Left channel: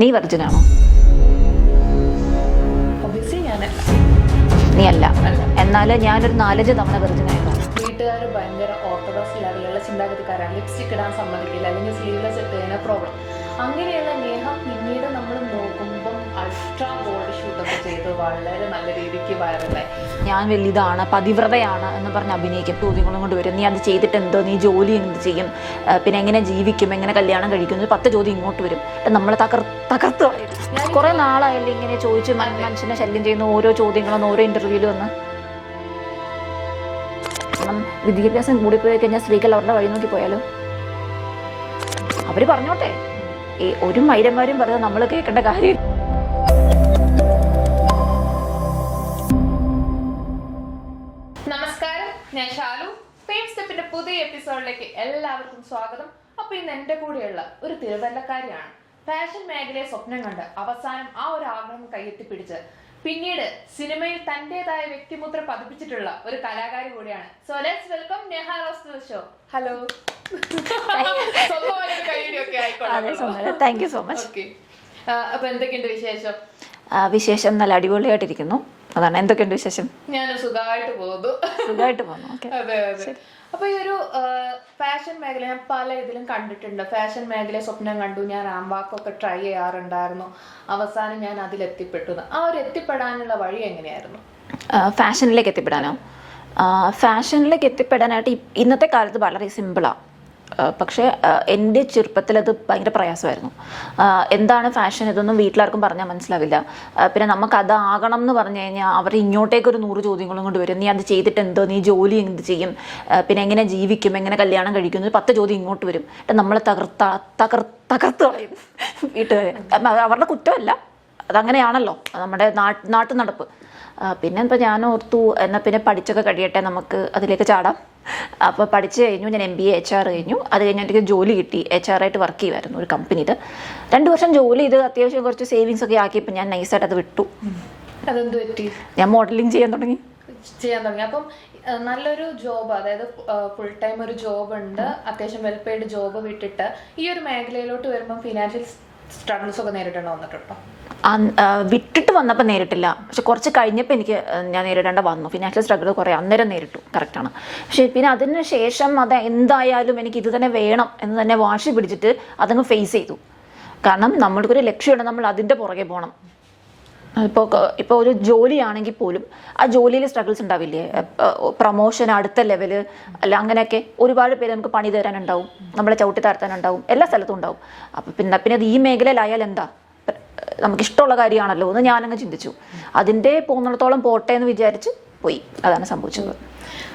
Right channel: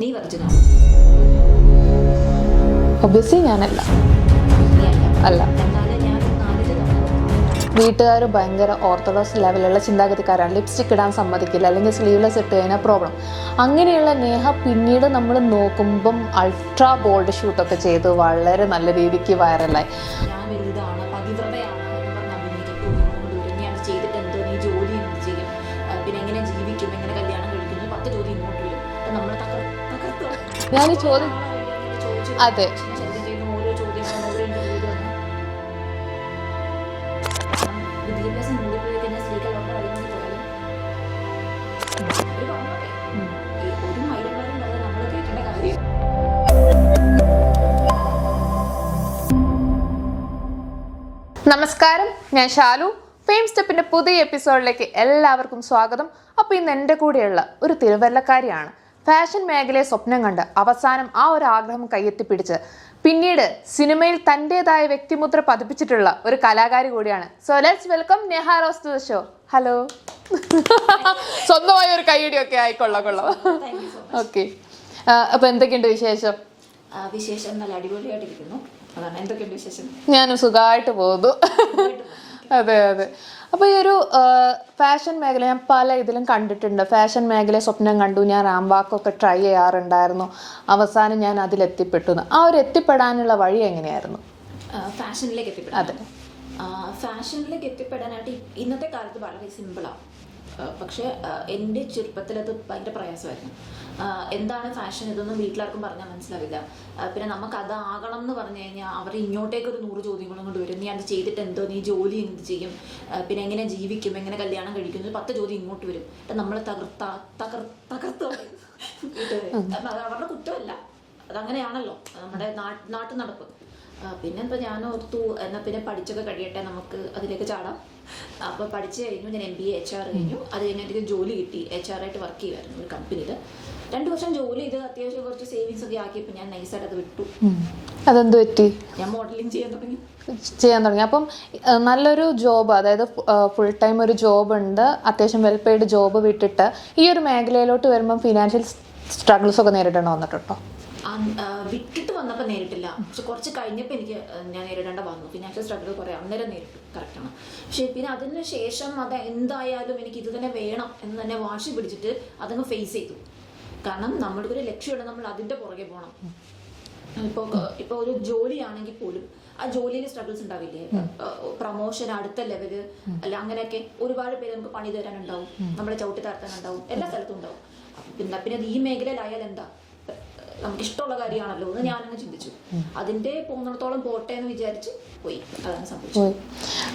നീ വെർജിനാണോ? ഒബിയസ്ലി ഞാനല്ല. നീ അല്ല. അല്ല. എന്നാൽ ഞാനൊരു 4 തവണ വെർജിനായിരുന്നു. വീട്ടുകാർ ഭയങ്കര ഓർത്തഡോക്സ് ലെവലുള്ള ചിന്താഗതിക്കാരാണ്. ലിപ്സ്റ്റിക് ഇടാൻ സമ്മതിക്കില്ല, അല്ലെങ്കിൽ സ്ലീവ്ലെസ് ഇട്ട് കഴിഞ്ഞാൽ പ്രോബ്ലം. അങ്ങനെയുള്ള നേഹ പിന്നീട് നമ്മൾ നോക്കുമ്പം അൾട്രാ ബോൾഡ് ഷൂട്ടൊക്കെ ചെയ്ത് വളരെ നല്ല രീതിക്ക് വൈറലായി. ഞാൻ വലിയതാണ്, പതിവ്രതയാണ് എന്ന് പറഞ്ഞ് അഭിനയിക്കും. ചോദ്യങ്ങളും കൊണ്ട് വരും. നീ അത് ചെയ്തിട്ട് എന്തോ, നീ ജോലി എന്ത് ചെയ്യും, പിന്നെ എങ്ങനെ ജീവിക്കും, എങ്ങനെ കല്യാണം കഴിക്കും, 10 ചോദ്യം ഇങ്ങോട്ട് വരും. നമ്മൾ തകർത്ത് കുറെ നാളായില്ലേ ഇങ്ങനെ ചോദിച്ചു മനുഷ്യനെ ശല്യം ചെയ്യുന്ന ഓരോ ചോദ്യങ്ങളും ഓരോ ഇന്റർവ്യൂവിൽ വന്ന്. വിദ്യാഭ്യാസം കൂടിപ്പോയി കഴിഞ്ഞാൽ സ്ത്രീകൾ അവരുടെ വഴി നോക്കി പോയാലോ? അവര് പറഞ്ഞോട്ടെ. ഈ ഒരു മൈരന്മാരും പറഞ്ഞാൽ നമ്മൾ കേൾക്കേണ്ട കാര്യം. നമസ്കാരം, ഞാൻ ഷാലു. ഫെയിം സ്റ്റെപ്പിന്റെ പുതിയ എപ്പിസോഡിലേക്ക് എല്ലാവർക്കും സ്വാഗതം. അപ്പോൾ ഇന്ന് എൻ്റെ കൂടെയുള്ള ഒരു തിരുവല്ലക്കാരിയാണ്. ഫാഷൻ മേഖലയെ സ്വപ്നം കണ്ട് അവസാനം ആ ഒരു ആഗ്രഹം കയ്യെത്തിപ്പിടിച്ച് പിന്നീട് സിനിമയിൽ തൻ്റെതായ വ്യക്തിമുദ്ര പതിപ്പിച്ചിട്ടുള്ള ഒരു കലാകാരി കൂടിയാണ്. So let's welcome Neha Rose to the show. Hello. സ്വന്തമായ ഒരു കൈയടിയൊക്കെ ആയിക്കൊള്ളാം. Thank you so much. Okay, അപ്പൊ എന്തൊക്കെയുണ്ട് വിശേഷം? വിശേഷം നല്ല അടിപൊളിയായിട്ടിരിക്കുന്നു. അതാണ്. എന്തൊക്കെയുണ്ട് വിശേഷം? ഞാനും സുഖമായിട്ട് പോകുന്നു. അതെ അതെ. അപ്പൊ ഈ ഒരു ഫാഷൻ മേഖല ഞാൻ പല ഇതിലും കണ്ടിട്ടുണ്ട്. ഫാഷൻ മേഖലയെ സ്വപ്നം കണ്ടു, ഞാൻ റാംവാക്കൊക്കെ ട്രൈ ചെയ്യാറുണ്ടായിരുന്നു. അവസാനം ഞാൻ അതിലെത്തിപ്പെട്ടു. ആ ഒരു എത്തിപ്പെടാനുള്ള വഴി എങ്ങനെയായിരുന്നു? ഫാഷനിലേക്ക് എത്തിപ്പെടാനോ? ഫാഷനിലേക്ക് എത്തിപ്പെടാനായിട്ട് ഇന്നത്തെ കാലത്ത് വളരെ സിമ്പിളാണ്. പക്ഷേ എൻ്റെ ചെറുപ്പത്തിൽ അത് ഭയങ്കര പ്രയാസമായിരുന്നു. എന്താണ് ഫാഷൻ ഇതൊന്നും വീട്ടിലാർക്കും പറഞ്ഞാൽ മനസ്സിലാവില്ല. പിന്നെ നമുക്ക് അതാകണം എന്ന് പറഞ്ഞു കഴിഞ്ഞാൽ അവർ ഇങ്ങോട്ടേക്കൊരു 100 ചോദ്യങ്ങളും കൊണ്ട് വരും. നീ അത് ചെയ്തിട്ട് എന്തോ, നീ ജോലി എന്ത് ചെയ്യും, പിന്നെ എങ്ങനെ ജീവിക്കും, എങ്ങനെ കല്യാണം കഴിക്കും, 10 ചോദ്യം ഇങ്ങോട്ട് വരും. നമ്മൾ തകർത്ത് കളയും വീട്ടുകാർ. അവരുടെ കുറ്റമല്ല, അതങ്ങനെയാണല്ലോ നമ്മുടെ നാട്ടു നടപ്പ്. പിന്നെ ഇപ്പോൾ ഞാൻ ഓർത്തു എന്നാൽ പിന്നെ പഠിച്ചൊക്കെ കഴിയട്ടെ, നമുക്ക് അതിലേക്ക് ചാടാം. അപ്പോൾ പഠിച്ച് കഴിഞ്ഞു. ഞാൻ MBA HR കഴിഞ്ഞു. അത് കഴിഞ്ഞ് എനിക്ക് ജോലി കിട്ടി. HR ആയിട്ട് വർക്ക് ചെയ്യുമായിരുന്നു ഒരു കമ്പനിയിൽ. 2 വർഷം ജോലി ചെയ്ത് അത്യാവശ്യം കുറച്ച് സേവിങ്സ് ഒക്കെ ആക്കിയപ്പോൾ ഞാൻ നൈസായിട്ട് അത് വിട്ടു. അതെന്ത് പറ്റി? ഞാൻ മോഡലിംഗ് ചെയ്യാൻ തുടങ്ങി. അപ്പം നല്ലൊരു ജോബ്, അതായത് ഫുൾ ടൈം ഒരു ജോബ് ഉണ്ട്, അത്യാവശ്യം വെൽ പെയ്ഡ് ജോബ് വിട്ടിട്ട് ഈ ഒരു മേഖലയിലോട്ട് വരുമ്പം ഫിനാൻഷ്യൽ സ്ട്രഗിൾസ് ഒക്കെ നേരിടേണ്ടി വന്നിട്ടുണ്ടോ? വിട്ടിട്ട് വന്നപ്പോൾ നേരിട്ടില്ല. പക്ഷെ കുറച്ച് കഴിഞ്ഞപ്പോൾ ഞാൻ നേരിടേണ്ട വന്നു. ഫിനാൻഷ്യൽ സ്ട്രഗിൾ കുറേ അന്നേരം നേരിട്ടു, കറക്റ്റാണ്. പക്ഷേ പിന്നെ അതിന് ശേഷം അത് എന്തായാലും എനിക്ക് ഇത് തന്നെ വേണം എന്ന് തന്നെ വാശി പിടിച്ചിട്ട് അതങ്ങ് ഫേസ് ചെയ്തു. കാരണം നമ്മൾക്കൊരു ലക്ഷ്യമുണ്ട്, നമ്മൾ അതിൻ്റെ പുറകെ പോകണം. ഇപ്പോൾ ഒരു ജോലിയാണെങ്കിൽ പോലും ആ ജോലിയിൽ സ്ട്രഗിൾസ് ഉണ്ടാവില്ലേ? പ്രൊമോഷൻ, അടുത്ത ലെവല്, അല്ല അങ്ങനെയൊക്കെ ഒരുപാട് പേര് നമുക്ക് പണി തരാനുണ്ടാവും, നമ്മളെ ചവിട്ടി താഴ്ത്താനുണ്ടാവും, എല്ലാ സ്ഥലത്തും ഉണ്ടാവും. അപ്പം പിന്നെ അത് ഈ മേഖലയിലായാൽ എന്താ, നമുക്കിഷ്ടമുള്ള കാര്യമാണല്ലോ എന്ന് ഞാനങ്ങ് ചിന്തിച്ചു. അതിൻ്റെ പോകുന്നിടത്തോളം പോട്ടെ എന്ന് വിചാരിച്ച് പോയി. അതാണ് സംഭവിച്ചത്.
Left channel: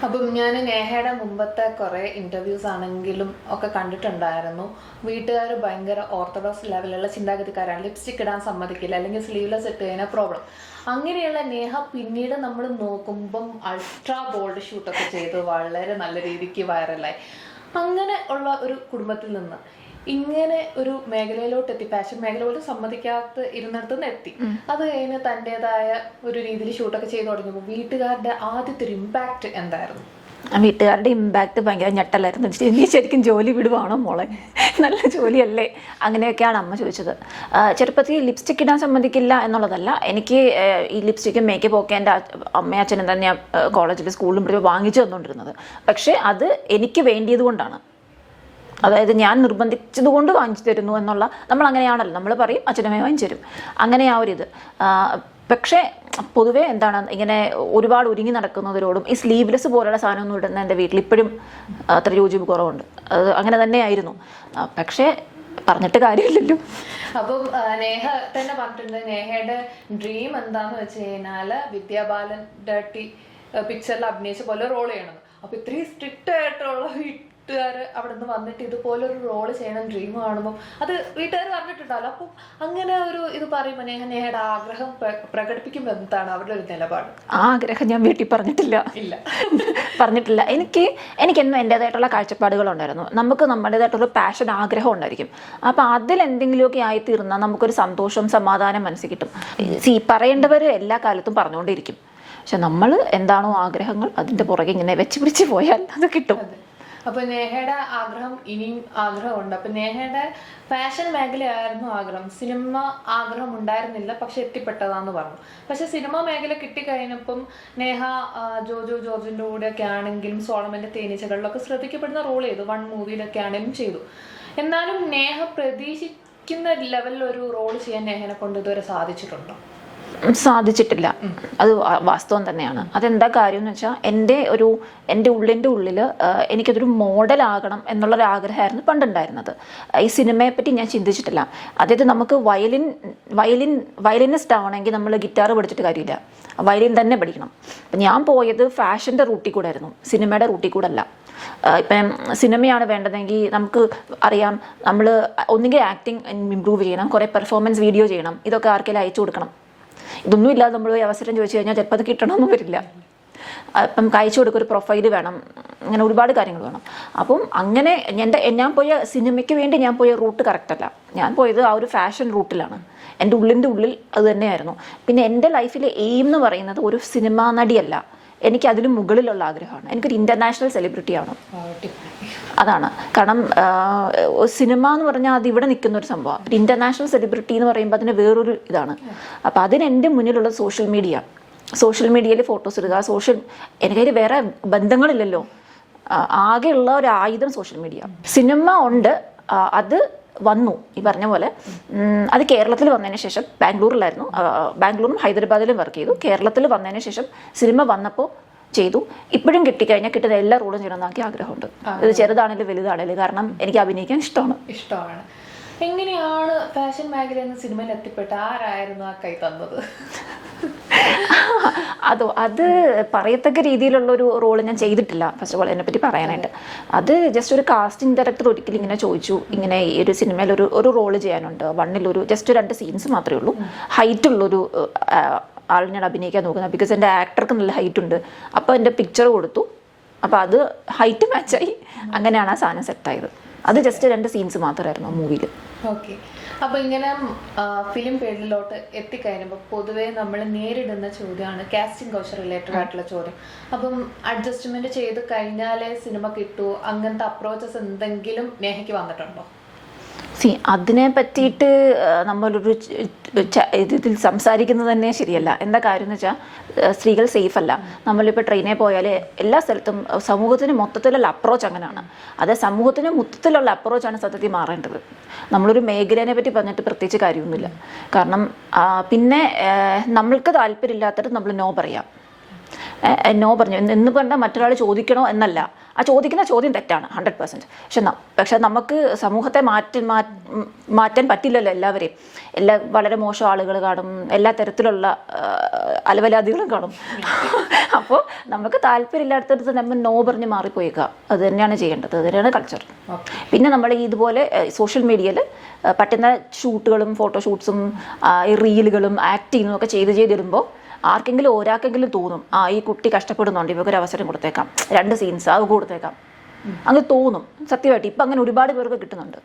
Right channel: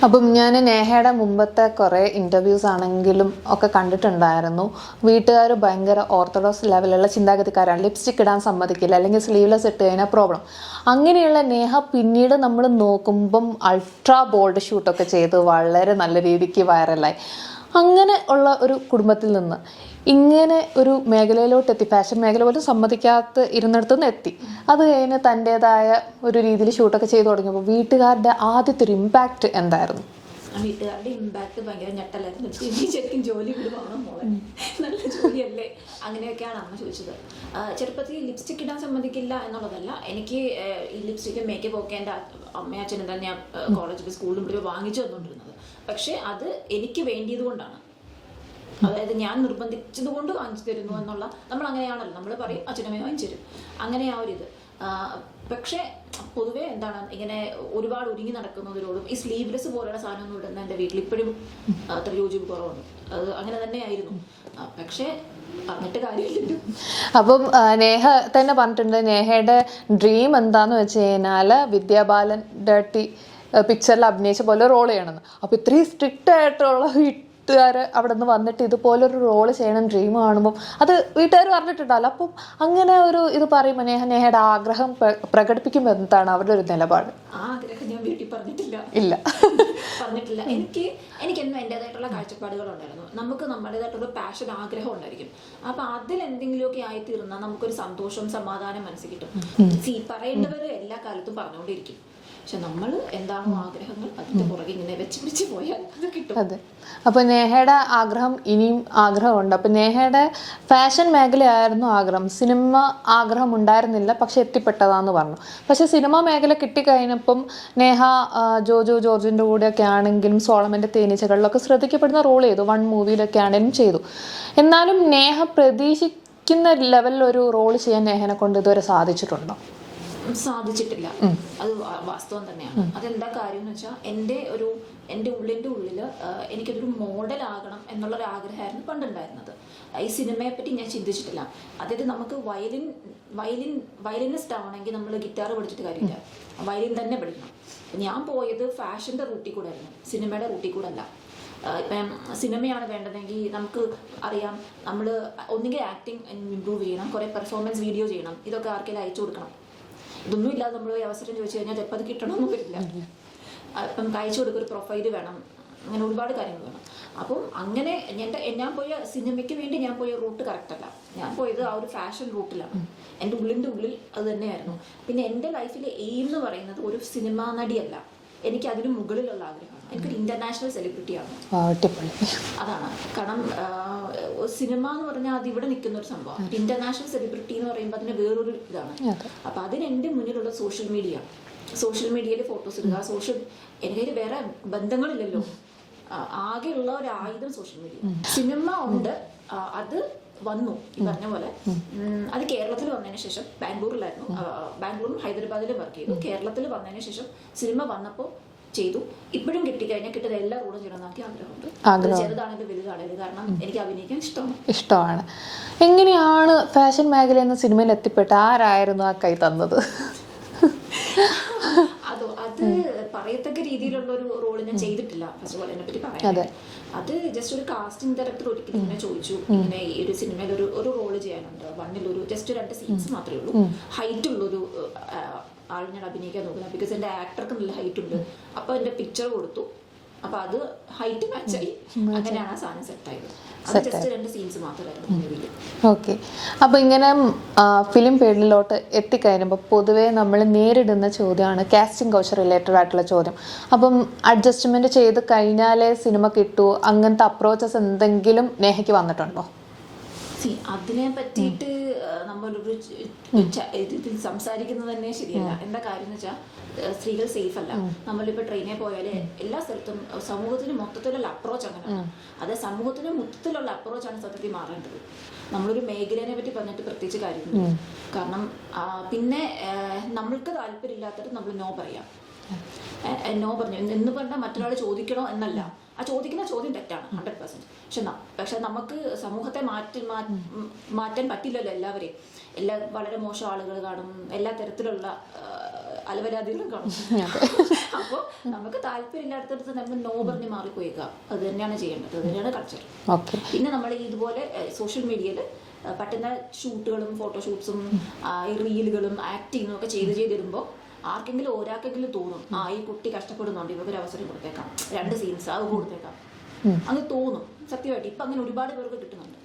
അപ്പം ഞാൻ നേഹയുടെ മുമ്പത്തെ കുറേ ഇൻ്റർവ്യൂസ് ആണെങ്കിലും ഒക്കെ കണ്ടിട്ടുണ്ടായിരുന്നു. വീട്ടുകാർ ഭയങ്കര ഓർത്തഡോക്സ് ലെവലുള്ള ചിന്താഗതിക്കാരാണ്. ലിപ്സ്റ്റിക് ഇടാൻ സമ്മതിക്കില്ല, അല്ലെങ്കിൽ സ്ലീവ്ലെസ് ഇട്ട് കഴിഞ്ഞാൽ പ്രോബ്ലം. അങ്ങനെയുള്ള നേഹ പിന്നീട് നമ്മൾ നോക്കുമ്പം അൾട്രാ ബോൾഡ് ഷൂട്ടൊക്കെ ചെയ്ത് വളരെ നല്ല രീതിക്ക് വൈറലായി. അങ്ങനെ ഉള്ള ഒരു കുടുംബത്തിൽ നിന്ന് ഇങ്ങനെ ഒരു മേഖലയിലോട്ട് എത്തി, ഫാഷൻ മേഖല പോലും സമ്മതിക്കാത്ത ഇരുന്നിടത്തുനിന്ന് എത്തി. അത് കഴിഞ്ഞ് തൻ്റെതായ ഒരു രീതിയിൽ ഷൂട്ടൊക്കെ ചെയ്തു തുടങ്ങിയപ്പോൾ വീട്ടുകാരുടെ ആദ്യത്തെ ഒരു ഇമ്പാക്റ്റ് എന്തായിരുന്നു? വീട്ടുകാരുടെ ഇമ്പാക്റ്റ് ഭയങ്കര ഞെട്ടലായിരുന്നു. നീ ശരിക്കും ജോലി വിടുവാണോ മോളെ, നല്ല ജോലിയല്ലേ, അങ്ങനെയൊക്കെയാണ് അമ്മ ചോദിച്ചത്. ചെറുപ്പത്തിൽ ലിപ്സ്റ്റിക് ഇടാൻ സമ്മതിക്കില്ല എന്നുള്ളതല്ല, എനിക്ക് ഈ ലിപ്സ്റ്റിക്കും മേക്കപ്പ് ഒക്കെ എൻ്റെ അമ്മയും അച്ഛനും തന്നെ കോളേജിൽ സ്കൂളിലും വാങ്ങിച്ചു തന്നുകൊണ്ടിരുന്നത്. പക്ഷേ അത് എനിക്ക് വേണ്ടിയത് കൊണ്ടാണ്, അതായത് ഞാൻ നിർബന്ധിച്ചത് കൊണ്ട് വാങ്ങിച്ചു തരുന്നു എന്നുള്ള, നമ്മൾ അങ്ങനെയാണല്ലോ, നമ്മൾ പറയും അച്ഛനമ്മയെ വാങ്ങിച്ചു തരും, അങ്ങനെ ആ ഒരിത്. പക്ഷേ പൊതുവേ എന്താണ്, ഇങ്ങനെ ഒരുപാട് ഒരുങ്ങി നടക്കുന്നവരോടും ഈ സ്ലീവ്ലെസ് പോലുള്ള സാധനമൊന്നും ഇടുന്ന എൻ്റെ വീട്ടിൽ ഇപ്പോഴും അത്ര യോജിപ്പ് കുറവുണ്ട്. അത് അങ്ങനെ തന്നെയായിരുന്നു. പക്ഷേ പറഞ്ഞിട്ട് കാര്യമില്ലല്ലോ. അപ്പം നേഹ തന്നെ പറഞ്ഞിട്ടുണ്ട്, നേഹയുടെ ഡ്രീം എന്താന്ന് വെച്ച് കഴിഞ്ഞാൽ വിദ്യാബാലൻ ഡേർട്ടി പിക്ചറിൽ അഭിനയിച്ച പോലെ റോൾ ചെയ്യണമെന്ന്. അപ്പോൾ ഇത്രയും സ്ട്രിക്റ്റ് ആയിട്ടുള്ള വീട്ടുകാർ അവിടെ നിന്ന് വന്നിട്ട് ഇതുപോലൊരു റോള് ചെയ്യണം ഡ്രീം കാണുമ്പോൾ അത് വീട്ടുകാർ പറഞ്ഞിട്ടുണ്ടല്ലോ. അപ്പം അങ്ങനെ ഒരു ഇത് പറയുമ്പോൾ നേഹയുടെ ആഗ്രഹം പ്രകടിപ്പിക്കുമ്പോൾ എന്താണ് അവരുടെ ഒരു നിലപാട്? ആഗ്രഹം ഞാൻ വീട്ടിൽ പറഞ്ഞിട്ടില്ല. പറഞ്ഞിട്ടില്ല. എനിക്കെന്നും എൻ്റേതായിട്ടുള്ള കാഴ്ചപ്പാടുകളുണ്ടായിരുന്നു. നമുക്ക് നമ്മുടേതായിട്ടുള്ള പാഷൻ, ആഗ്രഹം ഉണ്ടായിരിക്കും. അപ്പം അതിലെന്തെങ്കിലുമൊക്കെ ആയിത്തീർന്നാൽ നമുക്കൊരു സന്തോഷം, സമാധാനം മനസ്സിൽ കിട്ടും. പറയേണ്ടവർ എല്ലാ കാലത്തും പറഞ്ഞുകൊണ്ടിരിക്കും. പക്ഷെ നമ്മൾ എന്താണോ ആഗ്രഹങ്ങൾ അതിന്റെ പുറകെ ഇങ്ങനെ വെച്ച് പിടിച്ച് പോയാൽ അത് കിട്ടും. അതെ. അപ്പൊ നേഹയുടെ ആഗ്രഹം ഇനിയും ആഗ്രഹമുണ്ട്. അപ്പൊ നേഹയുടെ ഫാഷൻ മേഖലയായിരുന്നു ആഗ്രഹം, സിനിമ ആഗ്രഹം ഉണ്ടായിരുന്നില്ല, പക്ഷെ എത്തിപ്പെട്ടതാന്ന് പറഞ്ഞു. പക്ഷെ സിനിമ മേഖല കിട്ടിക്കഴിഞ്ഞപ്പം നേഹ ജോജോ ജോർജിന്റെ കൂടെയൊക്കെ ആണെങ്കിലും സോളമന്റെ തേനീച്ചകളിലൊക്കെ ശ്രദ്ധിക്കപ്പെടുന്ന റോൾ ചെയ്തു, 1 മൂവിയിലൊക്കെ ആണെങ്കിലും ചെയ്തു. എന്നാലും നേഹ പ്രതീക്ഷിക്കുന്ന ലെവലിൽ ഒരു റോൾ ചെയ്യാൻ നേഹനെ കൊണ്ട് ഇതുവരെ സാധിച്ചിട്ടുണ്ടോ? സാധിച്ചിട്ടില്ല. അത് വാസ്തവം തന്നെയാണ്. അതെന്താ കാര്യം എന്ന് വെച്ചാൽ എൻ്റെ ഉള്ളിൻ്റെ ഉള്ളിൽ എനിക്കതൊരു മോഡലാകണം എന്നുള്ളൊരു ആഗ്രഹമായിരുന്നു പണ്ടുണ്ടായിരുന്നത്. ഈ സിനിമയെ പറ്റി ഞാൻ ചിന്തിച്ചിട്ടില്ല. അതായത് നമുക്ക് വയലിനിസ്റ്റ് ആവണമെങ്കിൽ നമ്മൾ ഗിറ്റാർ പഠിച്ചിട്ട് കാര്യമില്ല, വയലിൻ തന്നെ പഠിക്കണം. അപ്പം ഞാൻ പോയത് ഫാഷൻ്റെ റൂട്ടിൽ കൂടെ ആയിരുന്നു, സിനിമയുടെ റൂട്ടിൽ കൂടെ അല്ല. ഇപ്പം സിനിമയാണ് വേണ്ടതെങ്കിൽ നമുക്ക് അറിയാം, നമ്മൾ ഒന്നുകിൽ ആക്ടിങ് ഇമ്പ്രൂവ് ചെയ്യണം, കുറേ പെർഫോമൻസ് വീഡിയോ ചെയ്യണം, ഇതൊക്കെ ആർക്കെങ്കിലും അയച്ചു കൊടുക്കണം. ഇതൊന്നും ഇല്ലാതെ നമ്മൾ അവസരം ചോദിച്ചു കഴിഞ്ഞാൽ ചിലപ്പോൾ അത് കിട്ടണമെന്നും വരില്ല. അപ്പം അയച്ചു കൊടുക്കുക, ഒരു പ്രൊഫൈല് വേണം, അങ്ങനെ ഒരുപാട് കാര്യങ്ങൾ വേണം. അപ്പം അങ്ങനെ ഞാൻ പോയ സിനിമയ്ക്ക് വേണ്ടി ഞാൻ പോയ റൂട്ട് കറക്റ്റല്ല. ഞാൻ പോയത് ആ ഒരു ഫാഷൻ റൂട്ടിലാണ്. എൻ്റെ ഉള്ളിൻ്റെ ഉള്ളിൽ അത് തന്നെയായിരുന്നു. പിന്നെ എൻ്റെ ലൈഫിലെ എയിം എന്ന് പറയുന്നത് ഒരു സിനിമാ നടിയല്ല, എനിക്ക് അതിന് മുകളിലുള്ള ആഗ്രഹമാണ്. എനിക്കൊരു ഇന്റർനാഷണൽ സെലിബ്രിറ്റി ആവണം. അതാണ് കാരണം. സിനിമ എന്ന് പറഞ്ഞാൽ അത് ഇവിടെ നിൽക്കുന്ന ഒരു സംഭവമാണ്. ഒരു ഇന്റർനാഷണൽ സെലിബ്രിറ്റി എന്ന് പറയുമ്പോൾ അതിന് വേറൊരു ഇതാണ്. അപ്പം അതിന് എൻ്റെ മുന്നിലുള്ള സോഷ്യൽ മീഡിയയിൽ ഫോട്ടോസ് ഇടുക. എനിക്കതിൽ വേറെ ബന്ധങ്ങളില്ലല്ലോ. ആകെയുള്ള ഒരു ആയുധം സോഷ്യൽ മീഡിയ. സിനിമ ഉണ്ട്, അത് വന്നു ഈ പറഞ്ഞ പോലെ. അത് കേരളത്തിൽ വന്നതിന് ശേഷം ബാംഗ്ലൂരും ഹൈദരാബാദിലും വർക്ക് ചെയ്തു. കേരളത്തിൽ വന്നതിന് ശേഷം സിനിമ വന്നപ്പോൾ ചെയ്തു. ഇപ്പോഴും കിട്ടിക്കഴിഞ്ഞാൽ കിട്ടുന്ന എല്ലാ റോളും ചെയ്യണമെന്നാക്കി ആഗ്രഹമുണ്ട്. അത് ചെറുതാണെങ്കിലും വലുതാണെങ്കിലും, കാരണം എനിക്ക് അഭിനയിക്കാൻ ഇഷ്ടമാണ്. എങ്ങനെയാണ് ഫാഷൻ മേഖല എന്ന സിനിമയിൽ എത്തിപ്പെട്ട? ആരായിരുന്നു ആ കൈ തന്നത്? അത് പറയത്തക്ക രീതിയിലുള്ള ഒരു റോള് ഞാൻ ചെയ്തിട്ടില്ല. ഫസ്റ്റ് ഓഫ് ഓൾ അതിനെപ്പറ്റി പറയാനായിട്ട്, അത് ജസ്റ്റ് ഒരു കാസ്റ്റിംഗ് ഡയറക്ടർ ഒരിക്കലും ഇങ്ങനെ ചോദിച്ചു, ഇങ്ങനെ ഈ ഒരു സിനിമയിൽ ഒരു റോള് ചെയ്യാനുണ്ട്, 1 ജസ്റ്റ് 2 സീൻസ് മാത്രമേ ഉള്ളൂ, ഹൈറ്റ് ഉള്ളൊരു ആൾ ഞാൻ അഭിനയിക്കാൻ നോക്കുന്നത്. ബിക്കോസ് എൻ്റെ ആക്ടർക്ക് നല്ല ഹൈറ്റ് ഉണ്ട്. അപ്പോൾ എൻ്റെ പിക്ചർ കൊടുത്തു, അപ്പോൾ അത് ഹൈറ്റ് മാച്ചായി. അങ്ങനെയാണ് ആ സാധനം സെറ്റായത്. അത് ജസ്റ്റ് 2 സീൻസ് മാത്രമായിരുന്നു മൂവിയിൽ. ഓക്കെ. അപ്പോൾ ഇങ്ങനെ ഫിലിം ഫീൽഡിലോട്ട് എത്തിക്കഴിഞ്ഞപ്പോൾ പൊതുവേ നമ്മൾ നേരിടുന്ന ചോദ്യമാണ് കാസ്റ്റിംഗ് കൗച്ച് റിലേറ്റഡ് ആയിട്ടുള്ള ചോദ്യം. അപ്പം അഡ്ജസ്റ്റ്മെന്റ് ചെയ്ത് കഴിഞ്ഞാലേ സിനിമ കിട്ടൂ, അങ്ങനത്തെ അപ്രോച്ചസ് എന്തെങ്കിലും നേഹയ്ക്ക് വന്നിട്ടുണ്ടോ? അതിനെ പറ്റിയിട്ട് നമ്മളൊരു ഇതിൽ സംസാരിക്കുന്നത് തന്നെ ശരിയല്ല. എന്താ കാര്യം എന്ന് വെച്ചാൽ, സ്ത്രീകൾ സേഫ് അല്ല. നമ്മളിപ്പോൾ ട്രെയിനിൽ പോയാൽ എല്ലാ സ്ഥലത്തും സമൂഹത്തിന് മൊത്തത്തിലുള്ള അപ്രോച്ച് അങ്ങനെയാണ്. അത് സമൂഹത്തിന് മൊത്തത്തിലുള്ള അപ്രോച്ചാണ് സത്യത്തിൽ മാറേണ്ടത്. നമ്മളൊരു മേഖലയെ പറ്റി പറഞ്ഞിട്ട് പ്രത്യേകിച്ച് കാര്യമൊന്നുമില്ല. കാരണം പിന്നെ നമ്മൾക്ക് താല്പര്യമില്ലാത്തത് നമ്മൾ നോ പറയാം. നോ പറഞ്ഞു എന്ന് പറഞ്ഞാൽ മറ്റൊരാൾ ചോദിക്കണോ എന്നല്ല. ആ ചോദിക്കുന്ന ചോദ്യം തെറ്റാണ് 100%. പക്ഷെ നമുക്ക് സമൂഹത്തെ മാറ്റാൻ പറ്റില്ലല്ലോ എല്ലാവരെയും. വളരെ മോശം ആളുകൾ കാണും, എല്ലാ തരത്തിലുള്ള അലവലാദികളും കാണും. അപ്പോൾ നമുക്ക് താല്പര്യമില്ലാത്തടത്ത് നമ്മൾ നോ പറഞ്ഞ് മാറിപ്പോയേക്കുക. അത് തന്നെയാണ് ചെയ്യേണ്ടത്. അത് തന്നെയാണ് കൾച്ചർ. പിന്നെ നമ്മൾ ഇതുപോലെ സോഷ്യൽ മീഡിയയിൽ പറ്റുന്ന ഷൂട്ടുകളും ഫോട്ടോഷൂട്ട്സും റീലുകളും ആക്ടിങ്ങും ഒക്കെ ചെയ്തിടുമ്പോൾ ഒരാൾക്കെങ്കിലും തോന്നും, ഈ കുട്ടി കഷ്ടപ്പെടുന്നുണ്ട്, ഇവക്കൊരു അവസരം കൊടുത്തേക്കാം, 2 സീൻസ് അത് കൊടുത്തേക്കാം, അങ്ങനെ തോന്നും. സത്യമായിട്ട് ഇപ്പം അങ്ങനെ ഒരുപാട് പേർക്ക് കിട്ടുന്നുണ്ട്.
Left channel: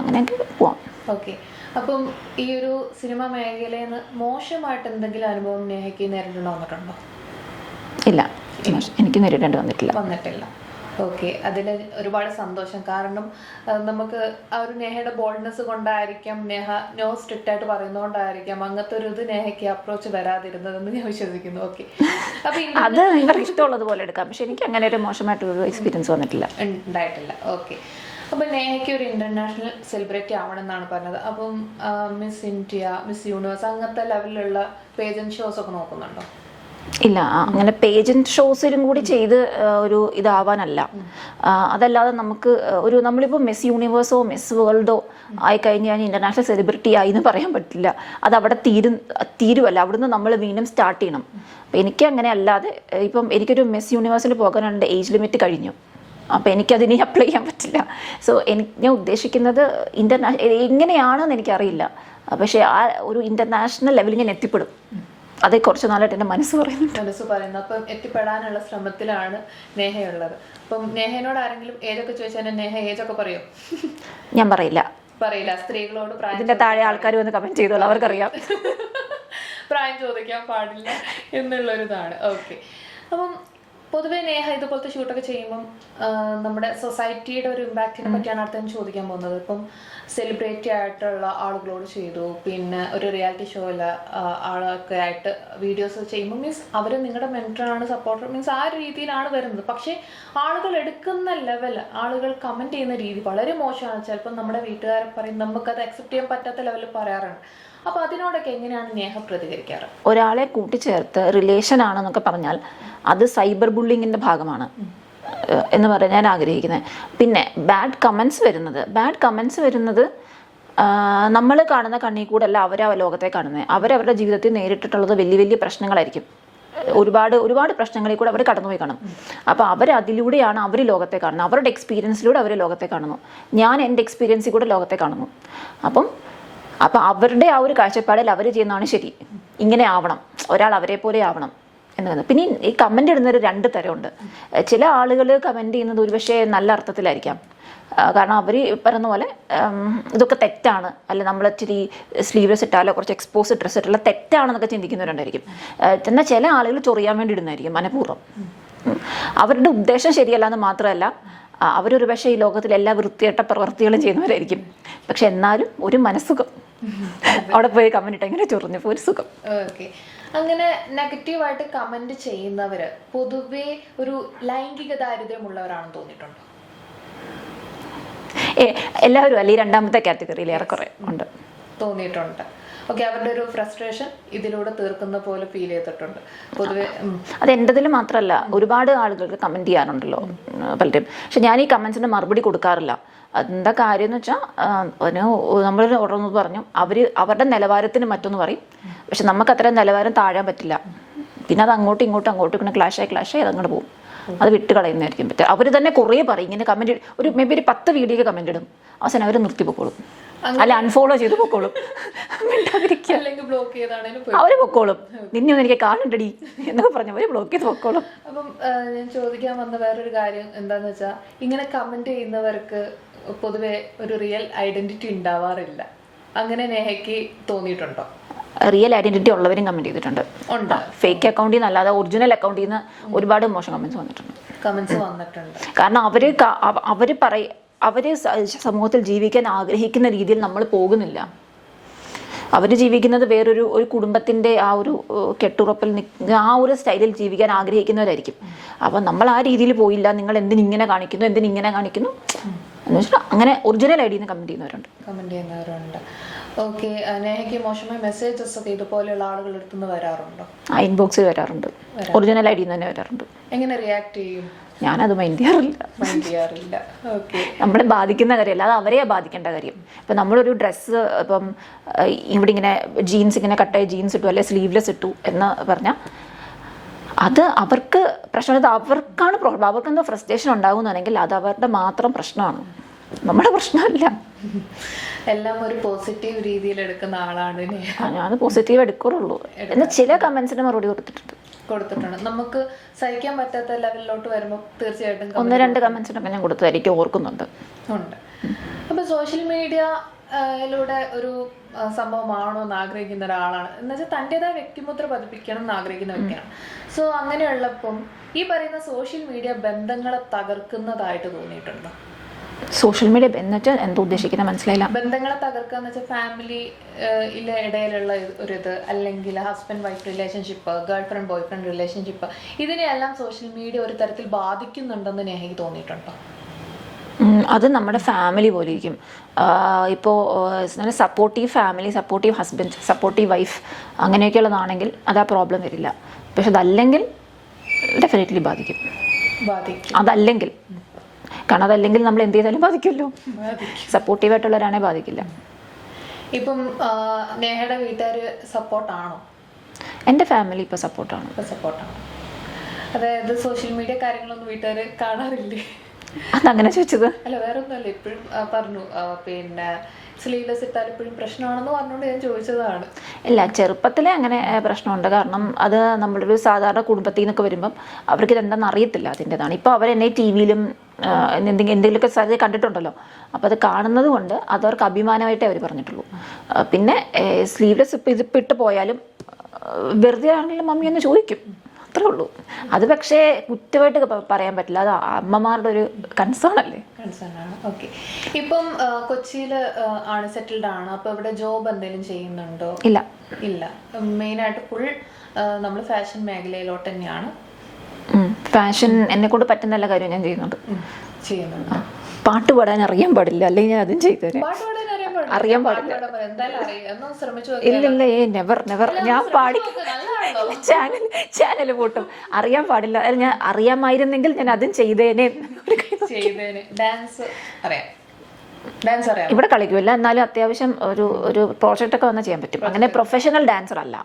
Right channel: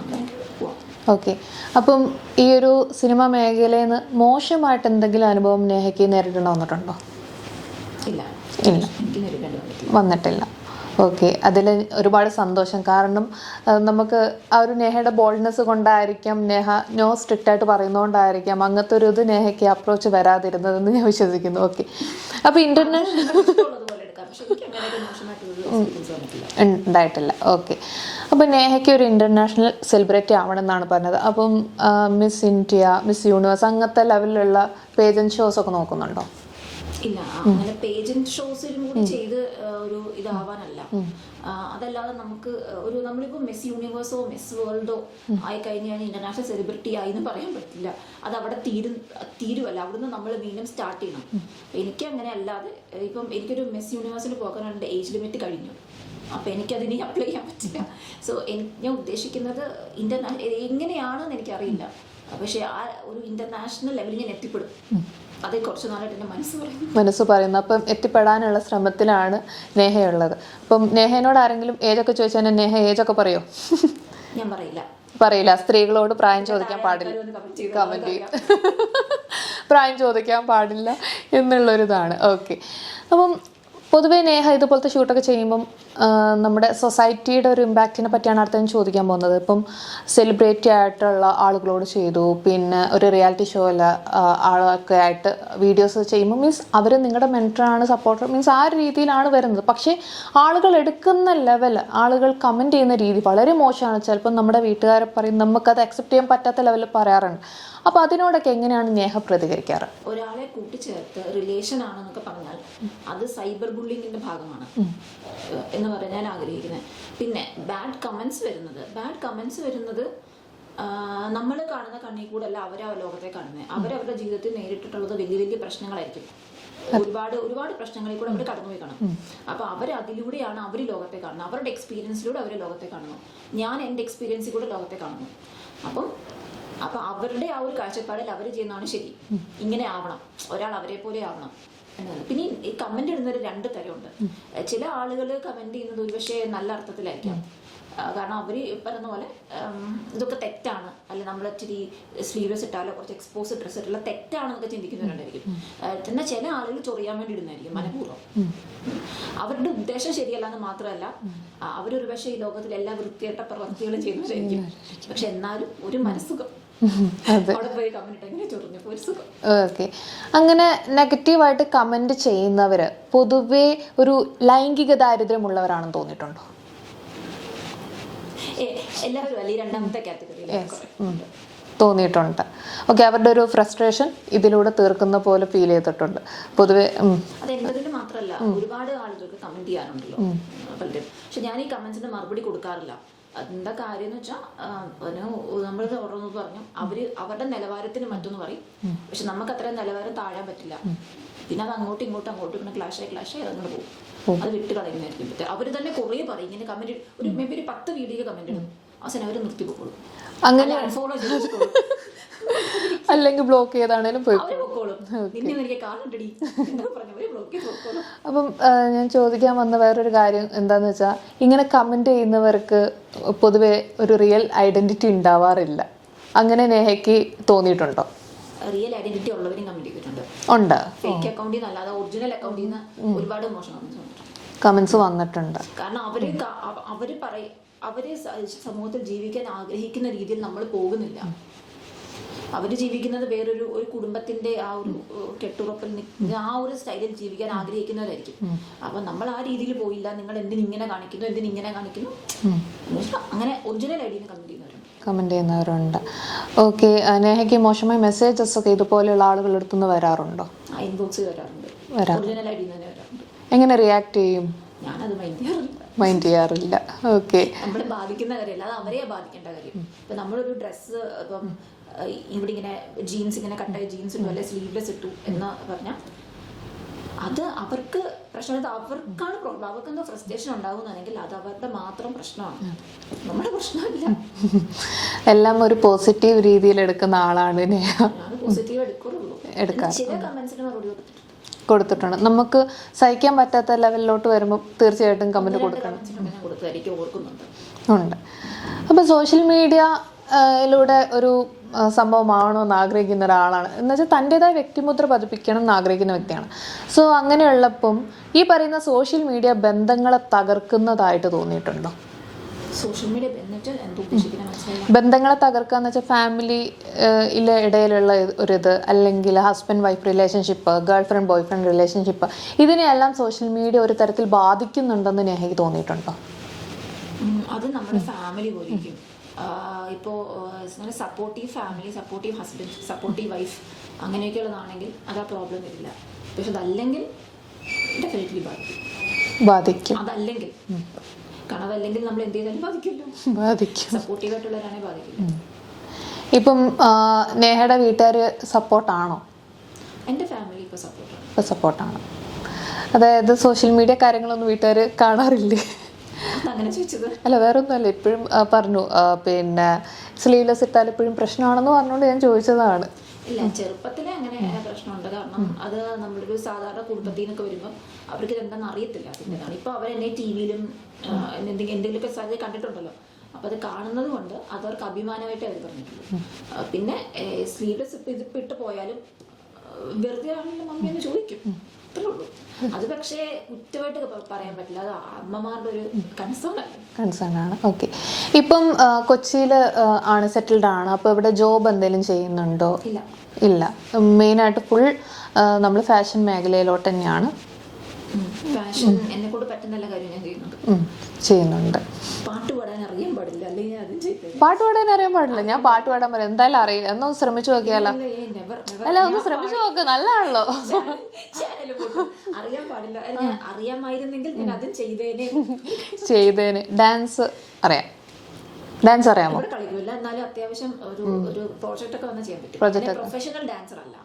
അങ്ങനെയൊക്കെ പോവാം. ഓക്കെ. അപ്പം ഈ ഒരു സിനിമ മേഖലയിൽ നിന്ന് മോശമായിട്ട് എന്തെങ്കിലും അനുഭവം നേഹയ്ക്ക് നേരിടേണ്ടി വന്നിട്ടുണ്ടോ? ഇല്ല, എനിക്ക് നേരിടേണ്ടി വന്നിട്ടില്ല. ഓക്കെ. അതിൽ ഒരുപാട് സന്തോഷം. കാരണം നമുക്ക് ആ ഒരു നേഹയുടെ ബോൾഡ്നെസ് കൊണ്ടായിരിക്കാം, നേഹ നോ സ്ട്രിക്റ്റ് ആയിട്ട് പറയുന്നതുകൊണ്ടായിരിക്കാം അങ്ങനത്തെ ഒരു ഇത് നേഹയ്ക്ക് അപ്രോച്ച് വരാതിരുന്നതെന്ന് ഞാൻ വിശ്വസിക്കുന്നു. ഓക്കെ. അപ്പോൾ ഇഷ്ടമുള്ളതുപോലെ എടുക്കാം. പക്ഷെ എനിക്ക് അങ്ങനെ ഒരു മോശമായിട്ടൊരു എക്സ്പീരിയൻസ് ഉണ്ടായിട്ടില്ല. ഓക്കെ. അപ്പോൾ നേഹയ്ക്ക് ഒരു ഇന്റർനാഷണൽ സെലിബ്രിറ്റി ആവണമെന്നാണ് പറഞ്ഞത്. അപ്പം മിസ് ഇന്ത്യ, മിസ് യൂണിവേഴ്സ് അങ്ങനത്തെ ലെവലിലുള്ള പേജന്റ് ഷോസ് ഒക്കെ നോക്കുന്നുണ്ടോ? ഇല്ല, അങ്ങനെ പേജന്റ് ഷോസിലും കൂടി ചെയ്ത് ഒരു ഇതാവാനല്ല. അതല്ലാതെ നമുക്ക് നമ്മളിപ്പോൾ മിസ് യൂണിവേഴ്സോ മിസ് വേൾഡോ ആയി കഴിഞ്ഞാൽ ഇന്റർനാഷണൽ സെലിബ്രിറ്റി ആയി എന്ന് പറയാൻ പറ്റില്ല. അത് അവിടെ തീരുവല്ല. അവിടുന്ന് നമ്മൾ വീണ്ടും സ്റ്റാർട്ട് ചെയ്യണം. അപ്പം എനിക്ക് അങ്ങനെ അല്ലാതെ ഇപ്പം എനിക്കൊരു മിസ് യൂണിവേഴ്സിൽ പോകാനുണ്ട്, ഏജ് ലിമിറ്റ് കഴിഞ്ഞു. അപ്പം എനിക്കതിനെ അപ്ലൈ ചെയ്യാൻ പറ്റില്ല. സോ ഞാൻ ഉദ്ദേശിക്കുന്നത് എങ്ങനെയാണെന്ന് എനിക്കറിയില്ല. പക്ഷേ ആ ഒരു ഇന്റർനാഷണൽ ലെവലിൽ ഞാൻ എത്തിപ്പെടും. അത് കുറച്ച് നാളായിട്ട് എൻ്റെ മനസ്സ് പറയുന്നു. അപ്പം എത്തിപ്പെടാനുള്ള ശ്രമത്തിലാണ് നേഹയുള്ളത്. അപ്പം നേഹയോട് ആരെങ്കിലും ഏജൊക്കെ ചോദിച്ചാൽ നേഹ ഏജൊക്കെ പറയോ? ഞാൻ പറയില്ല. സ്ത്രീകളോട് പ്രായം താഴെ ആൾക്കാർ വന്ന് കമന്റ് ചെയ്തോളൂ, അവർക്കറിയാം. പ്രായം ചോദിക്കാൻ പാടില്ല എന്നുള്ളൊരിതാണ്. ഓക്കെ. അപ്പം പൊതുവേ നേഹ ഇതുപോലത്തെ ഷൂട്ടൊക്കെ ചെയ്യുമ്പം നമ്മുടെ സൊസൈറ്റിയുടെ ഒരു ഇമ്പാക്റ്റിനെ പറ്റിയാണ് അടുത്ത ചോദിക്കാൻ പോകുന്നത്. ഇപ്പം സെലിബ്രിറ്റി ആയിട്ടുള്ള ആളുകളോട് ചെയ്തു, പിന്നെ ഒരു റിയാലിറ്റി ഷോയിൽ ആളൊക്കെ ആയിട്ട് വീഡിയോസ് ചെയ്യുമ്പോൾ മീൻസ് അവർ നിങ്ങളുടെ മെൻറ്ററാണ്, സപ്പോർട്ടർ മീൻസ് ആ രീതിയിലാണ് വരുന്നത്. പക്ഷേ ആളുകൾ എടുക്കുന്ന ലെവൽ, ആളുകൾ കമൻറ്റ് ചെയ്യുന്ന രീതി വളരെ മോശമാണ്. ചിലപ്പോൾ നമ്മുടെ വീട്ടുകാരെ പറയും, നമുക്കത് അക്സെപ്റ്റ് ചെയ്യാൻ പറ്റാത്ത ലെവലിൽ പറയാറുണ്ട്. അപ്പോൾ അതിനോടൊക്കെ എങ്ങനെയാണ് നേഹ പ്രതികരിക്കാറ്? ഒരാളെ കൂട്ടിച്ചേർത്ത് റിലേഷൻ ആണെന്നൊക്കെ പറഞ്ഞാൽ അത് സൈബർ ബുള്ളിങ്ങിന്റെ ഭാഗമാണ് എന്ന് പറയാൻ ഞാൻ ആഗ്രഹിക്കുന്നത്. പിന്നെ ബാഡ് കമൻസ് വരുന്നത് നമ്മൾ കാണുന്ന കണ്ണിൽ കൂടെ അല്ല അവരെ ലോകത്തെ കാണുന്നത്. അവരവരുടെ ജീവിതത്തിൽ നേരിട്ടിട്ടുള്ളത് വലിയ വലിയ പ്രശ്നങ്ങളായിരിക്കും. ഒരുപാട് പ്രശ്നങ്ങളിൽ കൂടെ അവർ കടന്നുപോയി കാണും. അപ്പോൾ അതിലൂടെയാണ് അവർ ലോകത്തെ കാണുന്നത്. അവരുടെ എക്സ്പീരിയൻസിലൂടെ അവർ ലോകത്തെ കാണുന്നു. ഞാൻ എൻ്റെ എക്സ്പീരിയൻസിൽ കൂടെ ലോകത്തെ കാണുന്നു. അപ്പം അവരുടെ ആ ഒരു കാഴ്ചപ്പാടിൽ അവർ ചെയ്യുന്നതാണ് ശരി, ഇങ്ങനെ ആവണം, ഒരാൾ അവരെ പോലെ ആവണം എന്നത്. പിന്നെ ഈ കമന്റ് ഇടുന്നൊരു 2 തരമുണ്ട്. ചില ആളുകൾ കമന്റ് ചെയ്യുന്നത് ഒരുപക്ഷെ നല്ല അർത്ഥത്തിലായിരിക്കാം. കാരണം അവർ പറയുന്ന പോലെ ഇതൊക്കെ തെറ്റാണ്, അല്ലെ നമ്മൾ ഇച്ചിരി സ്ലീവ്ലെസ് ഇട്ടാലോ കുറച്ച് എക്സ്പോസ് ഡ്രസ്സ് ഇട്ടാലോ തെറ്റാണെന്നൊക്കെ ചിന്തിക്കുന്നവരുണ്ടായിരിക്കും. എന്നാൽ ചില ആളുകൾ ചൊറിയാൻ വേണ്ടി ഇടുന്നതായിരിക്കും മനഃപൂർവ്വം. അവരുടെ ഉദ്ദേശം ശരിയല്ല എന്ന് മാത്രമല്ല, അവരൊരു പക്ഷേ ഈ ലോകത്തിൽ എല്ലാ വൃത്തികെട്ട പ്രവർത്തികളും ചെയ്യുന്നവരായിരിക്കും. പക്ഷെ എന്നാലും ഒരു മനസ്സുഖം, അവിടെ പോയി കമന്റ് ഇട്ട് ഇങ്ങനെ ചൊറിഞ്ഞപ്പോൾ ഒരു സുഖം. ഓക്കെ. അങ്ങനെ നെഗറ്റീവായിട്ട് കമന്റ് ചെയ്യുന്നവര് പൊതുവെ ഒരു ലൈംഗിക ദാരിദ്ര്യമുള്ളവരാണെന്ന് തോന്നിയിട്ടുണ്ടോ? എല്ലാവരും അല്ലെ ഈ 2ാമത്തെ കാറ്റഗറിയിൽ ഏറെക്കുറെ ഉണ്ട്, തോന്നിയിട്ടുണ്ട്. ഓക്കെ. അവരുടെ ഒരു ഫ്രസ്ട്രേഷൻ ഇതിലൂടെ തീർക്കുന്ന പോലെ ഫീൽ ചെയ്തിട്ടുണ്ട് പൊതുവെ. അത് എൻ്റെതിൽ മാത്രമല്ല, ഒരുപാട് ആളുകൾക്ക് കമന്റ് ചെയ്യാറുണ്ടല്ലോ പലരും. പക്ഷെ ഞാൻ ഈ കമന്റ്സിന് മറുപടി കൊടുക്കാറില്ല. എന്താ കാര്യം എന്ന് വെച്ചാൽ, നമ്മൾ ഉടനെ പറഞ്ഞു അവരുടെ നിലവാരത്തിന് മറ്റൊന്ന് പറയും. പക്ഷെ നമുക്ക് അത്ര നിലവാരം താഴാൻ പറ്റില്ല. പിന്നെ അത് അങ്ങോട്ടും ഇങ്ങനെ ക്ലാഷായി അതങ്ങോട്ട് പോകും. അത് വിട്ട് കളയുന്നതായിരിക്കും പറ്റുക. അവർ തന്നെ കുറേ പറയും ഇങ്ങനെ കമന്റ്, ഒരു മേ ബി ഒരു 10 വീഡിയോ കമന്റ് ഇടും, അവസാനം അവർ നിർത്തി പൊക്കോളും, അല്ല അൺഫോളോ ചെയ്ത് പൊക്കോളും, അല്ലെങ്കിൽ ബ്ലോക്ക് ചെയ്താണേലും അവര് പൊക്കോളും. നിന്നെ ഒന്നും എനിക്ക് കാണണ്ടടി എന്നൊക്കെ പറഞ്ഞ അവര് ബ്ലോക്ക് ചെയ്ത് പൊക്കോളും. അപ്പം ഞാൻ ചോദിക്കാൻ വന്ന വേറൊരു കാര്യം എന്താന്ന് വെച്ചാൽ, ഇങ്ങനെ കമന്റ് ചെയ്യുന്നവർക്ക് പൊതുവെ ഒരു റിയൽ ഐഡന്റിറ്റി ഉണ്ടാവാറില്ല. അങ്ങനെ നേഹയ്ക്ക് തോന്നിയിട്ടുണ്ടോ? റിയൽ ഐഡന്റിറ്റി ഉള്ളവരും കമന്റ് ചെയ്തിട്ടുണ്ട്. ഫേക്ക് അക്കൗണ്ടിൽ നിന്ന് അല്ലാതെ ഒറിജിനൽ അക്കൗണ്ടിൽ നിന്ന് ഒരുപാട് മോശം കമന്റ്സ് വന്നിട്ടുണ്ട്. കാരണം അവര് സമൂഹത്തിൽ ജീവിക്കാൻ ആഗ്രഹിക്കുന്ന രീതിയിൽ നമ്മൾ പോകുന്നില്ല. അവർ ജീവിക്കുന്നത് വേറൊരു കുടുംബത്തിന്റെ ആ ഒരു കെട്ടുറപ്പിൽ ആ ഒരു സ്റ്റൈലിൽ ജീവിക്കാൻ ആഗ്രഹിക്കുന്നവരായിരിക്കും. അപ്പൊ നമ്മൾ ആ രീതിയിൽ പോയില്ല, നിങ്ങൾ എന്തിനിങ്ങനെ കാണിക്കുന്നു എന്ന് വെച്ചാൽ അങ്ങനെ ഒറിജിനൽ ഐഡിയിൽ നിന്ന് കമന്റ് ചെയ്യുന്നവരുണ്ട്. ഓക്കെ. നേഹയ്ക്ക് മോശമായ മെസ്സേജസ് ഒക്കെ ഇതുപോലെയുള്ള ആളുകളുടെ അടുത്തുനിന്ന് വരാറുണ്ടോ? ഇൻബോക്സിൽ വരാറുണ്ട്, ഒറിജിനൽ ഐഡിയിൽ തന്നെ വരാറുണ്ട്. എങ്ങനെ റിയാക്ട് ചെയ്യും? ഞാനത് മൈൻഡ് ചെയ്യാറില്ല. ഓക്കെ. നമ്മളെ ബാധിക്കുന്ന കാര്യമല്ല, അത് അവരെയാ ബാധിക്കേണ്ട കാര്യം. ഇപ്പം നമ്മളൊരു ഡ്രസ്സ് ഇപ്പം ഇവിടെ ഇങ്ങനെ ജീൻസ് ഇങ്ങനെ കട്ടായ ജീൻസ് ഇട്ടു, അല്ലെ സ്ലീവ്ലെസ് ഇട്ടു എന്ന് പറഞ്ഞാൽ അത് അവർക്ക് പ്രശ്നം, അവർക്കാണ് പ്രോബ്ലം. അവർക്ക് എന്തോ ഫ്രസ്ട്രേഷൻ ഉണ്ടാകുന്നതാണെങ്കിൽ അത് അവരുടെ മാത്രം പ്രശ്നമാണ്, നമ്മുടെ പ്രശ്നമല്ല. എല്ലാം ഒരു പോസിറ്റീവ് രീതിയിൽ എടുക്കുന്ന ആളാണ് ഞാൻ. പോസിറ്റീവ് എടുക്കാറുള്ളൂ. ചില കമന്റ്സിന് മറുപടി കൊടുത്തിട്ടുണ്ട്. നമുക്ക് സഹിക്കാൻ പറ്റാത്ത ലെവലിലോട്ട് വരുമ്പോൾ തീർച്ചയായിട്ടും 1-2 കമന്റ്സിനൊക്കെ ഞാൻ കൊടുത്തതായിരിക്കും, ഓർക്കുന്നുണ്ട്. അപ്പൊ സോഷ്യൽ മീഡിയയിലൂടെ ഒരു സംഭവമാണോ എന്ന് ആഗ്രഹിക്കുന്ന ഒരാളാണ്, എന്ന് വെച്ചാൽ തൻ്റെതായ വ്യക്തിമുദ്ര പതിപ്പിക്കണം എന്ന് ആഗ്രഹിക്കുന്ന വ്യക്തിയാണ്. സോ അങ്ങനെയുള്ളപ്പം ഈ പറയുന്ന സോഷ്യൽ മീഡിയ ബന്ധങ്ങളെ തകർക്കുന്നതായിട്ട് തോന്നിയിട്ടുണ്ടോ? സോഷ്യൽ മീഡിയ എന്നുവെച്ചാൽ എന്താ ഉദ്ദേശിക്കുന്നത് മനസ്സിലായില്ല. ബന്ധങ്ങളെ തകർക്കാന്ന് വെച്ചാൽ ഫാമിലിയിലെ ഇടയിലുള്ള ഒരിത്, അല്ലെങ്കിൽ husband wife relationship, girl friend boy friend relationship, ഇതിനെയെല്ലാം സോഷ്യൽ മീഡിയ ഒരു തരത്തിൽ ബാധിക്കുന്നുണ്ടെന്ന് എനിക്ക് തോന്നിയിട്ടുണ്ടോ? അത് നമ്മുടെ ഫാമിലി പോലെ ഇരിക്കും. ഇപ്പോൾ supportive family, supportive husband, supportive wife അങ്ങനെയൊക്കെയുള്ളതാണെങ്കിൽ അത് ആ പ്രോബ്ലം വരില്ല. പക്ഷെ അതല്ലെങ്കിൽ ഡെഫിനറ്റ്ലി ബാധിക്കും. അതല്ലെങ്കിൽ, കാരണം അതല്ലെങ്കിൽ നമ്മൾ എന്ത് ചെയ്താലും ബാധിക്കുമല്ലോ. സപ്പോർട്ടീവായിട്ടുള്ളവരാണെ ബാധിക്കില്ല. ഇപ്പം നേഹയുടെ വീട്ടുകാർ സപ്പോർട്ടാണോ? എൻ്റെ ഫാമിലി ഇപ്പോൾ സപ്പോർട്ടാണ്. അതായത് സോഷ്യൽ മീഡിയ കാര്യങ്ങളൊന്നും വീട്ടുകാർ കാണാറില്ലേ? അതങ്ങനെ ചോദിച്ചത് അല്ല, വേറെ ഒന്നുമല്ല. ഇപ്പോഴും പറഞ്ഞു പിന്നെ സ്ലീവ്ലെസ് ഇട്ടാൽ ഇപ്പോഴും പ്രശ്നമാണെന്ന് പറഞ്ഞുകൊണ്ട് ഞാൻ ചോദിച്ചതാണ്. ഇല്ല, ചെറുപ്പത്തിലെ അങ്ങനെ പ്രശ്നമുണ്ട്. കാരണം അത് നമ്മളൊരു സാധാരണ കുടുംബത്തിൽ നിന്നൊക്കെ വരുമ്പം അവർക്ക് ഇതെന്താണെന്ന് അറിയത്തില്ല, അതിൻ്റെതാണ്. ഇപ്പോൾ അവരെന്നെ ടി വിയിലും എന്തെങ്കിലുമൊക്കെ സാധ്യത കണ്ടിട്ടുണ്ടല്ലോ. അപ്പോൾ അത് കാണുന്നത് കൊണ്ട് അതവർക്ക് അഭിമാനമായിട്ടേ അവർ പറഞ്ഞിട്ടുള്ളൂ. പിന്നെ സ്ലീവ്ലെസ് ഇതിപ്പോൾ ഇട്ട് പോയാലും വെറുതെ ആണെങ്കിലും മമ്മി ഒന്ന് ചോദിക്കും, അത്രേ ഉള്ളൂ. അത് പക്ഷേ കുറ്റമായിട്ട് പറയാൻ പറ്റില്ല, അത് അമ്മമാരുടെ ഒരു കൺസേൺ അല്ലേ. കൺസേൺ ആണ്. ഓക്കെ. ഇപ്പം കൊച്ചിയിൽ ആണ് സെറ്റിൽഡ് ആണ്, അപ്പോൾ ഇവിടെ ജോബ് എന്തെങ്കിലും ചെയ്യുന്നുണ്ടോ? ഇല്ല ഇല്ല. മെയിനായിട്ട് ഫുൾ നമ്മൾ ഫാഷൻ മേഖലയിലോട്ട് തന്നെയാണ്. ഫാഷൻ എന്നെ കൊണ്ട് പറ്റുന്ന എല്ലാ കാര്യവും ഞാൻ ചെയ്യുന്നുണ്ട്. പാട്ട് പാടാൻ അറിയാൻ പാടില്ല, അല്ലെങ്കിൽ ഞാൻ അതും ചെയ്തു തരാം. പാട്ട് പാടാൻ അറിയാൻ പാടില്ല? ഞാൻ പാട്ട് പാടാൻ പറയാം, എന്തായാലും അറിയില്ല. എന്നൊന്ന് ശ്രമിച്ചു നോക്കിയാലോ? ഞാൻ പാടി നല്ലതാണല്ലോ. ചാനൽ പോട്ടും അറിയാൻ പാടില്ല. ഞാൻ അറിയാമായിരുന്നെങ്കിൽ ഞാൻ അതും ചെയ്തേനെ. ഡാൻസ് അറിയാം. ഡാൻസ് അറിയാം. ഇവിടെ കളിക്കൂല, എന്നാലും അത്യാവശ്യം ഒരു പ്രോജക്റ്റ് ഒക്കെ വന്നാൽ ചെയ്യാൻ പറ്റും. അങ്ങനെ പ്രൊഫഷണൽ ഡാൻസർ അല്ല,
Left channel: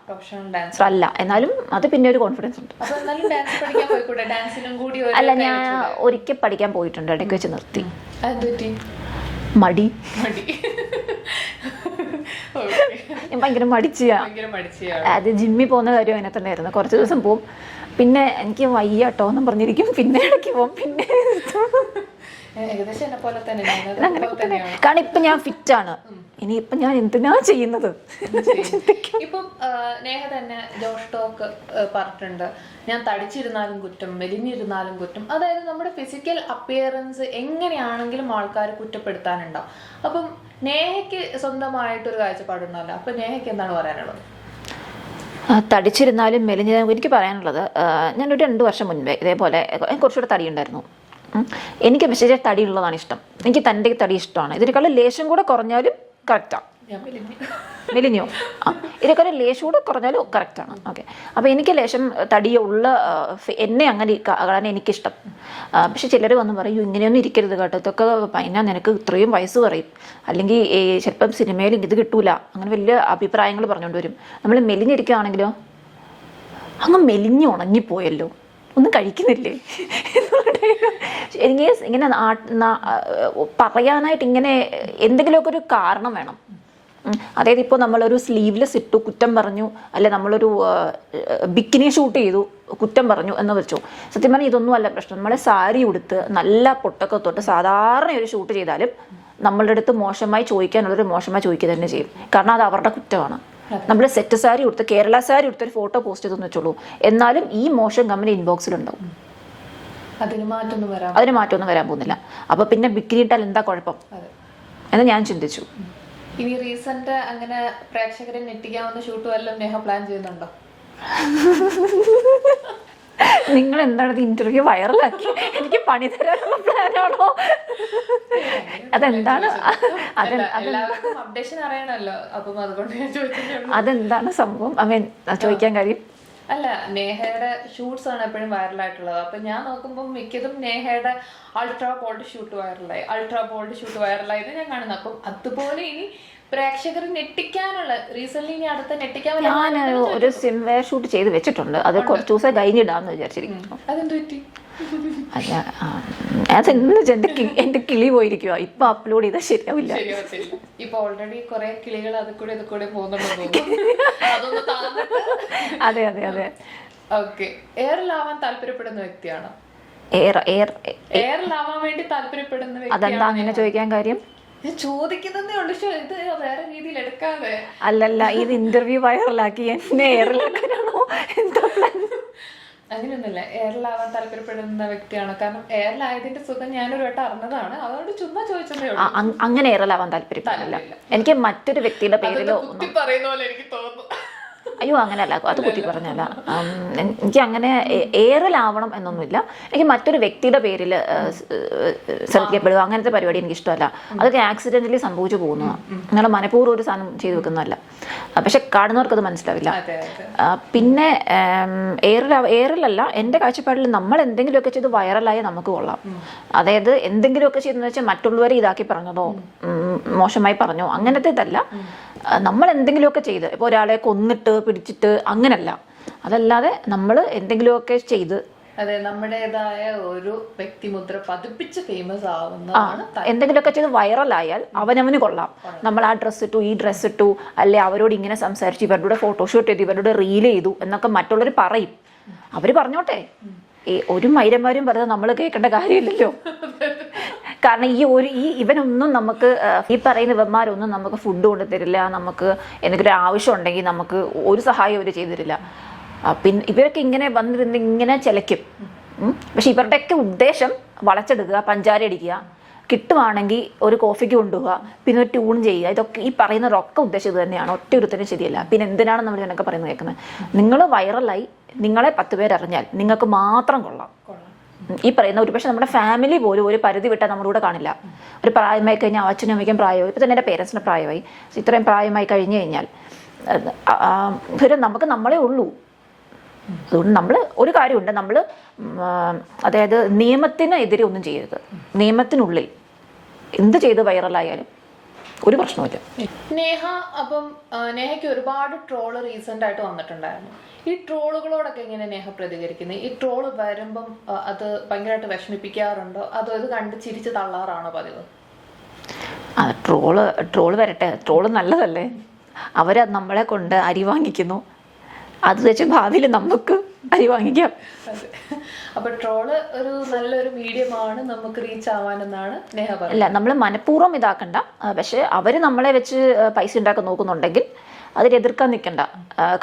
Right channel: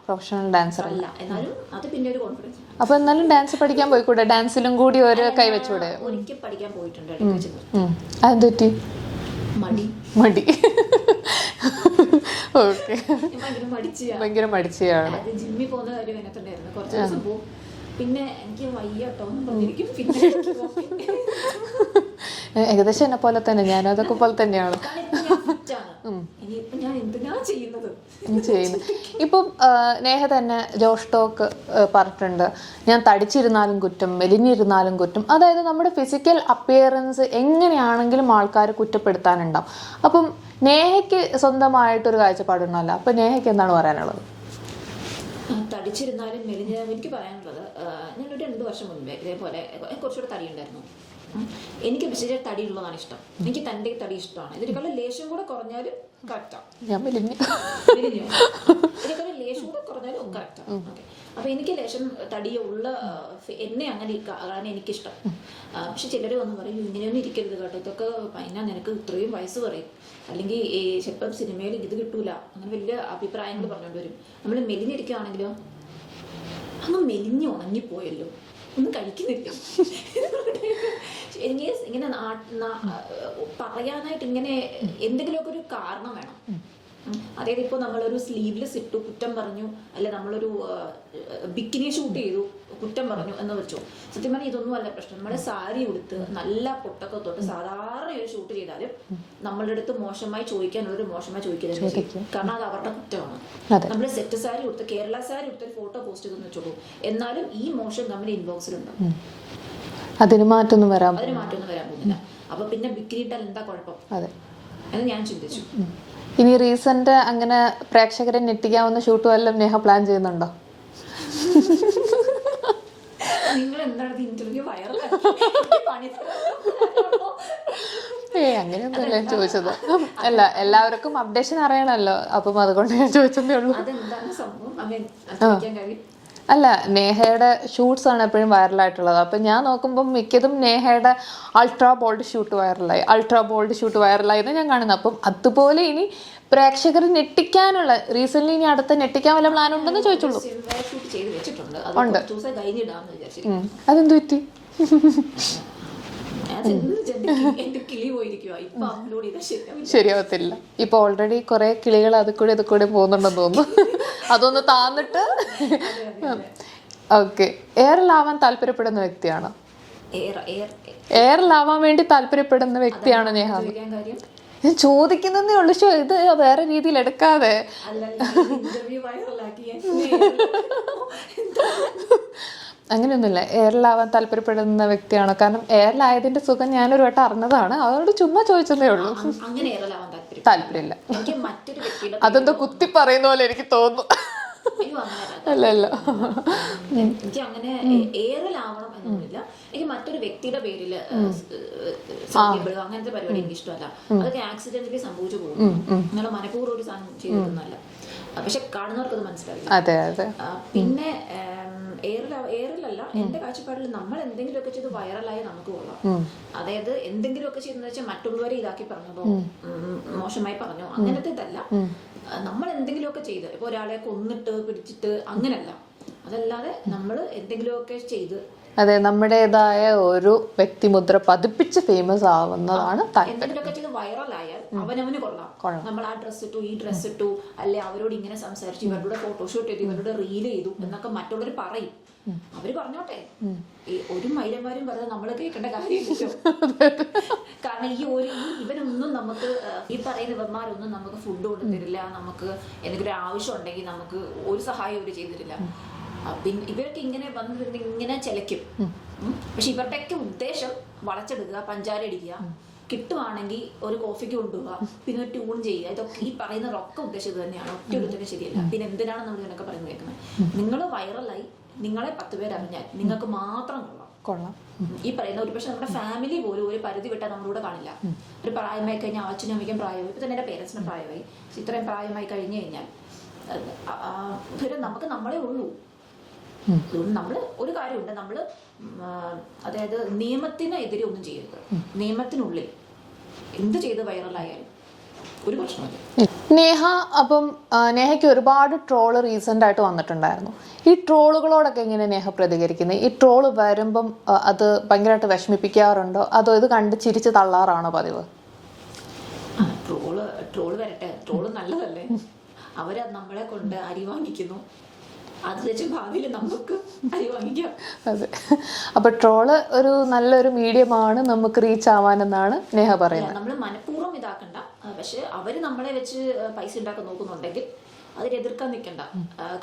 അല്ല, എന്നാലും അത് പിന്നെ ഒരു കോൺഫിഡൻസ് ഉണ്ട്. അപ്പൊ എന്നാലും ഡാൻസ് പഠിക്കാൻ പോയിക്കൂടെ? ഡാൻസിലും കൂടി ഒരിക്കൽ പഠിക്കാൻ പോയിട്ടുണ്ട്, ഇടയ്ക്ക് വെച്ച് നിർത്തി. അതെന്തുപറ്റി? മടി. ഭയങ്കര മടിച്ചാണ്. അത് ജിമ്മിൽ പോകുന്ന കാര്യം അങ്ങനെ തന്നെ ആയിരുന്നു. കുറച്ച് ദിവസം പോവും, പിന്നെ എനിക്ക് വയ്യാട്ടോ എന്നും പറഞ്ഞിരിക്കും, പിന്നെ ഇടയ്ക്ക് പോകും, പിന്നെ ഏകദേശം എന്നെ പോലെ തന്നെ, ഞാനതൊക്കെ പോലെ തന്നെയാണ്. കാരണം ഇപ്പൊ ഞാൻ ഫിറ്റ് ആണ്, ഇനിയിപ്പൊ ഞാൻ എന്തിനാ ചെയ്യുന്നത്. ഇപ്പം നേഹ തന്നെ ജോഷ് ടോക്ക് പറഞ്ഞിട്ടുണ്ട്, ഞാൻ തടിച്ചിരുന്നാലും കുറ്റം, മെലിഞ്ഞിരുന്നാലും കുറ്റം. അതായത് നമ്മുടെ ഫിസിക്കൽ അപ്പിയറൻസ് എങ്ങനെയാണെങ്കിലും ആൾക്കാർ കുറ്റപ്പെടുത്താനുണ്ടാവും. അപ്പം നേഹയ്ക്ക് സ്വന്തമായിട്ടൊരു കാഴ്ചപ്പാടുണ്ടല്ലോ, അപ്പൊ നേഹയ്ക്ക് എന്താണ് പറയാനുള്ളത്? തടിച്ചിരുന്നാലും മെലിഞ്ഞിരുന്നാലും എനിക്ക് പറയാനുള്ളത്, ഞാനൊരു 2 വർഷം മുൻപേ ഇതേപോലെ കുറച്ചുകൂടെ തടിയുണ്ടായിരുന്നു. എനിക്ക് പക്ഷേ തടിയുള്ളതാണ് ഇഷ്ടം. എനിക്ക് തൻ്റെ തടി ഇഷ്ടമാണ്. ഇതിനേക്കാളും ലേശം കൂടെ കുറഞ്ഞാലും കറക്റ്റാണ്. ഞാൻ മെലിഞ്ഞോ? ഇതിനേക്കാളും ലേശം കൂടെ കുറഞ്ഞാലും കറക്റ്റാണ്. ഓക്കെ. അപ്പോൾ എനിക്ക് ലേശം തടിയുള്ള എന്നെ അങ്ങനെ കാണാൻ എനിക്കിഷ്ടം. പക്ഷെ ചിലർ വന്ന് പറയും, ഇങ്ങനെയൊന്നും ഇരിക്കരുത് കേട്ടോ, ഇതൊക്കെ പിന്നെ നിനക്ക് ഇത്രയും വയസ്സ് പറയും, അല്ലെങ്കിൽ ചിലപ്പം സിനിമയിൽ ഇത് കിട്ടൂല, അങ്ങനെ വലിയ അഭിപ്രായങ്ങൾ പറഞ്ഞുകൊണ്ട് വരും. നമ്മൾ മെലിഞ്ഞിരിക്കുകയാണെങ്കിലോ, അങ്ങ് മെലിഞ്ഞ് ഉണങ്ങിപ്പോയല്ലോ, ഒന്നും കഴിക്കുന്നില്ലേ. എനിക്ക് ഇങ്ങനെ പറയാനായിട്ട് ഇങ്ങനെ എന്തെങ്കിലുമൊക്കെ ഒരു കാരണം വേണം. അതായത് ഇപ്പോൾ നമ്മളൊരു സ്ലീവ്ലെസ് ഇട്ടു കുറ്റം പറഞ്ഞു, അല്ലെ നമ്മളൊരു ബിക്കിനി ഷൂട്ട് ചെയ്തു കുറ്റം പറഞ്ഞു എന്ന് വെച്ചു. സത്യം പറഞ്ഞാൽ ഇതൊന്നും അല്ല പ്രശ്നം. നമ്മളെ സാരി ഉടുത്ത് നല്ല പൊട്ടൊക്കെ തൊട്ട് സാധാരണ ഒരു ഷൂട്ട് ചെയ്താലും നമ്മളുടെ അടുത്ത് മോശമായി ചോദിക്കാനുള്ളൊരു മോശമായി ചോദിക്കുക തന്നെ ചെയ്യും. കാരണം അത് അവരുടെ കുറ്റമാണ്. നമ്മൾ സെറ്റ് സാരി ഉടുത്ത് കേരള സാരി ഉടുത്തൊരു ഫോട്ടോ പോസ്റ്റ് ചെയ്തെന്ന് വെച്ചോളൂ, എന്നാലും ഈ മോശം കമ്പനി ഇൻബോക്സിലുണ്ടാവും. അതിന് മാറ്റമൊന്നും വരാൻ പോകുന്നില്ല. അപ്പൊ പിന്നെ ബിക്കിനി ഇട്ടാൽ എന്താ കുഴപ്പം എന്ന് ഞാൻ ചിന്തിച്ചു. ഇനി റീസെന്റ് അങ്ങനെ പ്രേക്ഷകരെ ഞെട്ടിക്കാവുന്ന ഷൂട്ട് വല്ലതും നേഹ പ്ലാൻ ചെയ്യുന്നുണ്ടോ? നിങ്ങൾ എന്താണ് ഇന്റർവ്യൂ വൈറലാക്കി എനിക്ക് പണി തരാനുള്ള പ്ലാനാണോ? അല്ല, എല്ലാവർക്കും അപ്ഡേഷൻ അറിയണല്ലോ, അപ്പം അതുകൊണ്ട് ഞാൻ ചോദിച്ചതേ ഉള്ളൂ. അതെന്താണ് സംഭവം? ചോദിക്കാൻ കാര്യം അല്ല, നേഹയുടെ ഷൂട്ട്സ് ആണ് എപ്പോഴും വൈറലായിട്ടുള്ളത്. അപ്പം ഞാൻ നോക്കുമ്പോൾ മിക്കതും നേഹയുടെ അൾട്രാ ബോൾഡ് ഷൂട്ട് വൈറലായി എന്ന് ഞാൻ കാണുന്നത്. അപ്പം അതുപോലെ ഇനി പ്രേക്ഷകർ ഞെട്ടിക്കാനുള്ള റീസെന്റ് ഇനി അടുത്ത ഞെട്ടിക്കാൻ ഷൂട്ട് ചെയ്ത് വെച്ചിട്ടുണ്ട്. അത് കുറച്ച് ദിവസം കഴിഞ്ഞിടാന്ന് വിചാരിച്ചിരിക്കുന്നു. അതെന്ത് പറ്റി? എന്റെ കിളി പോയിരിക്കുവാ. ഇപ്പൊ അപ്ലോഡ് ചെയ്താൽ ശരിയാവത്തില്ല. ഇപ്പൊ ഓൾറെഡി കുറെ കിളികൾ അത് കൂടെ പോകുന്നുണ്ടെന്ന് തോന്നുന്നു. അതൊന്ന് താന്നിട്ട്. അതെ. ഓക്കെ. എയറിലാവാൻ താല്പര്യപ്പെടുന്ന വ്യക്തിയാണ്. എയറിലാവാൻ വേണ്ടി താല്പര്യപ്പെടുന്ന വ്യക്തിയാണ് ചോദിക്കാൻ കാര്യം. ഞാൻ ചോദിക്കുന്നതേ ഉള്ളൂ, ഇത് വേറെ രീതിയിൽ എടുക്കാതെ. അല്ലല്ല, ഇത് ഇന്റർവ്യൂ വൈറലാക്കി എന്നെ അങ്ങനെയൊന്നുമില്ല. എയറിലാവാൻ താല്പര്യപ്പെടുന്ന വ്യക്തിയാണോ? കാരണം എയറിലായതിന്റെ സുഖം ഞാനൊരു വട്ടം അറിഞ്ഞതാണ്, അതുകൊണ്ട് ചുമ്മാ ചോദിച്ചതേ ഉള്ളൂ. അങ്ങനെ എയറിലാവാൻ താല്പര്യമില്ല. എനിക്ക് മറ്റൊരു വ്യക്തിയുടെ അതൊക്കെ കുത്തി പറയുന്ന പോലെ എനിക്ക് തോന്നുന്നു. അയ്യോ, അങ്ങനെയല്ല, എനിക്ക് അങ്ങനെ എയറിലാവണം എന്നൊന്നുമില്ല. എനിക്ക് മറ്റൊരു വ്യക്തിയുടെ പേരിൽ ശ്രദ്ധിക്കപ്പെടുക അങ്ങനത്തെ പരിപാടി എനിക്ക് ഇഷ്ടമല്ല. അതൊക്കെ ആക്സിഡന്റലി സംഭവിച്ചു പോകുന്നതാണ്. അങ്ങനെ മനഃപൂർവ്വം ഒരു സാധനം ചെയ്തു വെക്കുന്നതല്ല. പക്ഷെ കാണുന്നവർക്ക് അത് മനസ്സിലാവില്ല. പിന്നെ എയറിലല്ല, എന്റെ കാഴ്ചപ്പാടിൽ നമ്മൾ എന്തെങ്കിലുമൊക്കെ ചെയ്ത് വൈറലായി നമുക്ക് കൊള്ളാം. അതായത് എന്തെങ്കിലുമൊക്കെ ചെയ്തെന്ന് വെച്ചാൽ മറ്റുള്ളവരെ ഇതാക്കി പറഞ്ഞതോ മോശമായി പറഞ്ഞോ അങ്ങനത്തെ ഇതല്ല. നമ്മൾ എന്തെങ്കിലുമൊക്കെ ചെയ്ത്, ഇപ്പോൾ ഒരാളെ കൊന്നിട്ട് പിടിച്ചിട്ട് അങ്ങനല്ല. അതല്ലാതെ നമ്മൾ എന്തെങ്കിലുമൊക്കെ ചെയ്ത് അതെ, നമ്മുടേതായ ഒരു വ്യക്തിമുദ്ര പതിപ്പിച്ച് ഫേമസ് ആവുന്നതാണ് എന്തെങ്കിലുമൊക്കെ ചെയ്ത് വൈറലായാൽ അവനവന് കൊള്ളാം. നമ്മൾ ആ ഡ്രസ്സ് ഇട്ടു, ഈ ഡ്രസ്സ് ഇട്ടു, അല്ലെ അവരോട് ഇങ്ങനെ സംസാരിച്ചു, ഇവരുടെ ഫോട്ടോഷൂട്ട് ചെയ്തു, ഇവരുടെ റീൽ ചെയ്തു എന്നൊക്കെ മറ്റുള്ളവർ പറയും. അവര് പറഞ്ഞോട്ടെ, ഈ ഒരു മൈരന്മാരും പറഞ്ഞത് നമ്മൾ കേൾക്കേണ്ട കാര്യമില്ലല്ലോ. കാരണം ഇവനൊന്നും നമുക്ക്, ഈ പറയുന്ന ഇവന്മാരൊന്നും നമുക്ക് ഫുഡ് കൊണ്ടു തരില്ല, നമുക്ക് എന്തെങ്കിലും ആവശ്യം ഉണ്ടെങ്കിൽ നമുക്ക് ഒരു സഹായം അവർ ചെയ്തു തരില്ല. പിന്നെ ഇവരൊക്കെ ഇങ്ങനെ വന്നിരുന്ന് ഇങ്ങനെ ചിലയ്ക്കും. പക്ഷെ ഇവരുടെയൊക്കെ ഉദ്ദേശം വളച്ചെടുക്കുക, പഞ്ചാര അടിക്കുക, കിട്ടുവാണെങ്കിൽ ഒരു കോഫിക്ക് കൊണ്ടുപോവുക, പിന്നെ ഒരു ട്യൂൺ ചെയ്യുക. ഇതൊക്കെ ഈ പറയുന്നതൊക്കെ ഉദ്ദേശം ഇത് തന്നെയാണ്. ഒറ്റ ഒരുത്തരും ശരിയല്ല. പിന്നെ എന്തിനാണ് നമ്മൾ ഇതിനൊക്കെ പറയുന്നത് കേൾക്കുന്നത്? നിങ്ങൾ വൈറലായി നിങ്ങളെ 10 പേരറിഞ്ഞാൽ നിങ്ങൾക്ക് മാത്രം കൊള്ളാം. ഈ പറയുന്ന ഒരു പക്ഷെ നമ്മുടെ ഫാമിലി പോലും ഒരു പരിധി വിട്ടാൽ നമ്മുടെ കൂടെ കാണില്ല. ഒരു പ്രായമായി കഴിഞ്ഞാൽ അച്ഛനും അമ്മയ്ക്കും പ്രായമായി, ഇപ്പം തന്നെ എൻ്റെ പേരൻസിന് പ്രായമായി, ഇത്രയും പ്രായമായി കഴിഞ്ഞു കഴിഞ്ഞാൽ നമുക്ക് നമ്മളെ ഉള്ളൂ. അതുകൊണ്ട് നമ്മൾ ഒരു കാര്യമുണ്ട്, നമ്മൾ അതായത് നിയമത്തിന് എതിരെ ഒന്നും ചെയ്യരുത്. നിയമത്തിനുള്ളിൽ എന്ത് ചെയ്ത് വൈറലായാലും ഒരു പ്രശ്നമില്ല. നേഹ, അപ്പം നേഹയ്ക്ക് ഒരുപാട് ട്രോള് റീസെന്റ് ആയിട്ട് വന്നിട്ടുണ്ടായിരുന്നു. ഈ ട്രോളുകളോടൊക്കെ എങ്ങനെ നേഹ പ്രതികരിക്കുന്നത്? ഈ ട്രോള് വരുമ്പം അത് ഭയങ്കരമായിട്ട് വിഷമിപ്പിക്കാറുണ്ടോ, അതോ ഇത് കണ്ട് ചിരിച്ച് തള്ളാറാണോ പതിവ്? ട്രോള് വരട്ടെ, ട്രോള് നല്ലതല്ലേ. അവര് നമ്മളെ കൊണ്ട് അരി വാങ്ങിക്കുന്നു, അത് വെച്ച് ഭാവിയിൽ നമുക്ക് അരി വാങ്ങിക്കാം. അതെ, അപ്പൊ ട്രോള് ഒരു നല്ലൊരു മീഡിയമാണ് നമുക്ക് റീച്ച് ആവാനെന്നാണ് നേഹ പറയുന്നത്. അല്ല, നമ്മൾ മനഃപൂർവ്വം ഇതാക്കണ്ട. പക്ഷെ അവര് നമ്മളെ വെച്ച് പൈസ ഉണ്ടാക്കാൻ നോക്കുന്നുണ്ടെങ്കിൽ അതിനെതിർക്കാൻ നിൽക്കണ്ട.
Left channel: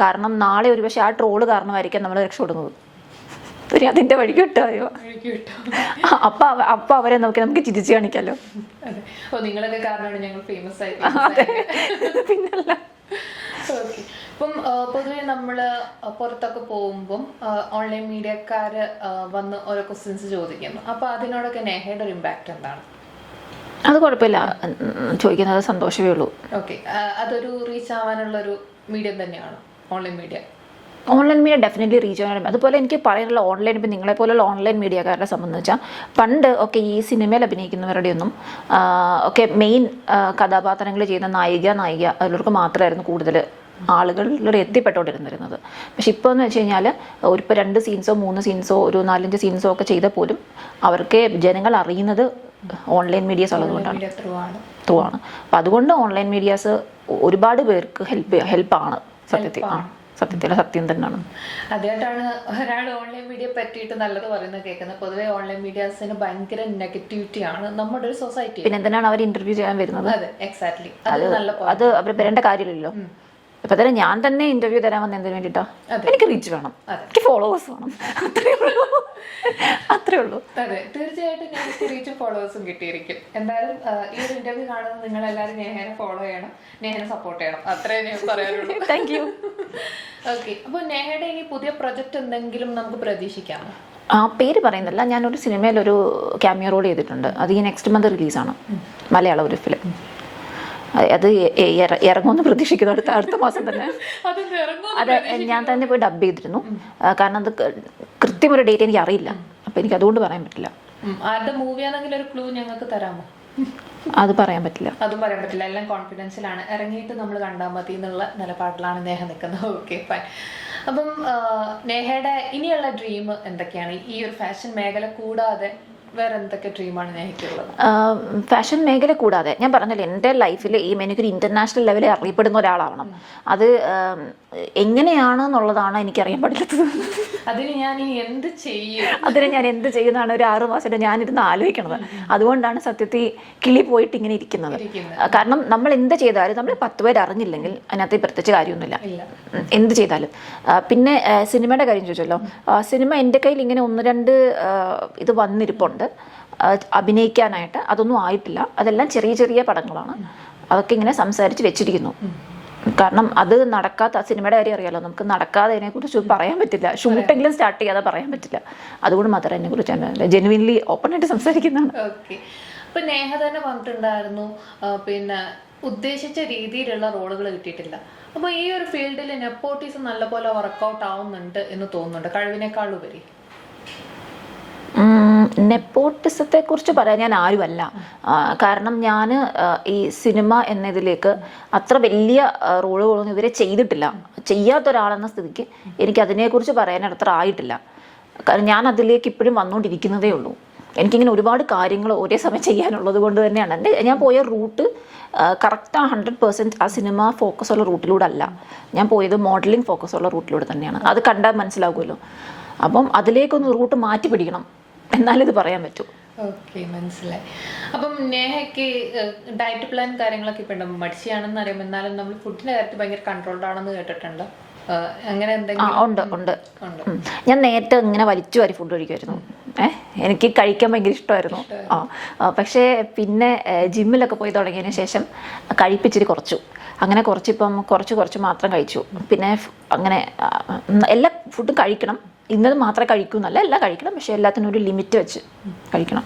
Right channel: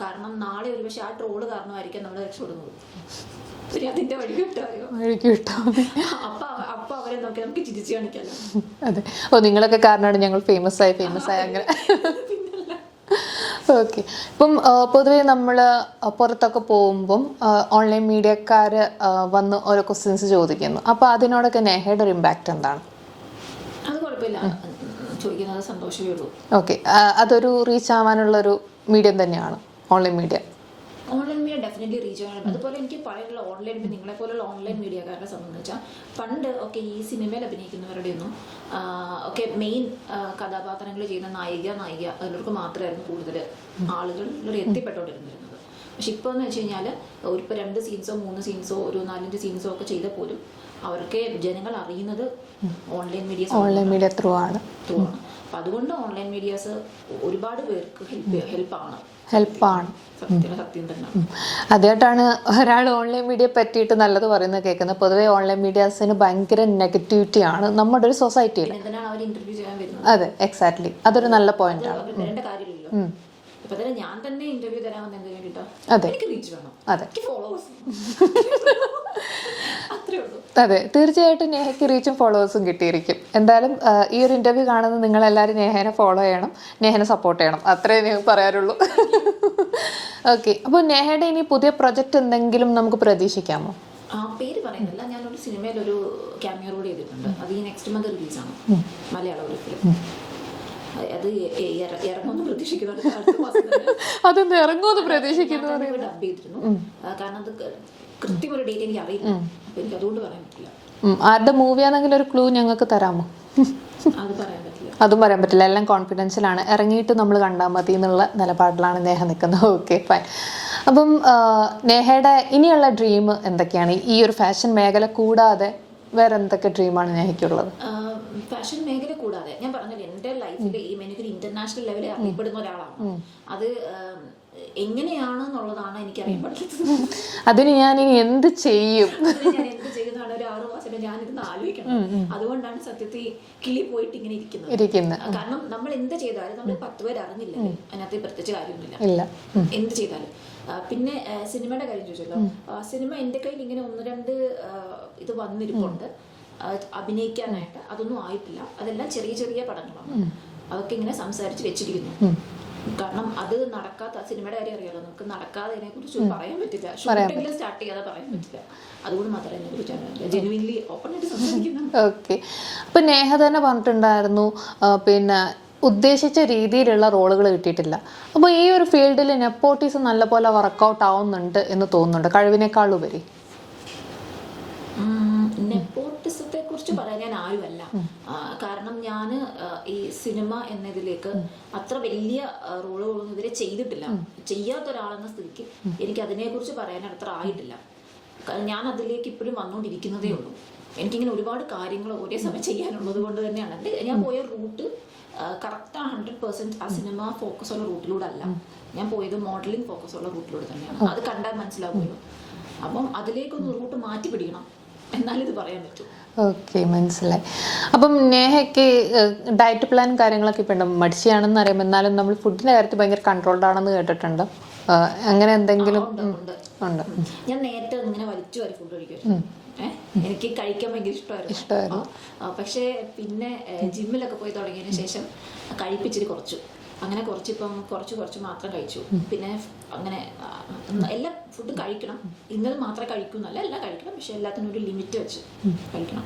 കാരണം നാളെ ഒരു പക്ഷെ ആ ട്രോള് കാരണമായിരിക്കും നമ്മൾ രക്ഷപ്പെടുന്നത്. അതിന്റെ വഴിക്ക് വിട്ടായോ അപ്പൊ അവരെ നമുക്ക് ചിരിച്ചു കാണിക്കാലോ. അതെ, ഓ നിങ്ങളൊക്കെ കാരണമാണ് ഞങ്ങൾ ഫേമസ് ആയ പിന്നല്ല. ഓക്കെ, ഇപ്പം പൊതുവെ നമ്മൾ പുറത്തൊക്കെ പോകുമ്പം ഓൺലൈൻ മീഡിയക്കാർ വന്ന് ഓരോ ക്വസ്റ്റ്യൻസ് ചോദിക്കുന്നു. അപ്പോൾ അതിനോടൊക്കെ നേഹയുടെ ഒരു ഇമ്പാക്റ്റ് എന്താണ്? അത് കുഴപ്പമില്ല, ചോദിക്കുന്നത് സന്തോഷമേ ഉള്ളൂ. ഓക്കെ, അതൊരു റീച്ച് ആവാനുള്ളൊരു മീഡിയം തന്നെയാണ് online media. Online media definitely reach ചെയ്യാൻ. അതുപോലെ എനിക്ക് പറയാനുള്ള ഓൺലൈൻ, ഇപ്പം നിങ്ങളെ പോലുള്ള ഓൺലൈൻ മീഡിയക്കാരെ സംബന്ധിച്ചാൽ പണ്ട് ഒക്കെ ഈ സിനിമയിൽ അഭിനയിക്കുന്നവരുടെ ഒന്നും ഒക്കെ മെയിൻ കഥാപാത്രങ്ങൾ ചെയ്യുന്ന നായിക അതിലവർക്ക് മാത്രമായിരുന്നു കൂടുതൽ ആളുകളിലൂടെ എത്തിപ്പെട്ടുകൊണ്ടിരുന്നിരുന്നത്. പക്ഷെ ഇപ്പോൾ എന്ന് വെച്ച് കഴിഞ്ഞാൽ ഇപ്പോൾ 2 സീൻസോ 3 സീൻസോ ഒരു 4-5 സീൻസോ ഒക്കെ ചെയ്താൽ പോലും അവർക്ക് ജനങ്ങൾ അറിയുന്നത് ഓൺലൈൻ മീഡിയാസ് ത്രൂ ആണ്. അപ്പം അതുകൊണ്ട് ഓൺലൈൻ മീഡിയാസ് ഒരുപാട് പേർക്ക് ഹെൽപ്പാണ്. സത്യം തന്നെയാണ്. ആദ്യമായിട്ടാണ് ഒരാൾ ഓൺലൈൻ മീഡിയ പറ്റിയിട്ട് നല്ലത് പറയുന്നത് കേൾക്കുന്നത്. പൊതുവെ ഓൺലൈൻ മീഡിയാസിന് ഭയങ്കര നെഗറ്റിവിറ്റി ആണ് നമ്മുടെ ഒരു സൊസൈറ്റി. പിന്നെ എന്തിനാണ് അവർ ഇന്റർവ്യൂ ചെയ്യാൻ വരുന്നത്? അതെ, എക്സാക്ട്ലി, അതൊരു നല്ല പോയിന്റ്. അത് അവർ വരേണ്ട കാര്യമില്ലല്ലോ. ഇപ്പൊ തന്നെ ഞാൻ തന്നെ ഇന്റർവ്യൂ തരാൻ വന്ന എന്തിനു വേണ്ടിട്ടാ? എനിക്ക് റീച്ച് വേണം, എനിക്ക് ഫോളോവേഴ്സ് വേണം, അത്രേ ഉള്ളൂ. അതെ, തീർച്ചയായിട്ടും നേഹയ്ക്ക് റീച്ചും ഫോളോവേഴ്സും കിട്ടിയിരിക്കും. എന്തായാലും ഈ ഒരു ഇന്റർവ്യൂ കാണുന്ന നിങ്ങൾ എല്ലാവരും നേഹനെ ഫോളോ ചെയ്യണം, നേഹനെ സപ്പോർട്ട് ചെയ്യണം, അത്രേ ഞാൻ പറയാറുള്ളൂ. Thank you. ഓക്കെ, അപ്പോൾ നേഹയുടെ ഇനി പുതിയ പ്രൊജക്ട് എന്തെങ്കിലും നമുക്ക് പ്രതീക്ഷിക്കാമോ? പേര് പറയുന്നില്ല. ഞാനൊരു സിനിമയിൽ ഒരു ക്യാമിയോ റോൾ ചെയ്തിട്ടുണ്ട്. അത് ഈ നെക്സ്റ്റ് മന്ത് റിലീസാണ്, മലയാളം ഒരു ഫിലിം. അത് ഇറങ്ങുമെന്ന് പ്രതീക്ഷിക്കുന്നു അടുത്ത മാസം തന്നെ. ഞാൻ തന്നെ പോയി ഡബ് ചെയ്തിരുന്നു. കാരണം അത് കൃത്യമൊരു ഡേറ്റ് എനിക്ക് അറിയില്ല, അപ്പൊ എനിക്ക് അതുകൊണ്ട് പറയാൻ പറ്റില്ല. ആരുടെ മൂവിയാണെങ്കിൽ ഒരു ക്ലൂ ഞങ്ങൾക്ക് തരാമോ? അത് പറയാൻ പറ്റില്ല. അതും പറയാൻ പറ്റില്ല, എല്ലാം കോൺഫിഡൻഷ്യലാണ്. ഇറങ്ങിയിട്ട് നമ്മൾ കണ്ടാൽ മതി എന്നുള്ള നിലപാടിലാണ് നേഹ നിൽക്കുന്നത്. Okay, fine. അപ്പം നേഹയുടെ ഇനിയുള്ള ഡ്രീം എന്തൊക്കെയാണ്? ഈ ഒരു ഫാഷൻ മേഖല കൂടാതെ വേറെ എന്തൊക്കെ ഡ്രീമാണ് നേഹയ്ക്കുള്ളത്? ഫാഷൻ മേഖല കൂടാതെ ഞാൻ പറഞ്ഞില്ലേ, എൻ്റെ ലൈഫിൽ എനിക്കൊരു ഇന്റർനാഷണൽ ലെവലിൽ അറിയപ്പെടുന്ന ഒരാളാവണം. അത് എങ്ങനെയാണെന്നുള്ളതാണ് എനിക്കറിയാൻ പറ്റാത്തത്. അതിന് ഞാൻ ഇനി എന്ത് ചെയ്യും? ഞാൻ എന്ത് ചെയ്യുന്നതാണ് ഒരു 6 മാസമായിട്ട് ഞാനിരുന്ന് ആലോചിക്കണത്. അതുകൊണ്ടാണ് സത്യത്തിൽ കിളി പോയിട്ട് ഇങ്ങനെ ഇരിക്കുന്നത്. കാരണം നമ്മൾ എന്ത് ചെയ്താലും നമ്മൾ 10 പേര് അറിഞ്ഞില്ലെങ്കിൽ അതിനകത്ത് പ്രത്യേകിച്ച് കാര്യമൊന്നുമില്ല, എന്ത് ചെയ്താലും. പിന്നെ സിനിമയുടെ കാര്യം ചോദിച്ചല്ലോ, സിനിമ എൻ്റെ കയ്യിൽ ഇങ്ങനെ 1-2 ഇത് വന്നിരിപ്പുണ്ട് അഭിനയിക്കാനായിട്ട്. അതൊന്നും ആയിട്ടില്ല, അതെല്ലാം ചെറിയ ചെറിയ പടങ്ങളാണ്. അതൊക്കെ ഇങ്ങനെ സംസാരിച്ച് വെച്ചിരിക്കുന്നു. കാരണം അത് നടക്കാത്ത സിനിമയുടെ കാര്യം അറിയാലോ, നമുക്ക് നടക്കാതെ അതിനെ കുറിച്ച് പറയാൻ പറ്റില്ല. ഷൂട്ടെങ്കിലും സ്റ്റാർട്ട് ചെയ്യാതെ പറയാൻ പറ്റില്ല. അതുകൊണ്ട് മാത്രം അതിനെ കുറിച്ച് ജെനുവിൻലി ഓപ്പൺ ആയിട്ട് സംസാരിക്കുന്നതാണ്. ഓക്കെ, അപ്പൊ നേഹ തന്നെ പറഞ്ഞിട്ടുണ്ടായിരുന്നു പിന്നെ ഉദ്ദേശിച്ച രീതിയിലുള്ള റോളുകൾ കിട്ടിയിട്ടില്ല. അപ്പോൾ ഈ ഒരു ഫീൽഡിൽ നെപ്പോട്ടിസം നല്ലപോലെ വർക്കൗട്ട് ആവുന്നുണ്ട് എന്ന് തോന്നുന്നുണ്ട്, കഴിവിനേക്കാളുപരി. നെപ്പോട്ടിസത്തെ കുറിച്ച് പറയാൻ ഞാൻ ആരുമല്ല. കാരണം ഞാൻ ഈ സിനിമ എന്നതിലേക്ക് അത്ര വലിയ റോളുകളൊന്നും ഇതുവരെ ചെയ്തിട്ടില്ല. ചെയ്യാത്ത ഒരാളെന്ന സ്ഥിതിക്ക് എനിക്ക് അതിനെക്കുറിച്ച് പറയാൻ അത്ര ആയിട്ടില്ല. കാരണം ഞാൻ അതിലേക്ക് ഇപ്പോഴും വന്നുകൊണ്ടിരിക്കുന്നതേ ഉള്ളൂ. എനിക്കിങ്ങനെ ഒരുപാട് കാര്യങ്ങൾ ഒരേ സമയം ചെയ്യാനുള്ളത് കൊണ്ട് തന്നെയാണ് ഞാൻ പോയ റൂട്ട് കറക്റ്റ് 100% ആ സിനിമ ഫോക്കസ് ഉള്ള റൂട്ടിലൂടെ അല്ല. ഞാൻ പോയത് മോഡലിംഗ് ഫോക്കസ് ഉള്ള റൂട്ടിലൂടെ തന്നെയാണ്. അത് കണ്ടാൽ മനസ്സിലാകുമല്ലോ. അപ്പം അതിലേക്കൊന്ന് റൂട്ട് മാറ്റി പിടിക്കണം, എന്നാലും ഇത് പറയാൻ പറ്റും. ഓക്കെ, മനസ്സിലായി. അപ്പം നേഹയ്ക്ക് ഡയറ്റ് പ്ലാൻ കാര്യങ്ങളൊക്കെ ഇപ്പം ഉണ്ട്. മടിച്ചാണെന്ന് അറിയാം, എന്നാലും നമ്മൾ ഫുഡിന്റെ കാര്യത്തിൽ ഭയങ്കര കൺട്രോൾഡ് ആണെന്ന് കേട്ടിട്ടുണ്ട്. അങ്ങനെ എന്തെങ്കിലും? ഉണ്ട്. ഞാൻ നേരത്തെ ഇങ്ങനെ വലിച്ചു വാരി ഫുഡ് കഴിക്കുമായിരുന്നു. എനിക്ക് കഴിക്കാൻ ഭയങ്കര ഇഷ്ടമായിരുന്നു. പക്ഷേ പിന്നെ ജിമ്മിലൊക്കെ പോയി തുടങ്ങിയതിന് ശേഷം കഴിപ്പിച്ചിരി കുറച്ചു. അങ്ങനെ കുറച്ചിപ്പം കുറച്ച് മാത്രം കഴിച്ചു. പിന്നെ അങ്ങനെ എല്ലാ ഫുഡും കഴിക്കണം, ഇന്നത് മാത്രമേ കഴിക്കൂ എന്നല്ല, എല്ലാം കഴിക്കണം, പക്ഷെ എല്ലാത്തിനും ഒരു ലിമിറ്റ് വെച്ച് കഴിക്കണം.